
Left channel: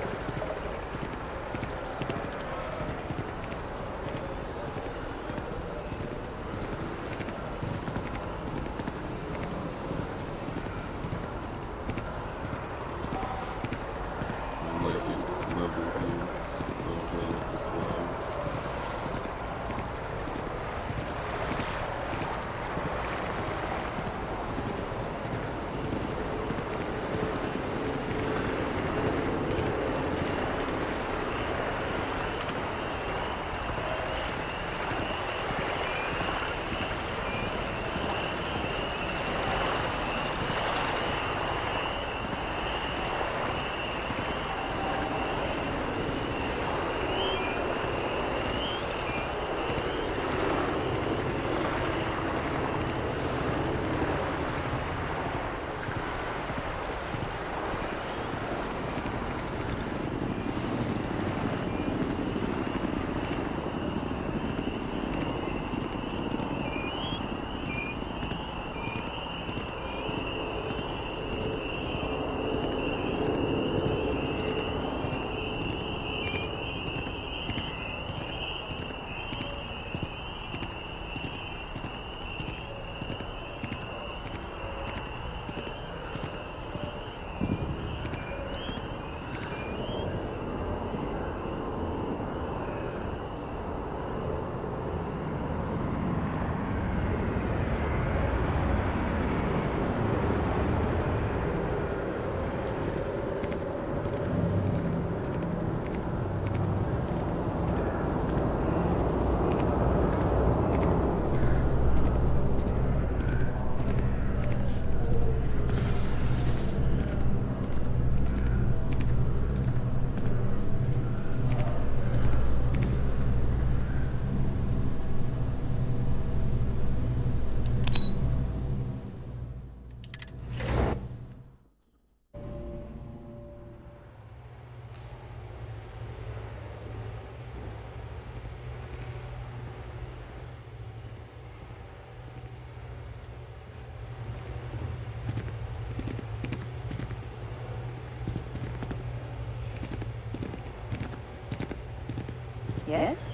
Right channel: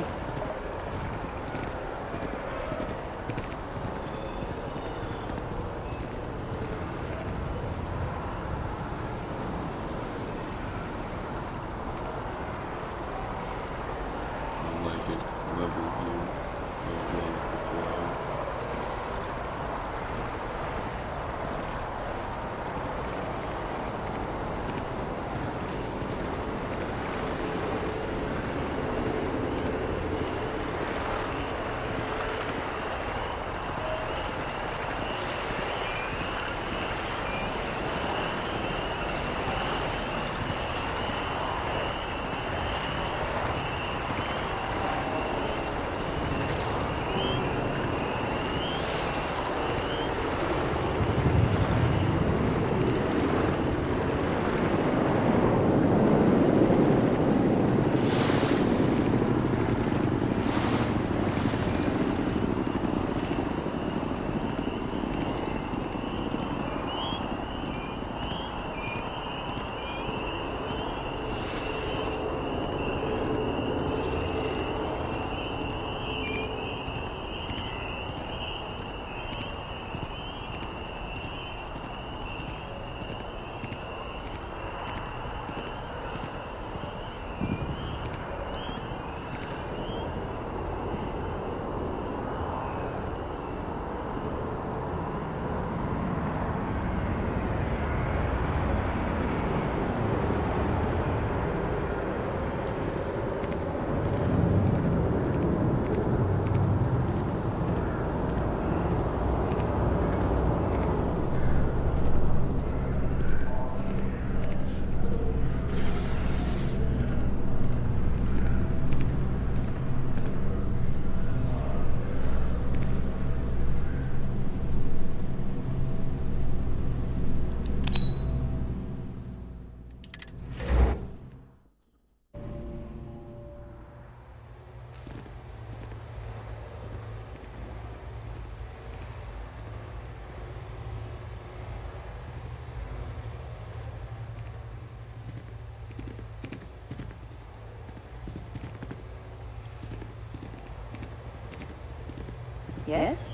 Yes?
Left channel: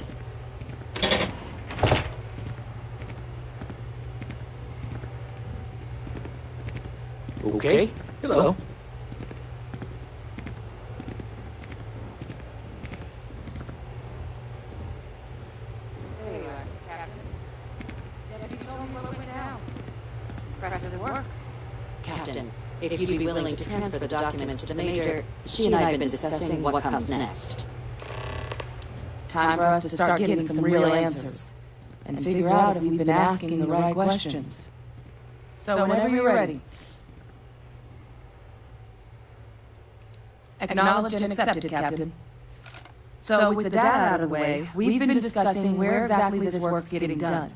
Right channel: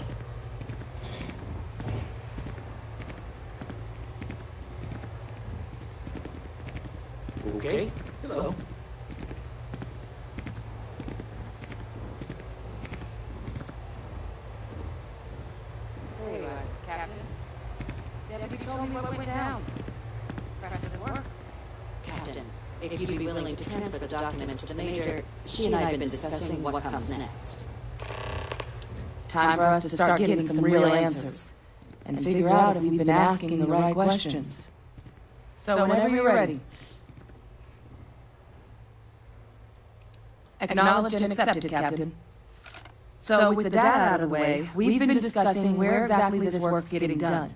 Okay. Hello. There you are, Captain. Deputy told me what went down. Impressive work. Captain, if you'd be willing to transfer the documents to the Major, she and I have been discussing what comes next. Time for us to start getting some real answers and figure out if we've been asking the right questions. So whenever you're ready. Acknowledged and accepted, Captain. So with the data out of the way, we've been discussing where exactly this work's getting done.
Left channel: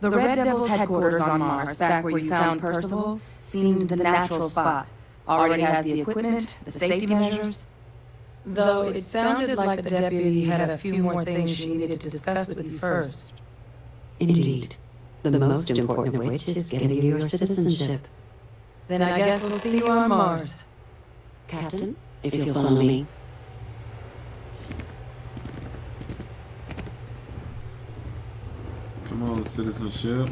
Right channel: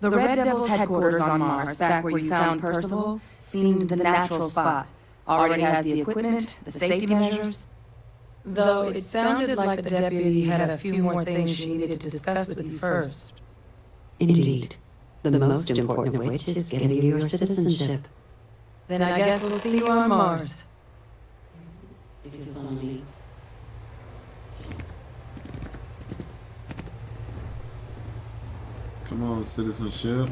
The Red Devil's headquarters on Mars, back where you found Percival, seemed the natural spot. Already has the equipment, the safety measures. Though it sounded like the deputy had a few more things she needed to discuss with you first. Indeed. The most important of which is getting you your citizenship. Then I guess we'll see you on Mars. Captain, if you'll follow me. Come on, citizenship.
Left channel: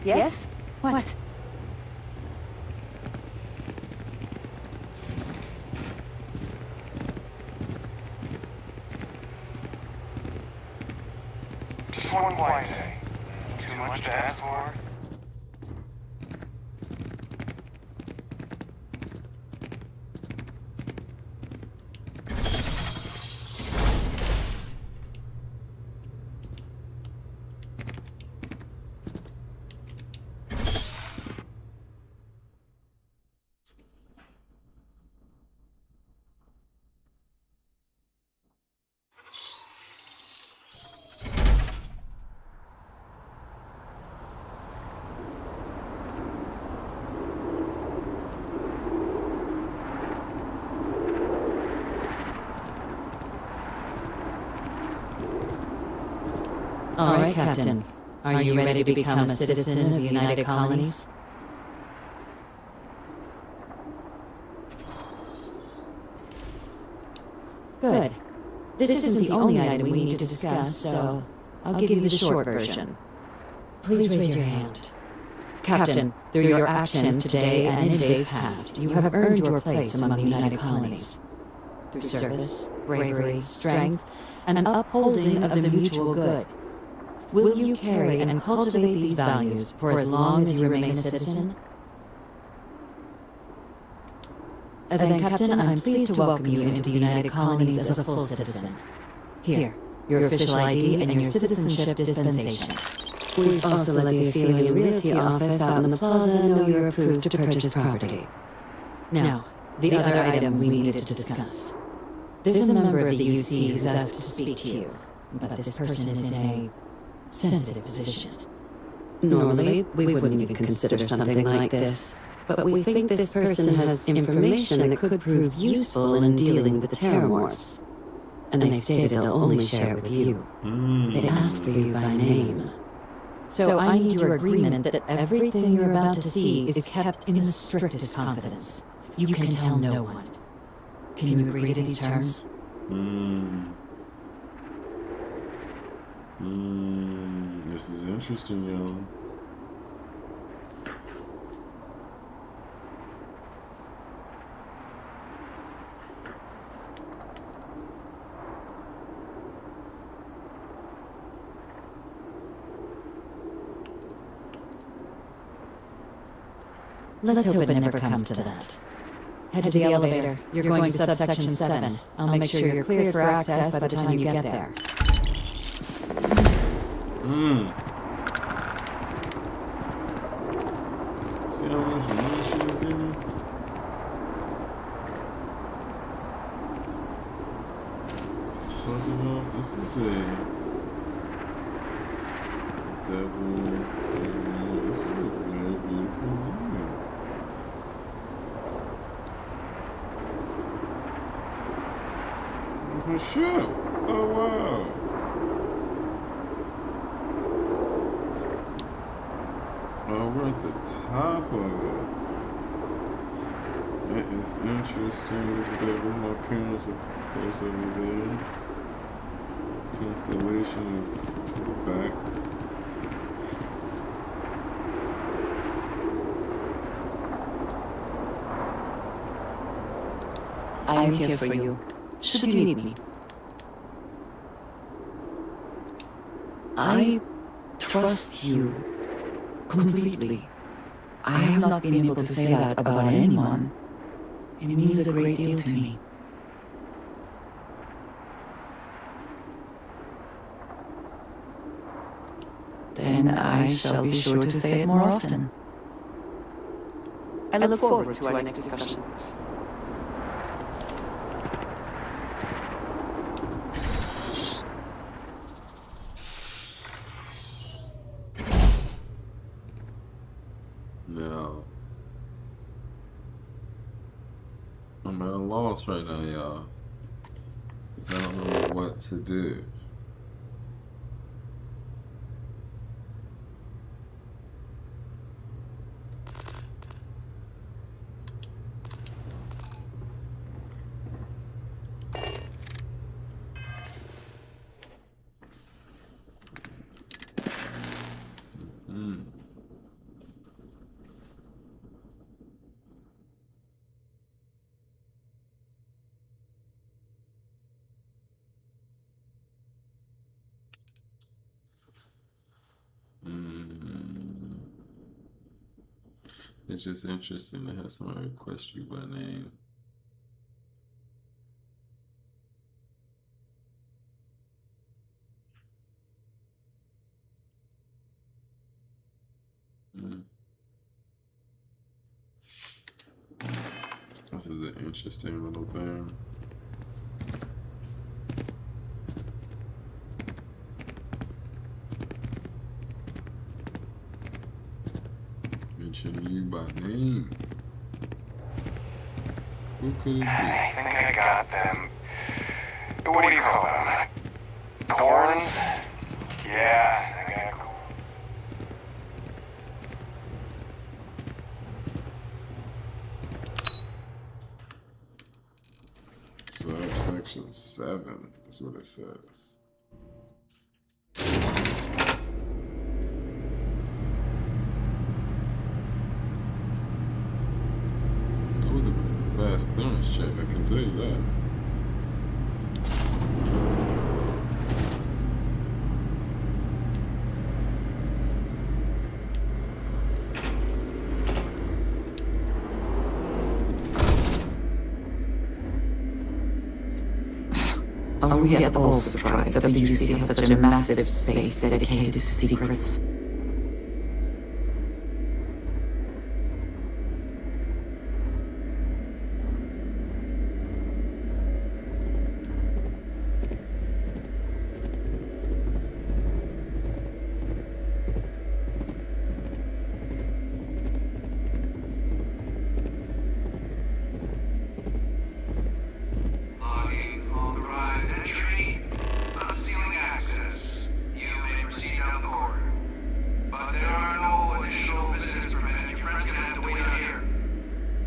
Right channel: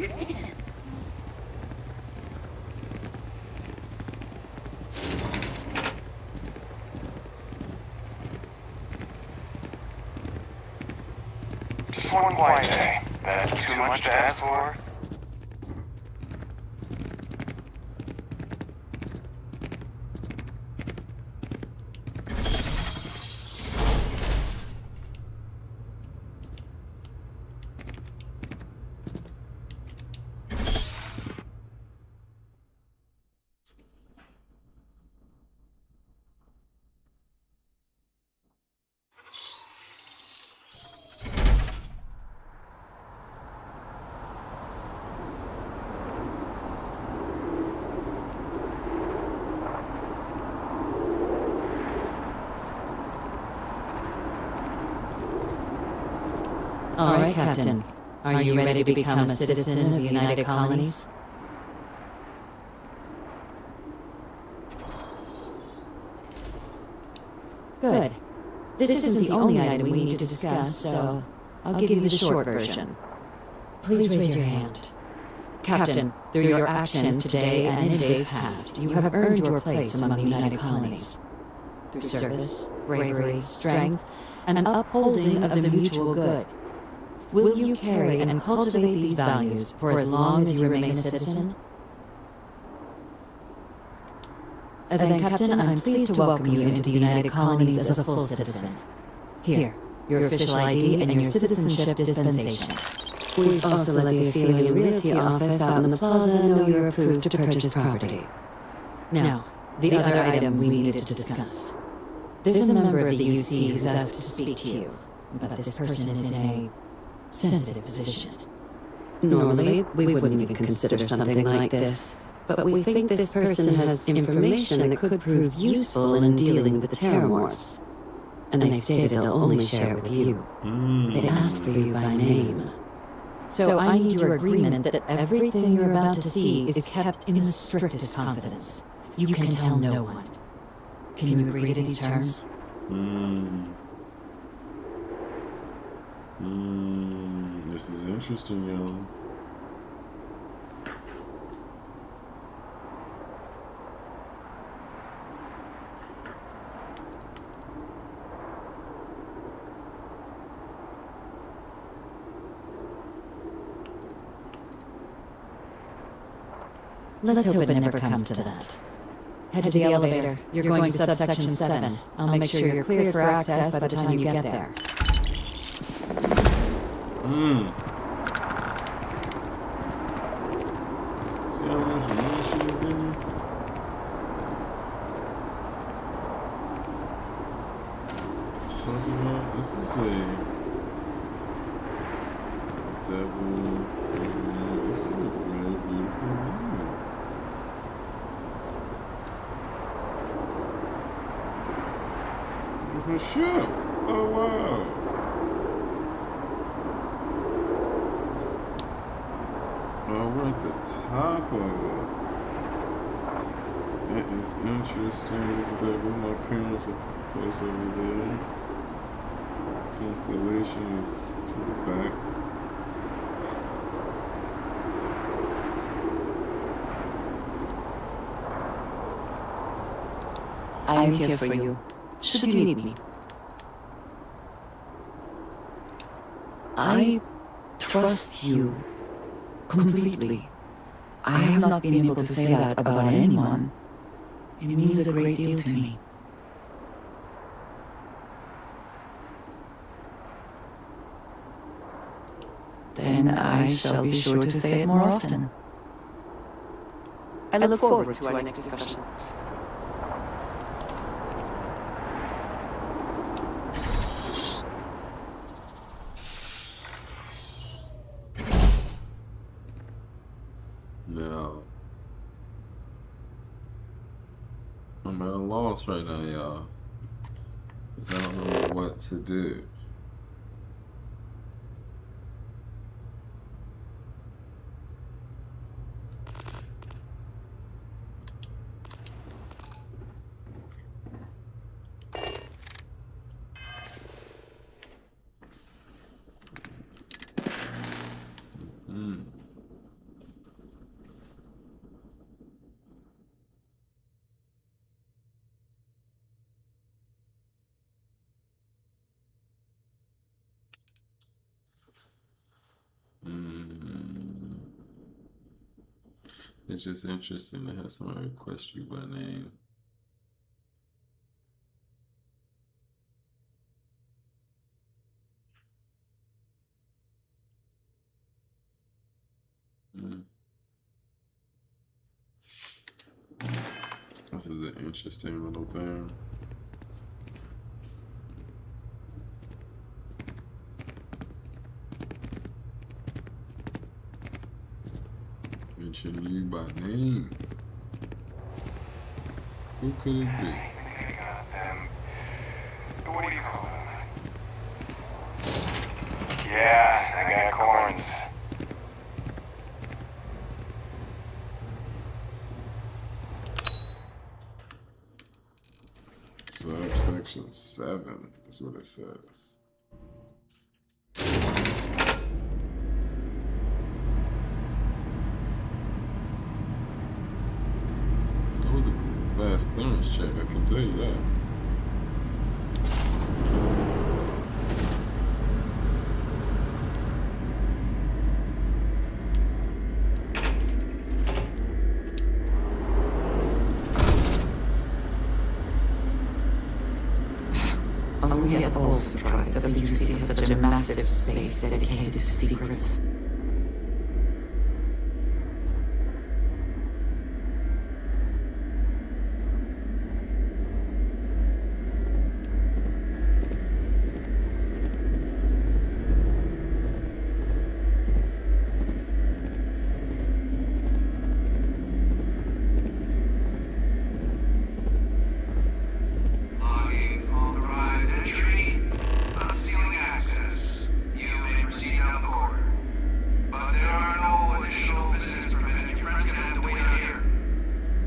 Yes? What? Just one quiet day. That too much to ask for? All right, Captain. Are you ready to become a citizen of the United Colonies? Good. This isn't the only item we need to discuss, so I'll give you the short version. Please raise your hand. Captain, through your actions today and in days past, you have earned your place among the United Colonies. Through service, bravery, strength, and upholding of the mutual good. Will you carry and cultivate these values for as long as you remain a citizen? Then, Captain, I'm pleased to welcome you into the United Colonies as a full citizen. Here, your official ID and your citizenship dispensation. We've also let the Affiliate Realty office out in the plaza know you're approved to purchase property. Now, the other item we needed to discuss. There's a member of the UC who's asked to speak to you, but this person is in a sensitive position. Normally, we wouldn't even consider something like this, but we think this person has information that could prove useful in dealing with the Terramorphs. And they stated they'll only share it with you. They asked for you by name. So I need your agreement that everything you're about to see is kept in the strictest confidence. You can tell no one. Can you agree to these terms? This is interesting, y'all. Let's hope it never comes to that. Head to the elevator. You're going to subsection 7. I'll make sure you're cleared for access by the time you get there. See how much money she was giving? Talking about, this is a devil. This is a very beautiful view. Her ship. Oh wow. Oh, we're at the top of it. That is interesting. Look at that. Where's my parents' place over there? Constellation is to the back. I am here for you, should you need me. I trust you completely. I have not been able to say that about anyone. It means a great deal to me. Then I shall be sure to say it more often. I look forward to our next discussion. Now, I'm at a loss right now, y'all. Because I don't know what to do. It's just interesting to have someone request you by name. This is an interesting little thing. Mention you by name. Who could it be? I think I got them. What do you call them? Corns? Yeah, I got corns. Subsection 7 is what it says. That was a fast clearance check, I can tell you that. Are we at all surprised that the UC has such a massive space dedicated to secrets?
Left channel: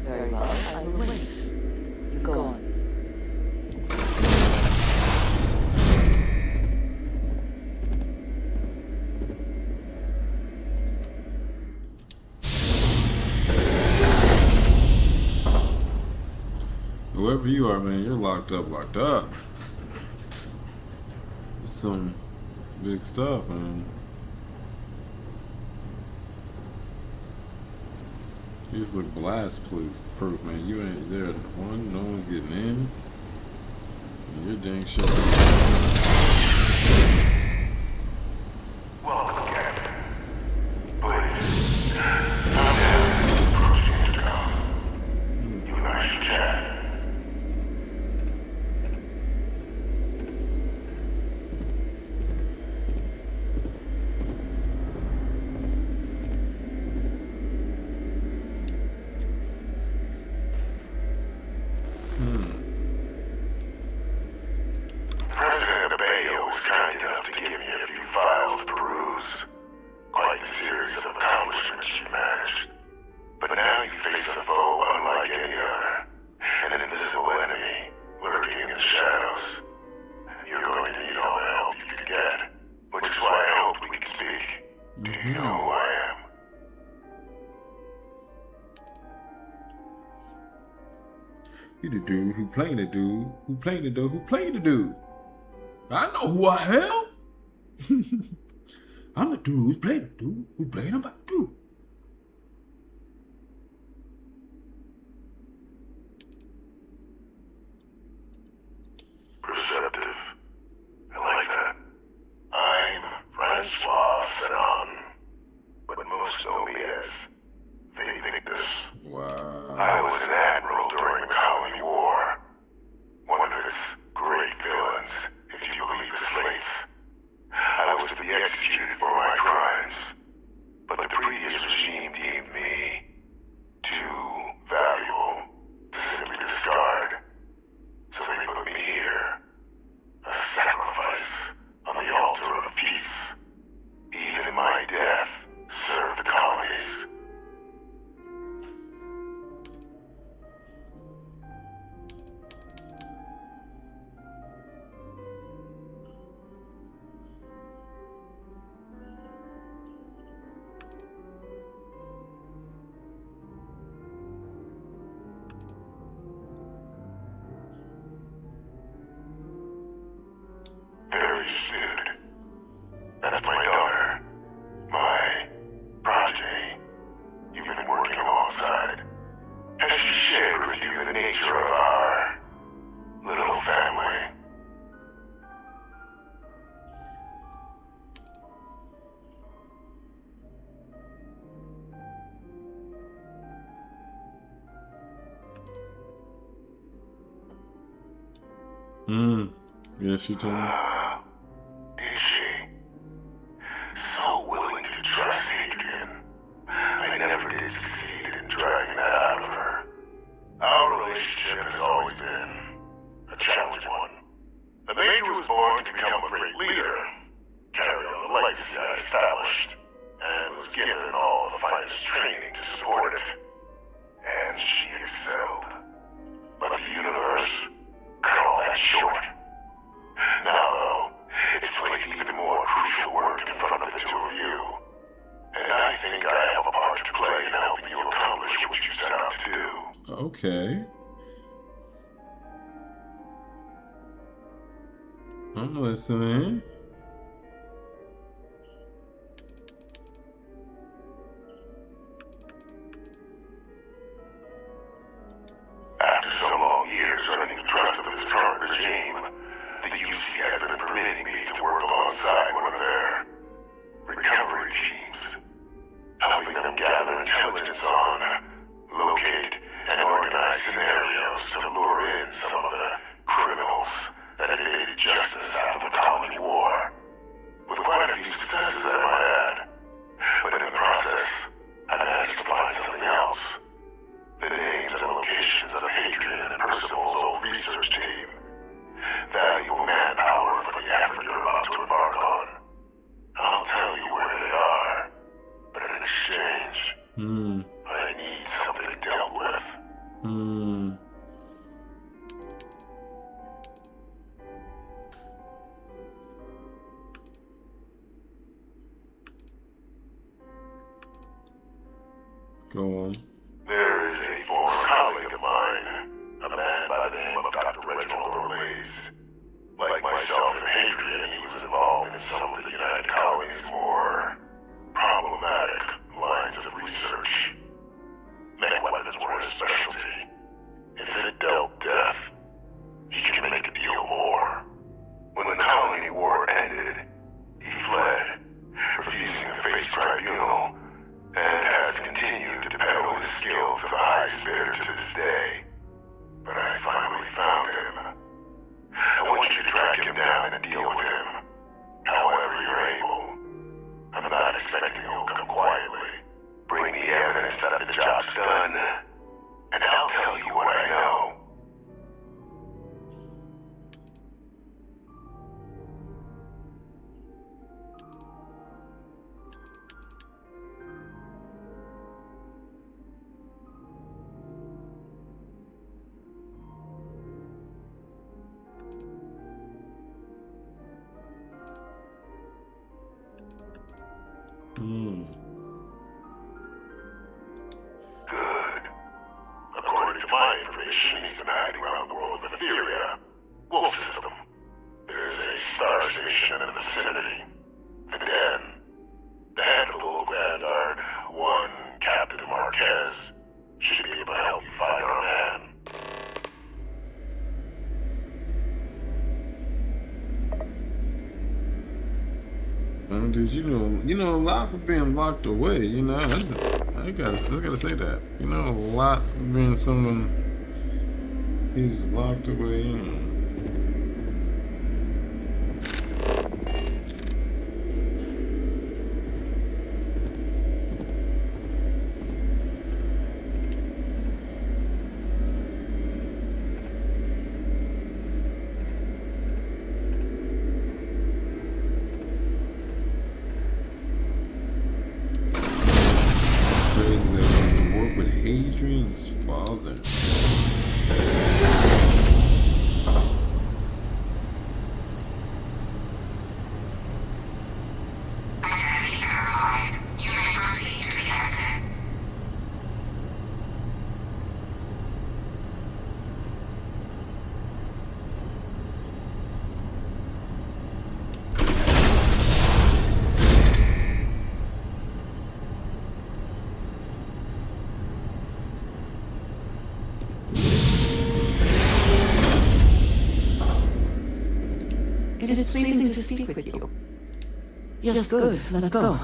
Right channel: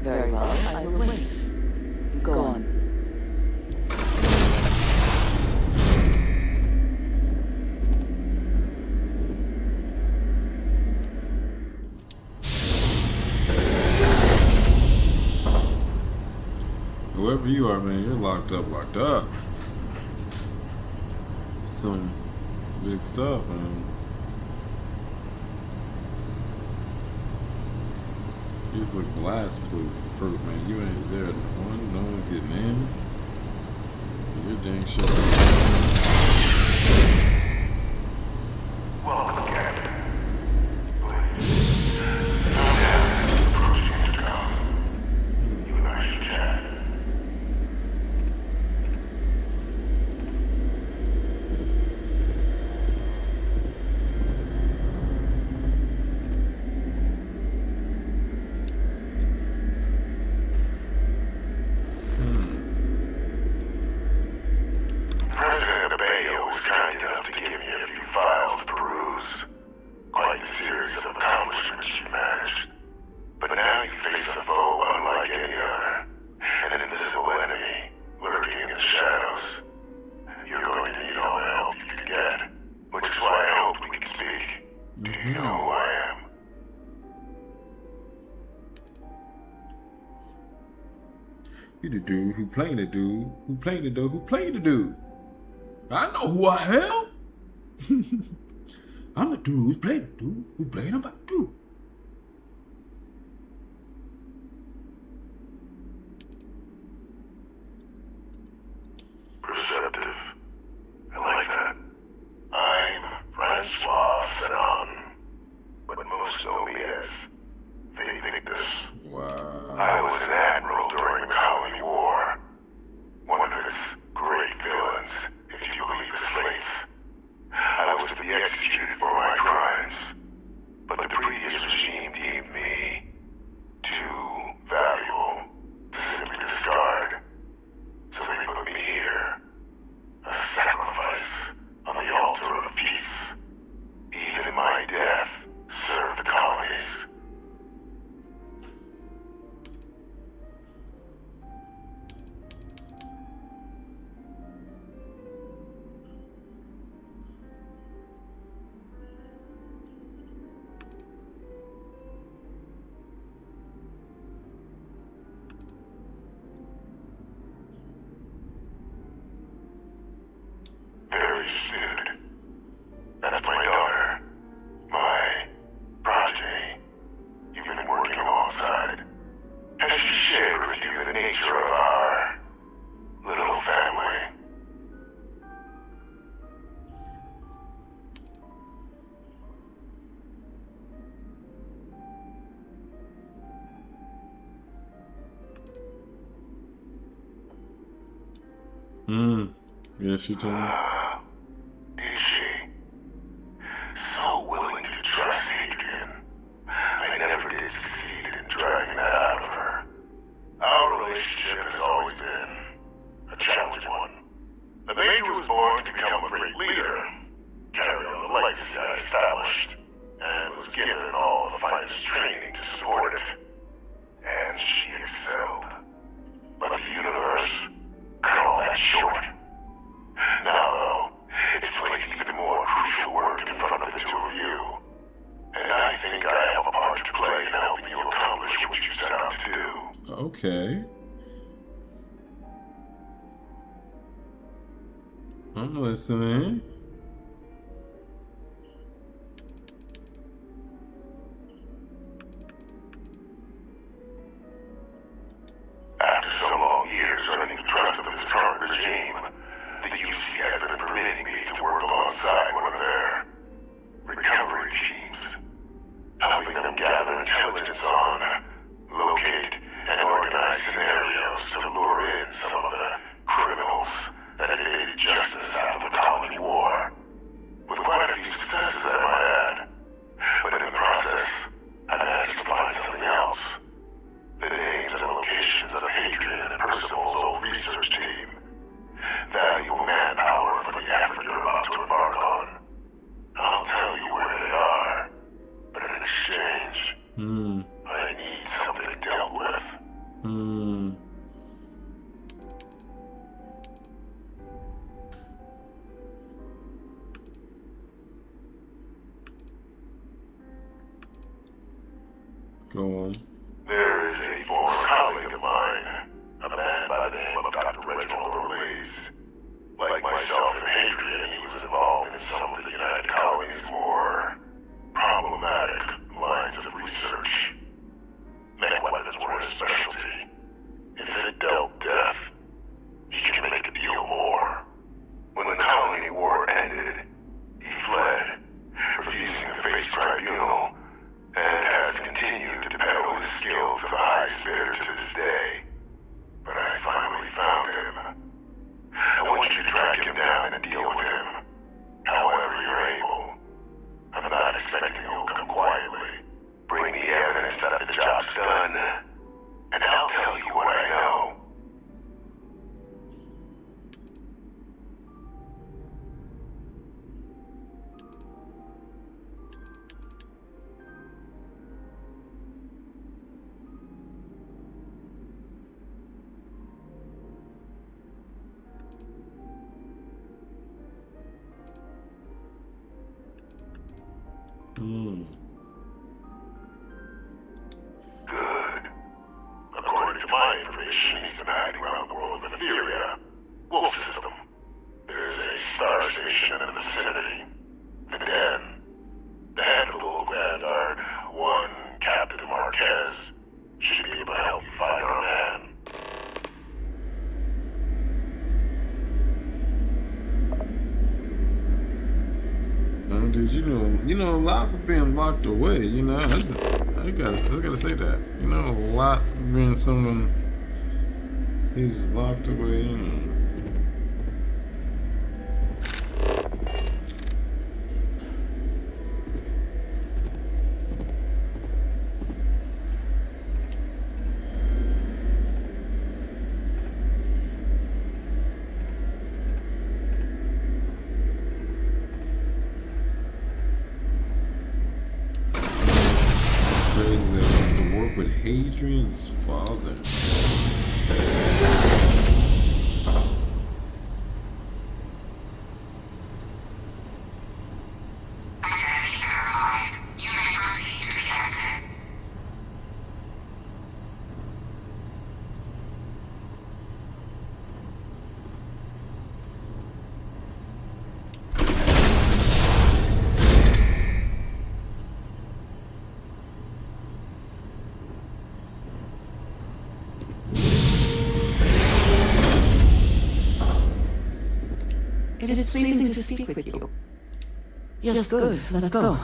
Very well, I will wait. You go on. Whoever you are, man, you're locked up, locked up. It's some big stuff, man. You just look blast proof, man. You ain't there. One, no one's getting in. And you're dang sure. Welcome, Captain. Please. Come down. Approach the intercom. You and I should chat. President Abayo was kind enough to give me a few files to peruse. Quite the series of accomplishments you managed. But now you face a foe unlike any other. An invisible enemy lurking in the shadows. You're going to need all the help you can get. Which is why I hoped we could speak. Do you know who I am? You the dude who playing the dude who playing the dude who playing the dude. I know who I am. I'm the dude who's playing the dude who playing about the dude. Perceptive. I like that. I'm Francois Fanon, but most know me as Victus. Wow. I was an admiral during the Colony War. One of its great villains, if you believe the slates. I was to be executed for my crimes, but the previous regime deemed me too valuable to simply discard. So they put me here, a sacrifice on the altar of peace. Even my death served the colonies. Very astute. That's my daughter. My progeny. You've been working alongside. Has she shared with you the nature of our little family? Yeah, she told me. Did she? So willing to trust Adrian. I never did succeed in dragging that out of her. Our relationship has always been a challenging one. The Major was born to become a great leader, carry on the legacy I established, and was given all the finest training to support it. And she excelled. But the universe cut all that short. Now, though, it's placed even more crucial work in front of the two of you. And I think I have a part to play in helping you accomplish what you set out to do. Okay. I'm listening. After so long years earning the trust of this current regime, the UC has been permitting me to work alongside one of their recovery teams, helping them gather intelligence on, locate, and organize scenarios to lure in some of the criminals that evaded justice after the Colony War, with quite a few successes I might add. But in the process, I managed to find something else. The names and locations of Hadrian and Percival's old research team. Valuable manpower for the effort you're about to embark on. I'll tell you where they are, but in exchange, I need something dealt with. Go on. There is a former colleague of mine, a man by the name of Dr. Reginald Orlaise. Like myself and Hadrian, he was involved in some of the United Colony's more problematic lines of research. Mech weapons were his specialty. If it dealt death, he could make a deal more. When the Colony War ended, he fled, refusing to face tribunal, and has continued to peddle his skills to the highest bidder to this day. But I finally found him. I want you to track him down and deal with him, however you're able. I'm not expecting he'll come quietly. Bring the evidence that the job's done, and I'll tell you what I know. Good. According to my information, he's been hiding around the world of Etheria, Wolf System. There's a star station in the vicinity. The Den. The head of the local Vanguard, one Captain Marquez, should be able to help you find our man. Dude, you know a lot for being locked away. You know, I gotta say that. You know, a lot for being someone he's locked away. You know. With Hadrian's father. Identity verified. You may proceed to the exit. It is pleasing to speak with you. Yes, good. Let's go.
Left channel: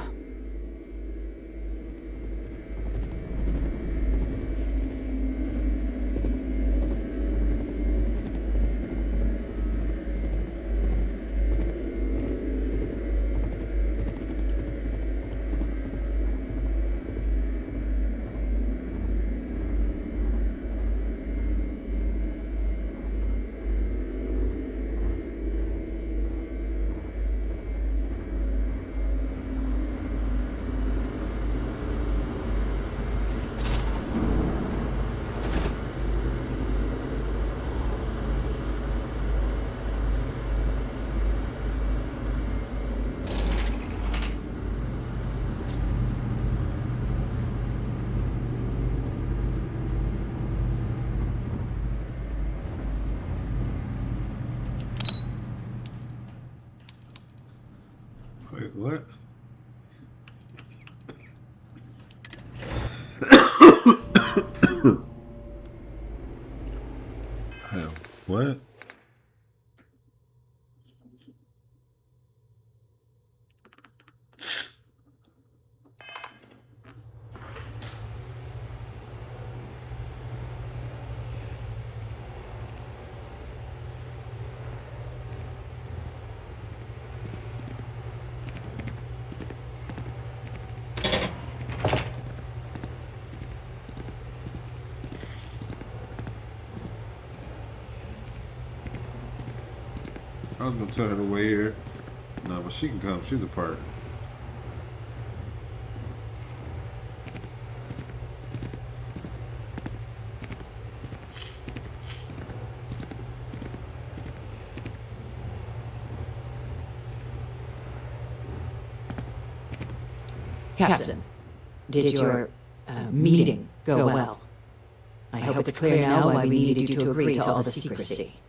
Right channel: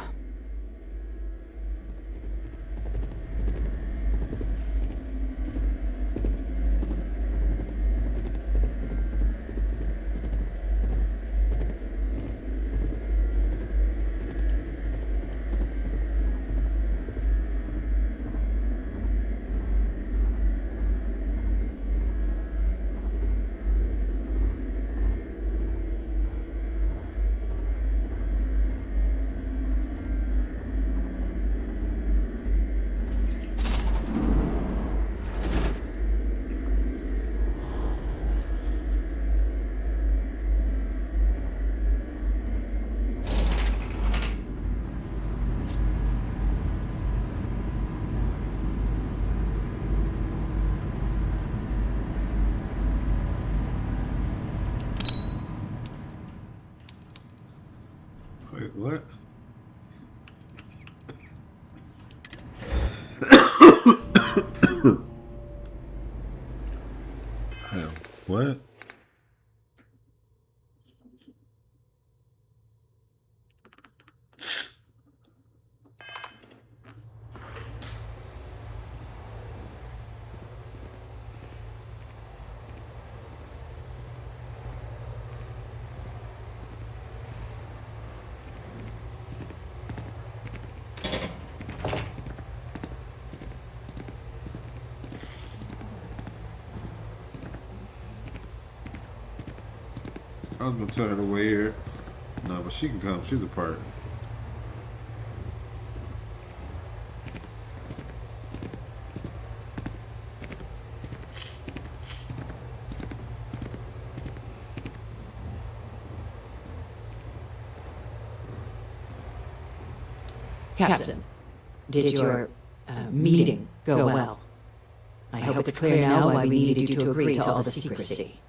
Wait, what? Hell, what? I was gonna tell her to wait here. No, but she can come. She's a part. Captain, did your meeting go well? I hope it's clear now why we needed you to agree to all the secrecy.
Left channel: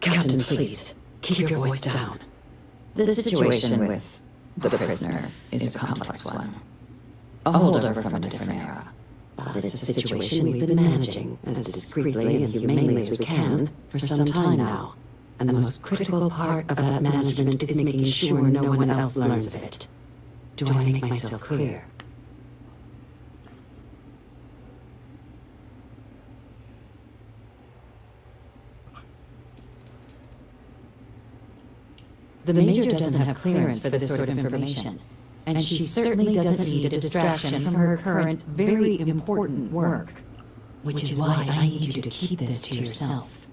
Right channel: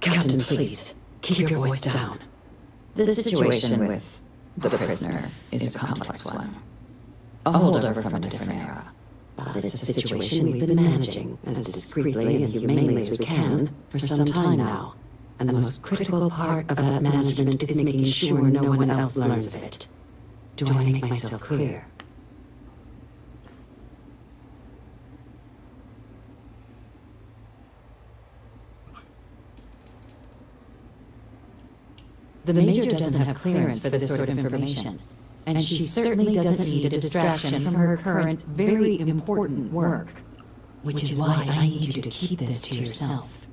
Captain, please, keep your voice down. The situation with the prisoner is a complex one. A holdover from a different era. But it's a situation we've been managing as discreetly and humanely as we can for some time now. And the most critical part of that management is making sure no one else learns of it. Do I make myself clear? The Major doesn't have clearance for this sort of information, and she certainly doesn't need a distraction from her current, very important work, which is why I need you to keep this to yourself.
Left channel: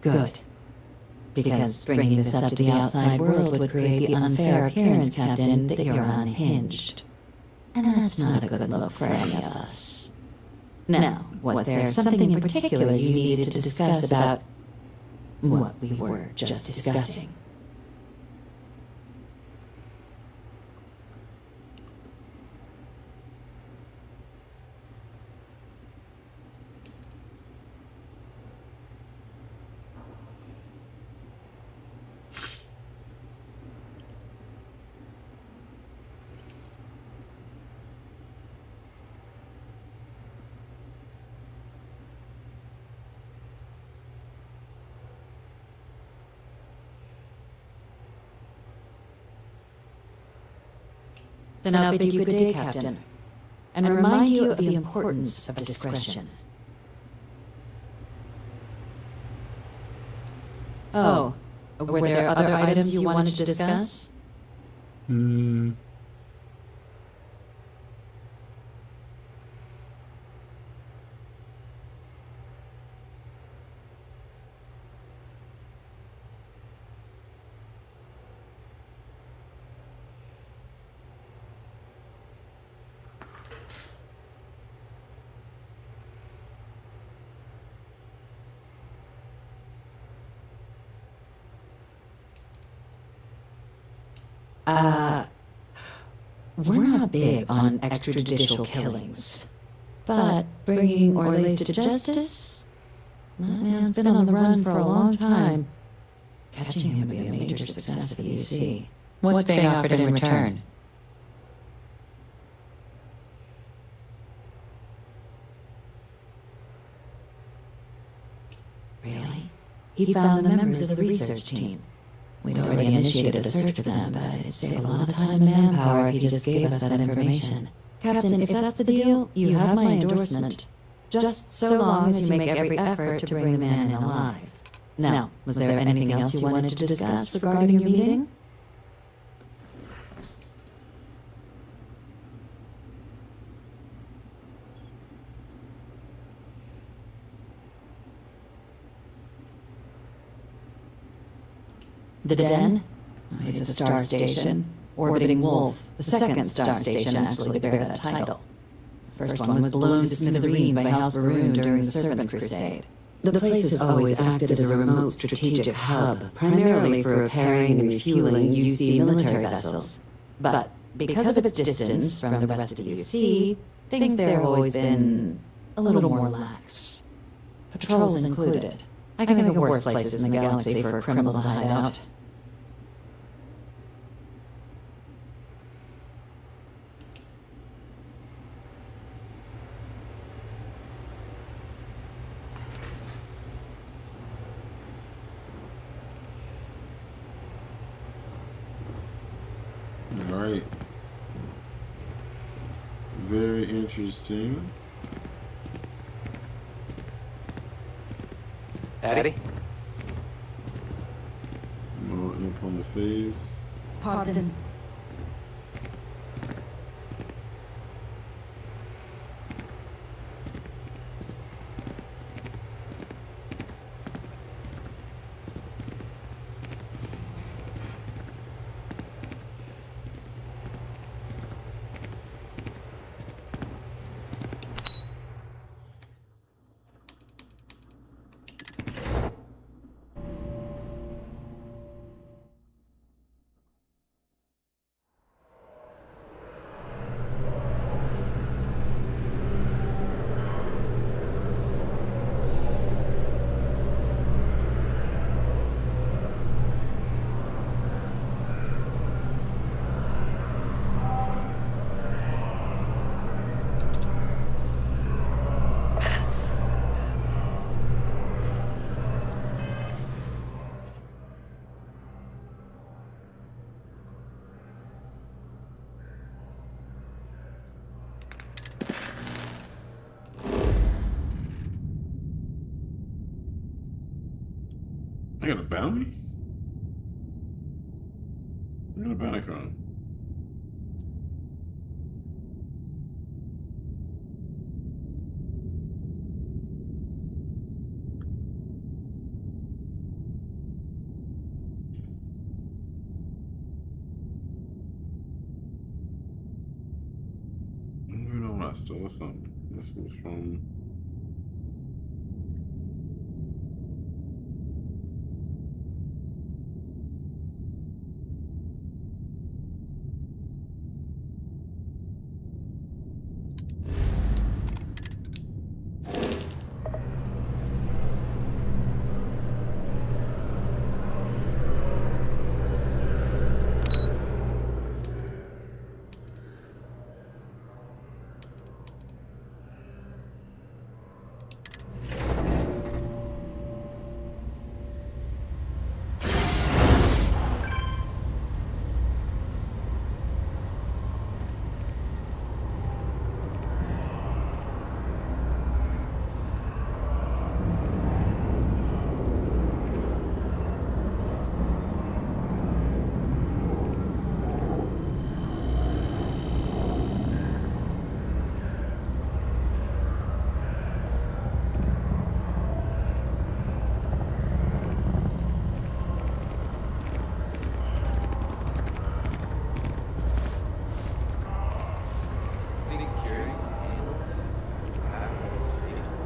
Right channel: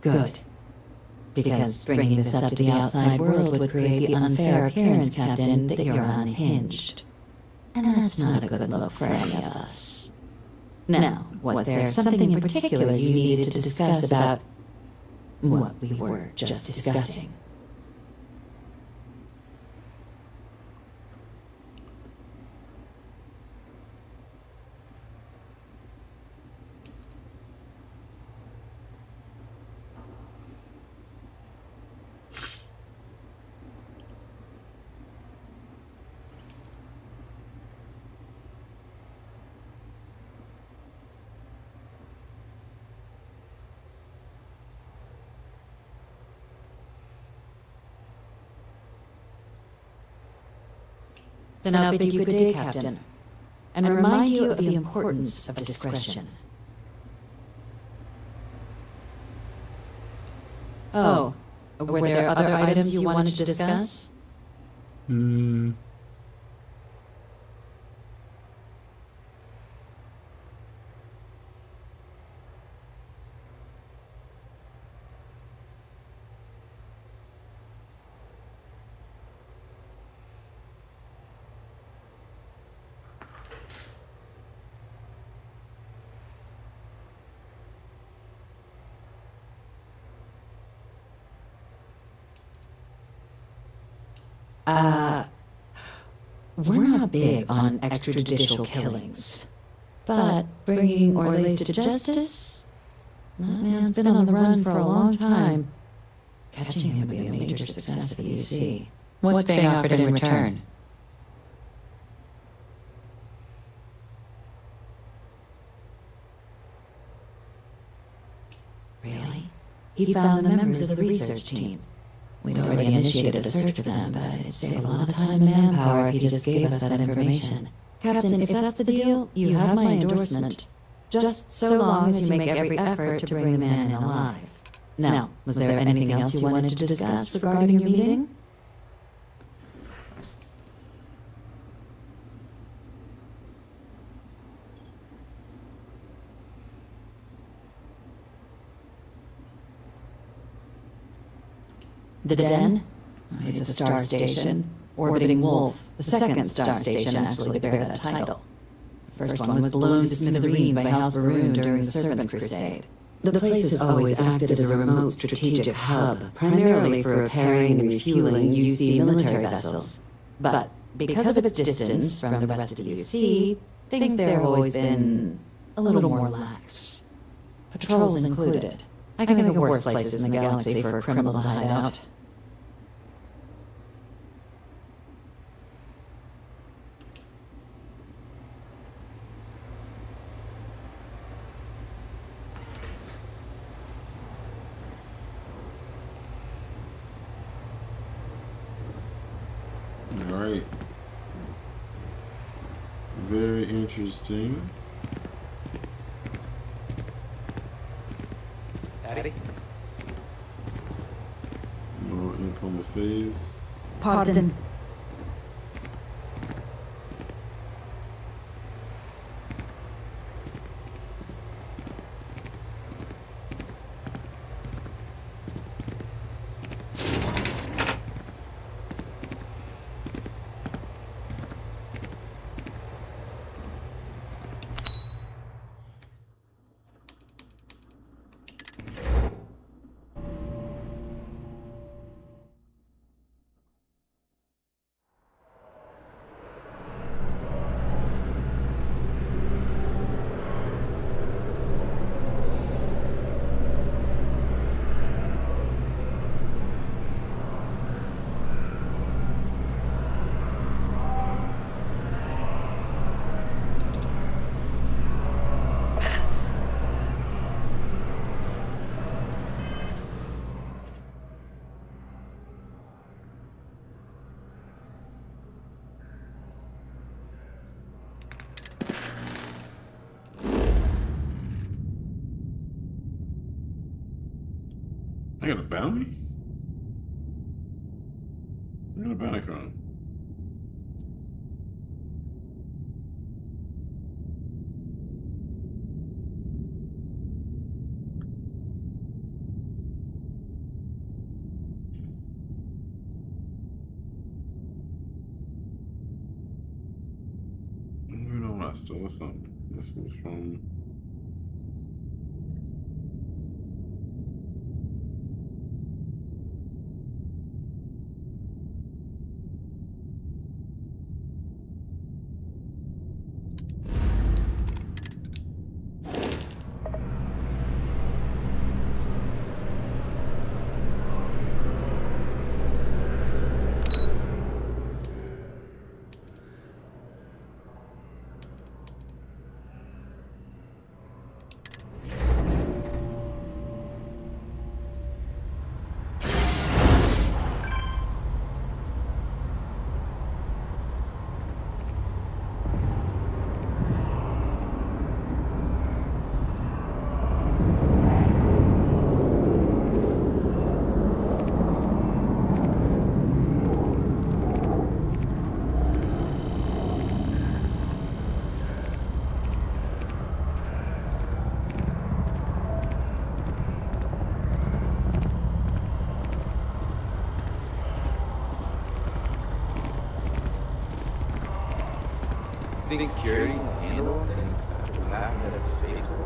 Good. Because bringing this up to the outside world would create the unfair appearance, Captain, that you're unhinged. And that's not a good look for any of us. Now, was there something in particular you needed to discuss about what we were just discussing? Then I'll bid you good day, Captain, and remind you of the importance of discretion. Oh, were there other items you wanted to discuss? We're not big on extrajudicial killings, but bringing Orlace to justice? That man's been on the run for a long time. Catching him would be a major success for the UC. What's being offered in return? Really? He found the members of the research team. We'd already initiated a search for them, but it'd save a lot of time and manpower if he just gave us that information. Captain, if that's the deal, you have my endorsement. Just so long as you make every effort to bring the man in alive. Now, was there anything else you wanted to discuss regarding your meeting? The Den? It's a star station, orbiting Wolf, the second star station actually to bear that title. The first one was blown to smithereens by House Baroon during the Serpent's Crusade. The place has always acted as a remote strategic hub, primarily for repairing and refueling UC military vessels. But because of its distance from the rest of UC, things there have always been a little more lax. Patrols included. I can think of worse places in the galaxy for a criminal to hide out. All right. Very interesting. Eddie? More imp on the face. Pardon. I got a bounty? Where got a bounty from? I don't even know when I stole something. This was from... Think security can handle things after what happened at a spaceport?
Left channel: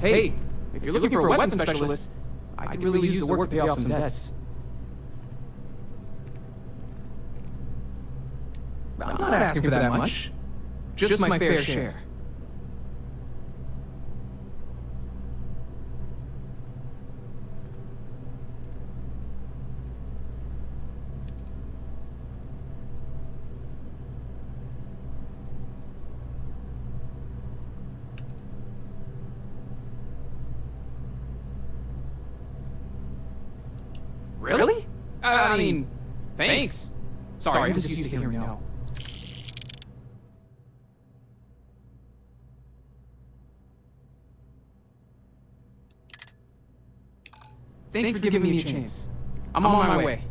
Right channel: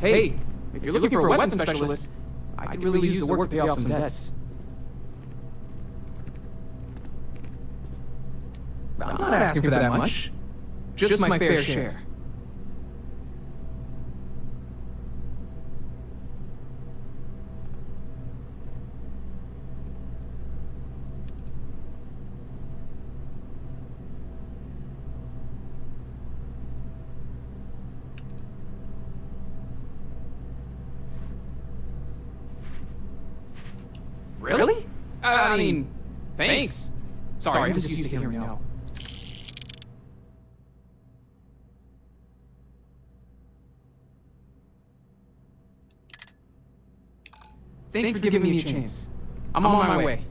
Hey, if you're looking for a weapon specialist, I could really use the work to pay off some debts. I'm not asking for that much. Just my fair share. Really? I mean, thanks. Sorry, I'm just used to hearing no. Thanks for giving me a chance. I'm on my way.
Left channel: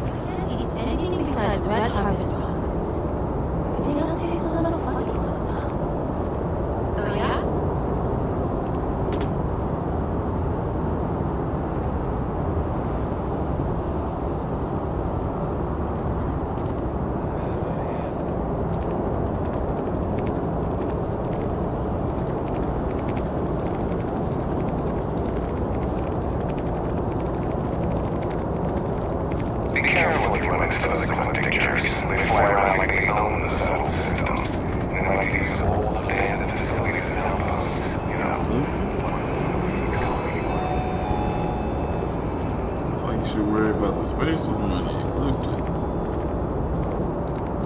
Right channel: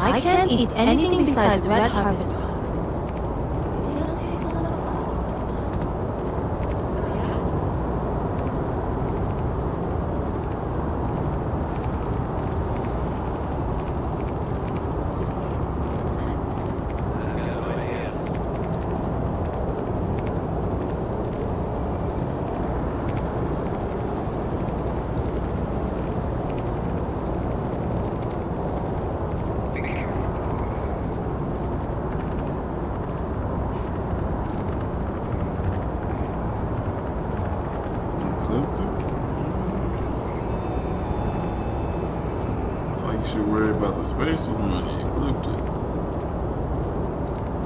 I can't eat anything besides red harvest products. Everything else tastes a little funny going on. Oh yeah? Be careful with your links to those ecliptic jerks. They fly around like they own the solar systems. They like to use old abandoned facilities as outposts. You know, I feel like you should worry about the spacer's money. Ecliptic.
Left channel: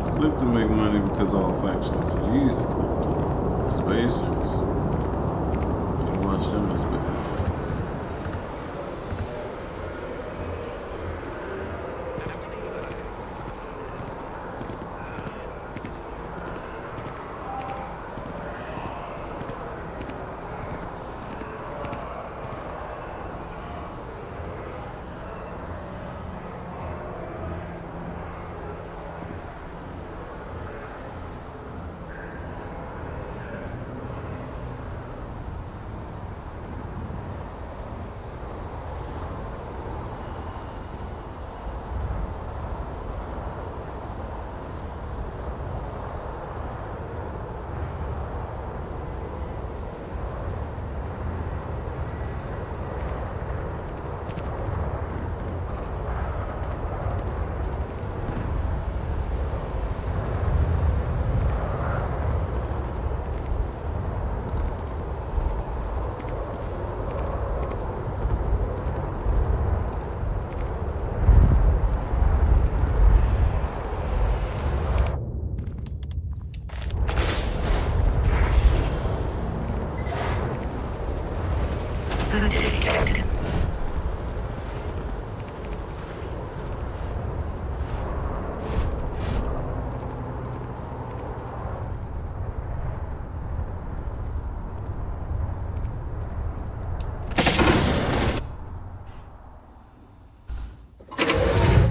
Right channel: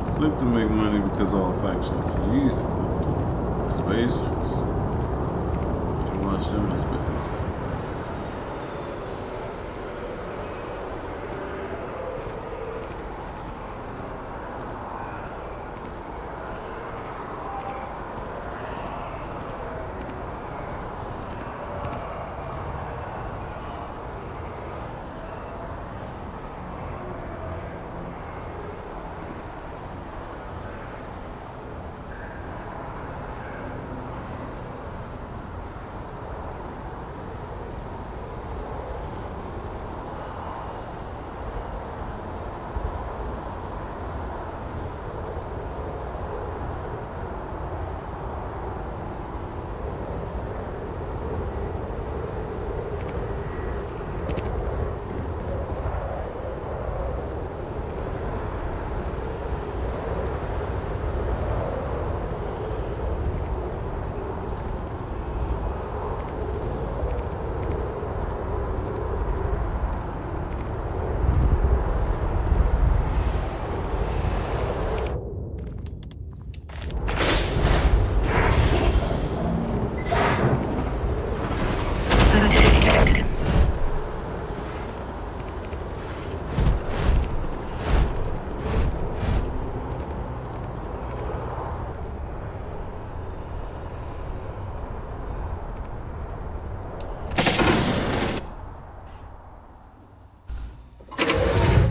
Ecliptic make money because all factions use Ecliptic. The spacers, you watch them in space.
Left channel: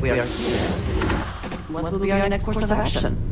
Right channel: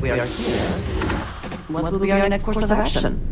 We are here. What will be our next course of action?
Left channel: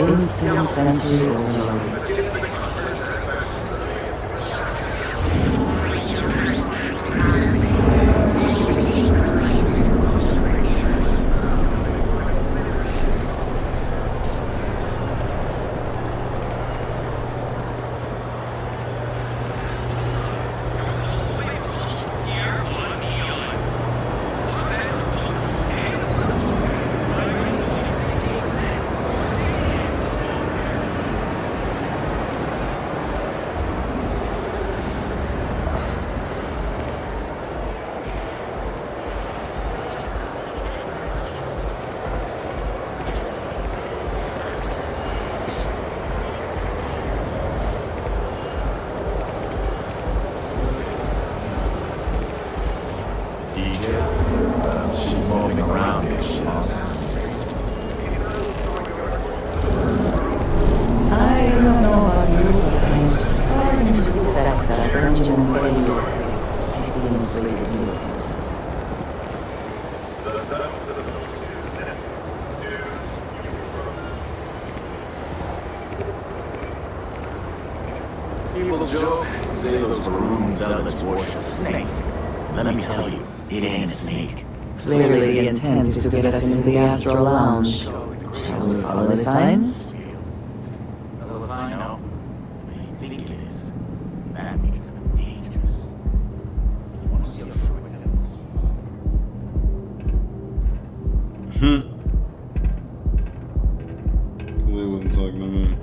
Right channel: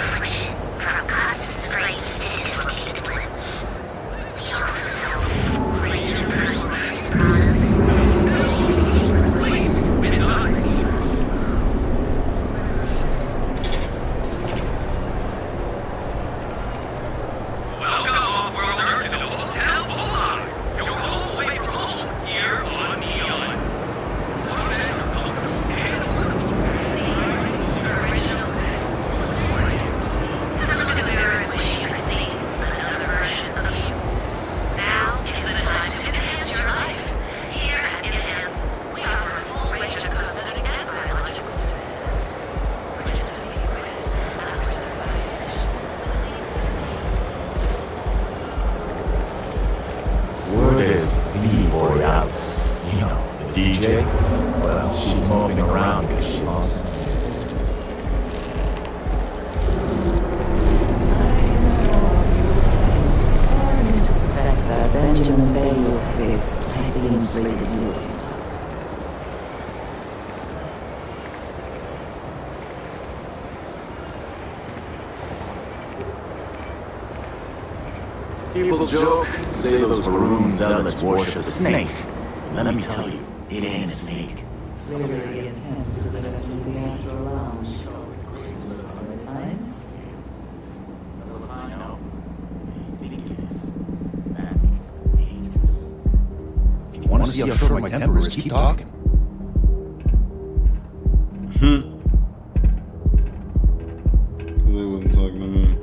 Instant sensory overload. DJ? Well, she's moping around because she lost. I don't know about you, but I'm starting to suspect that Benjamin Bayou has a slightly inflated view of himself. People joke, say those Varun zealots worship a snake. Let me tell you, it ain't a snake. Clearly the intent is to get us into the Astral Lounge. Shall we follow the signs? Well, if I know, they think it is. That makes them dangerous. If you want to see how short my temper is, keep talking. Clearly wasn't talking to me.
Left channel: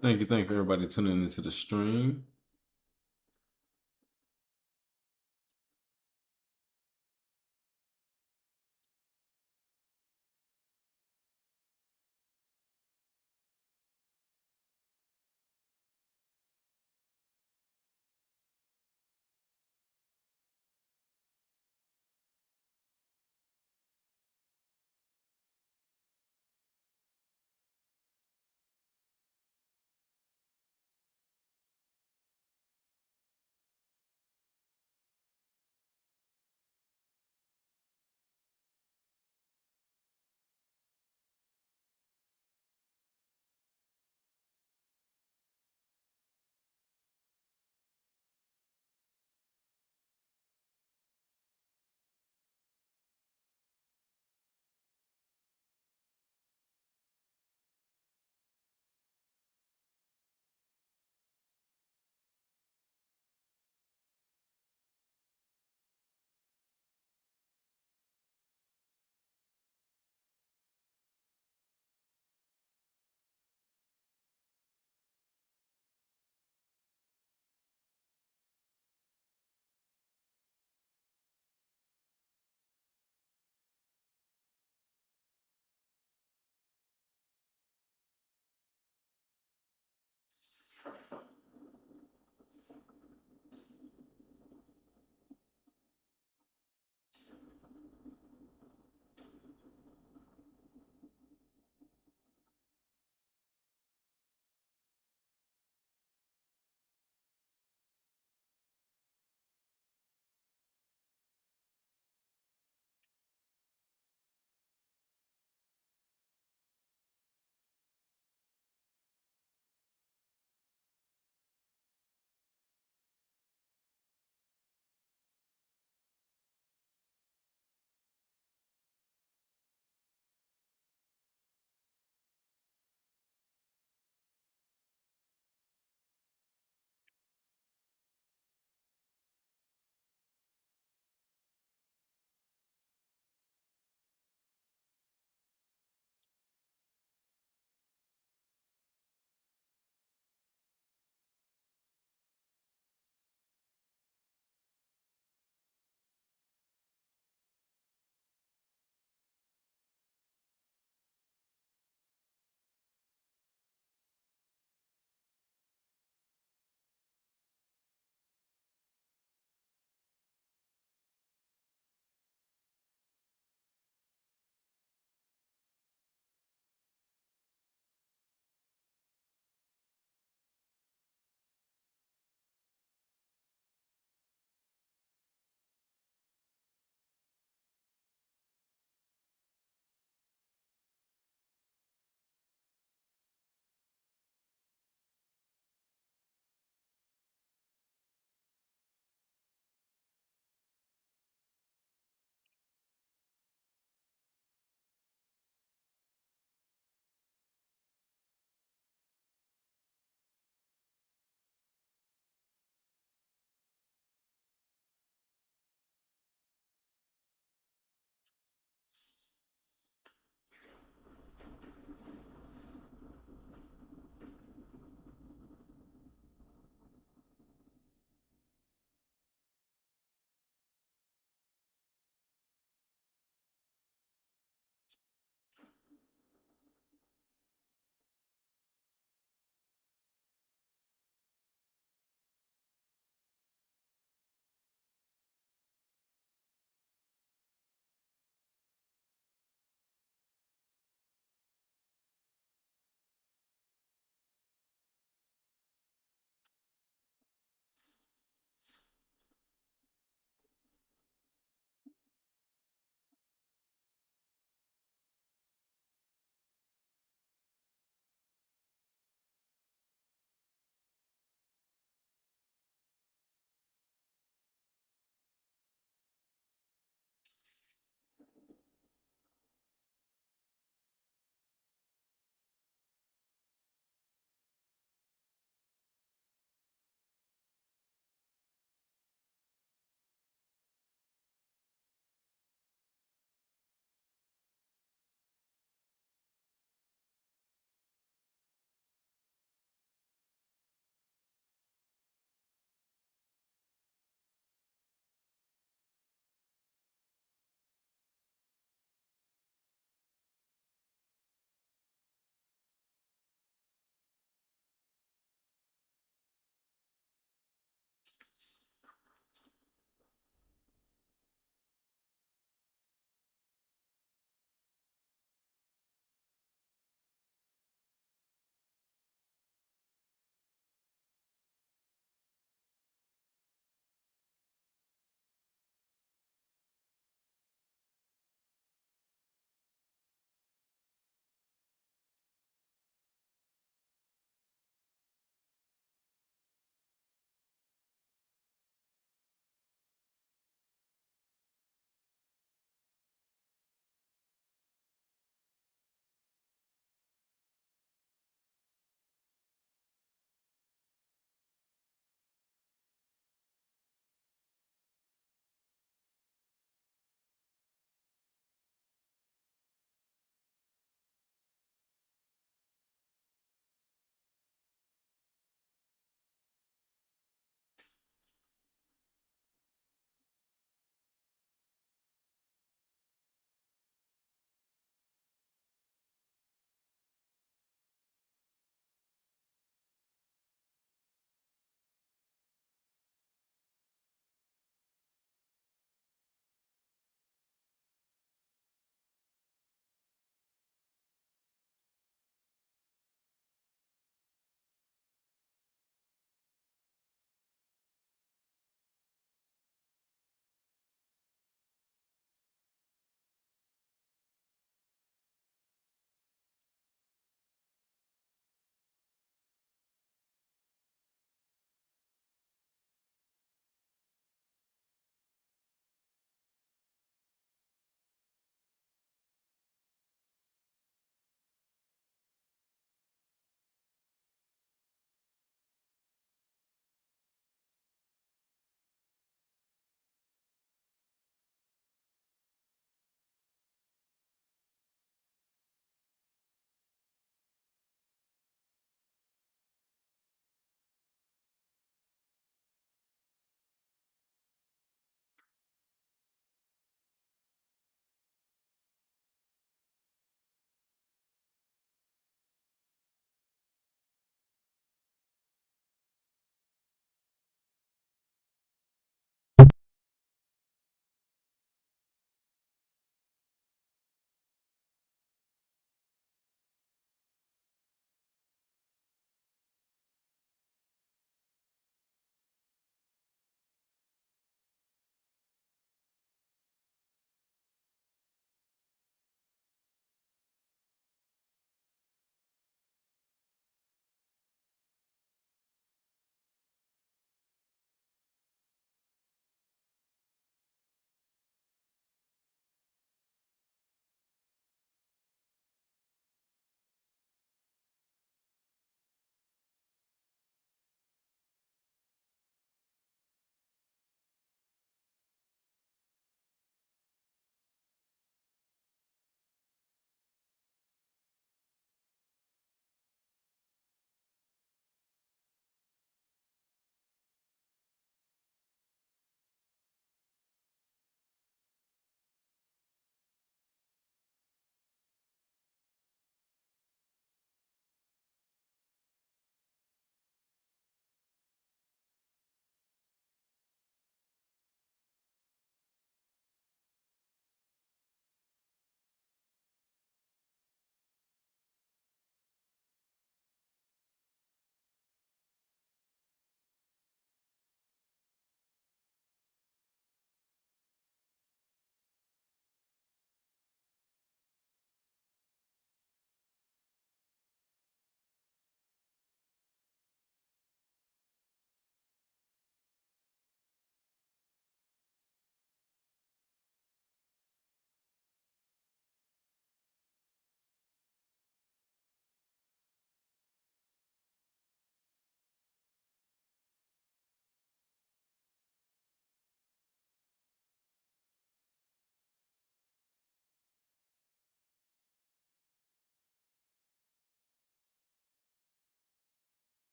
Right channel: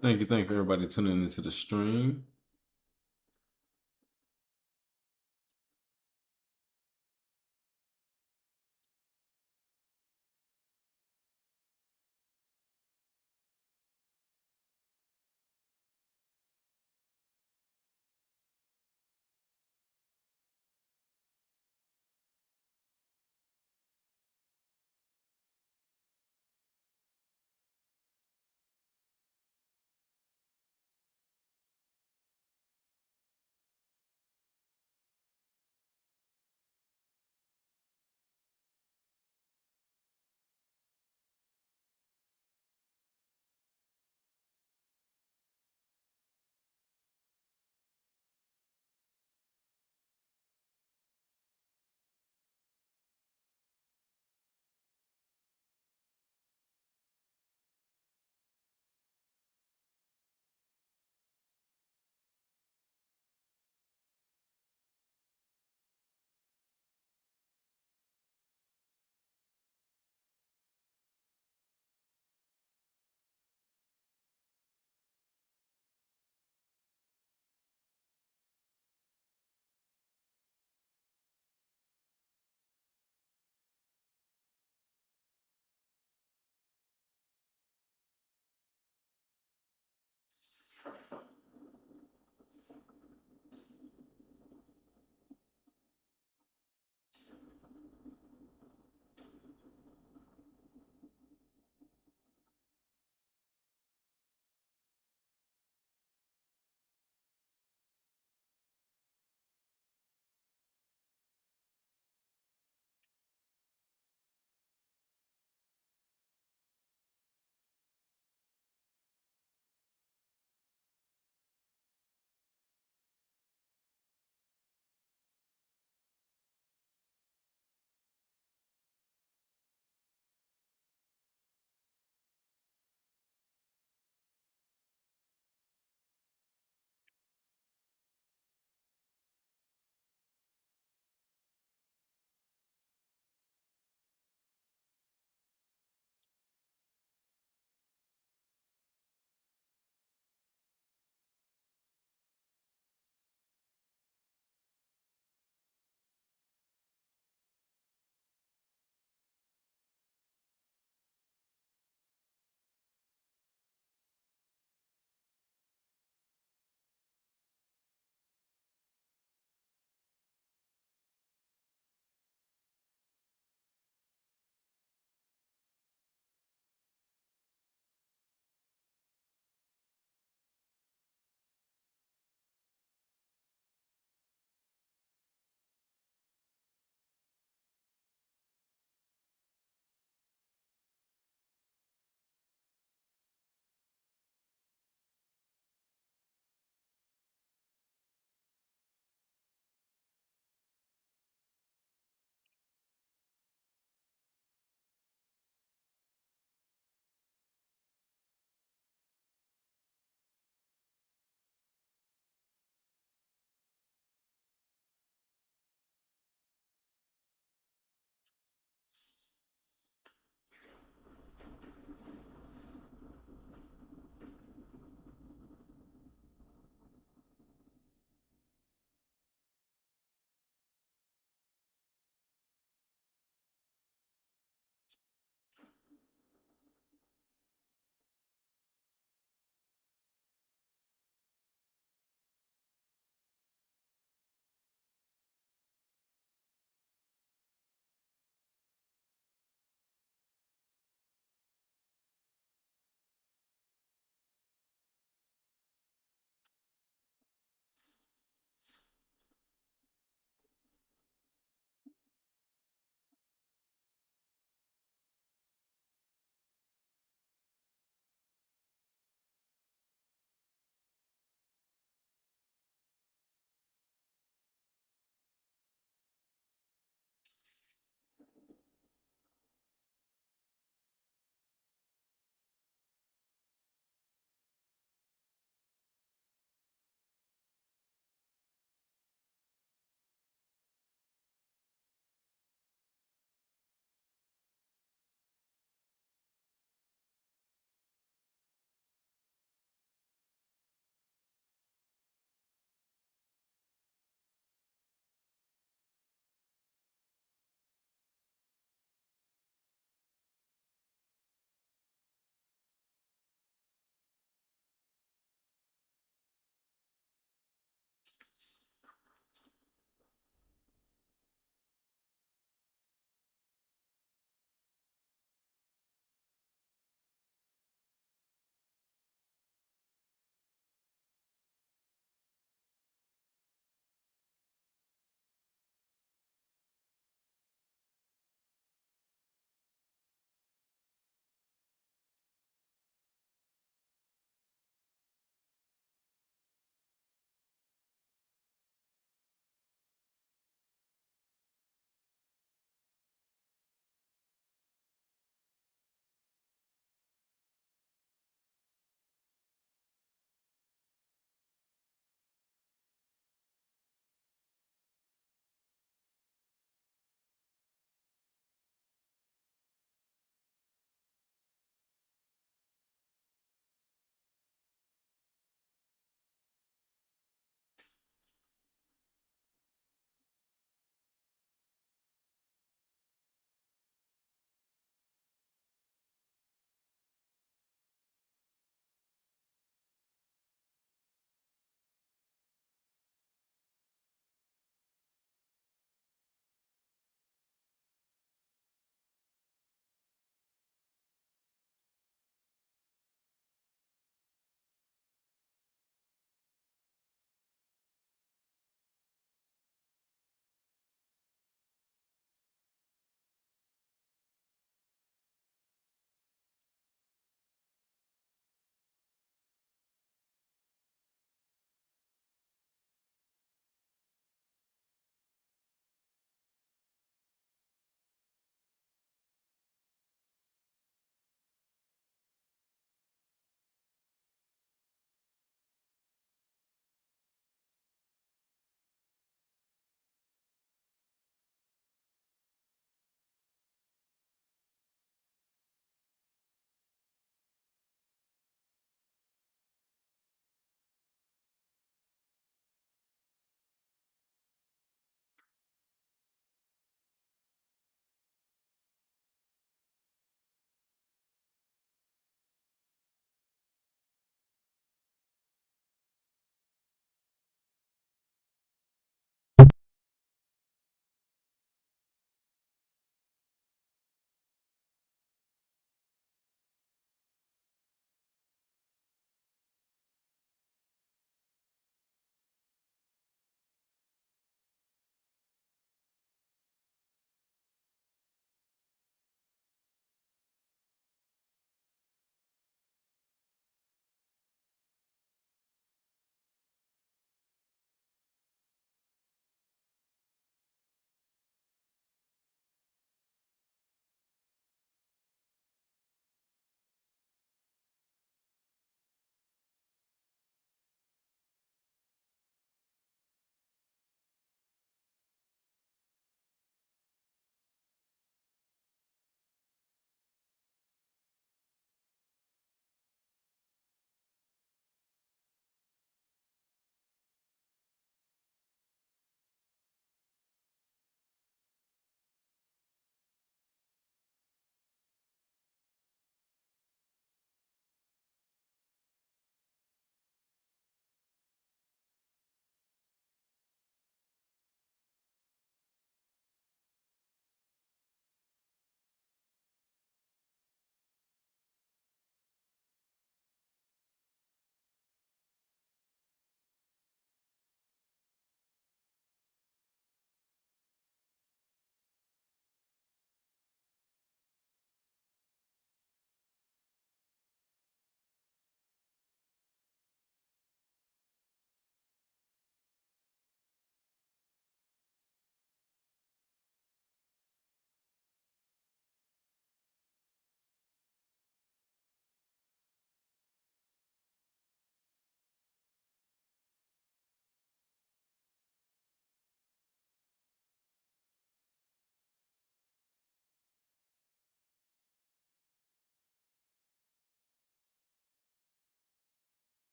Thank you, everybody tuning into the stream.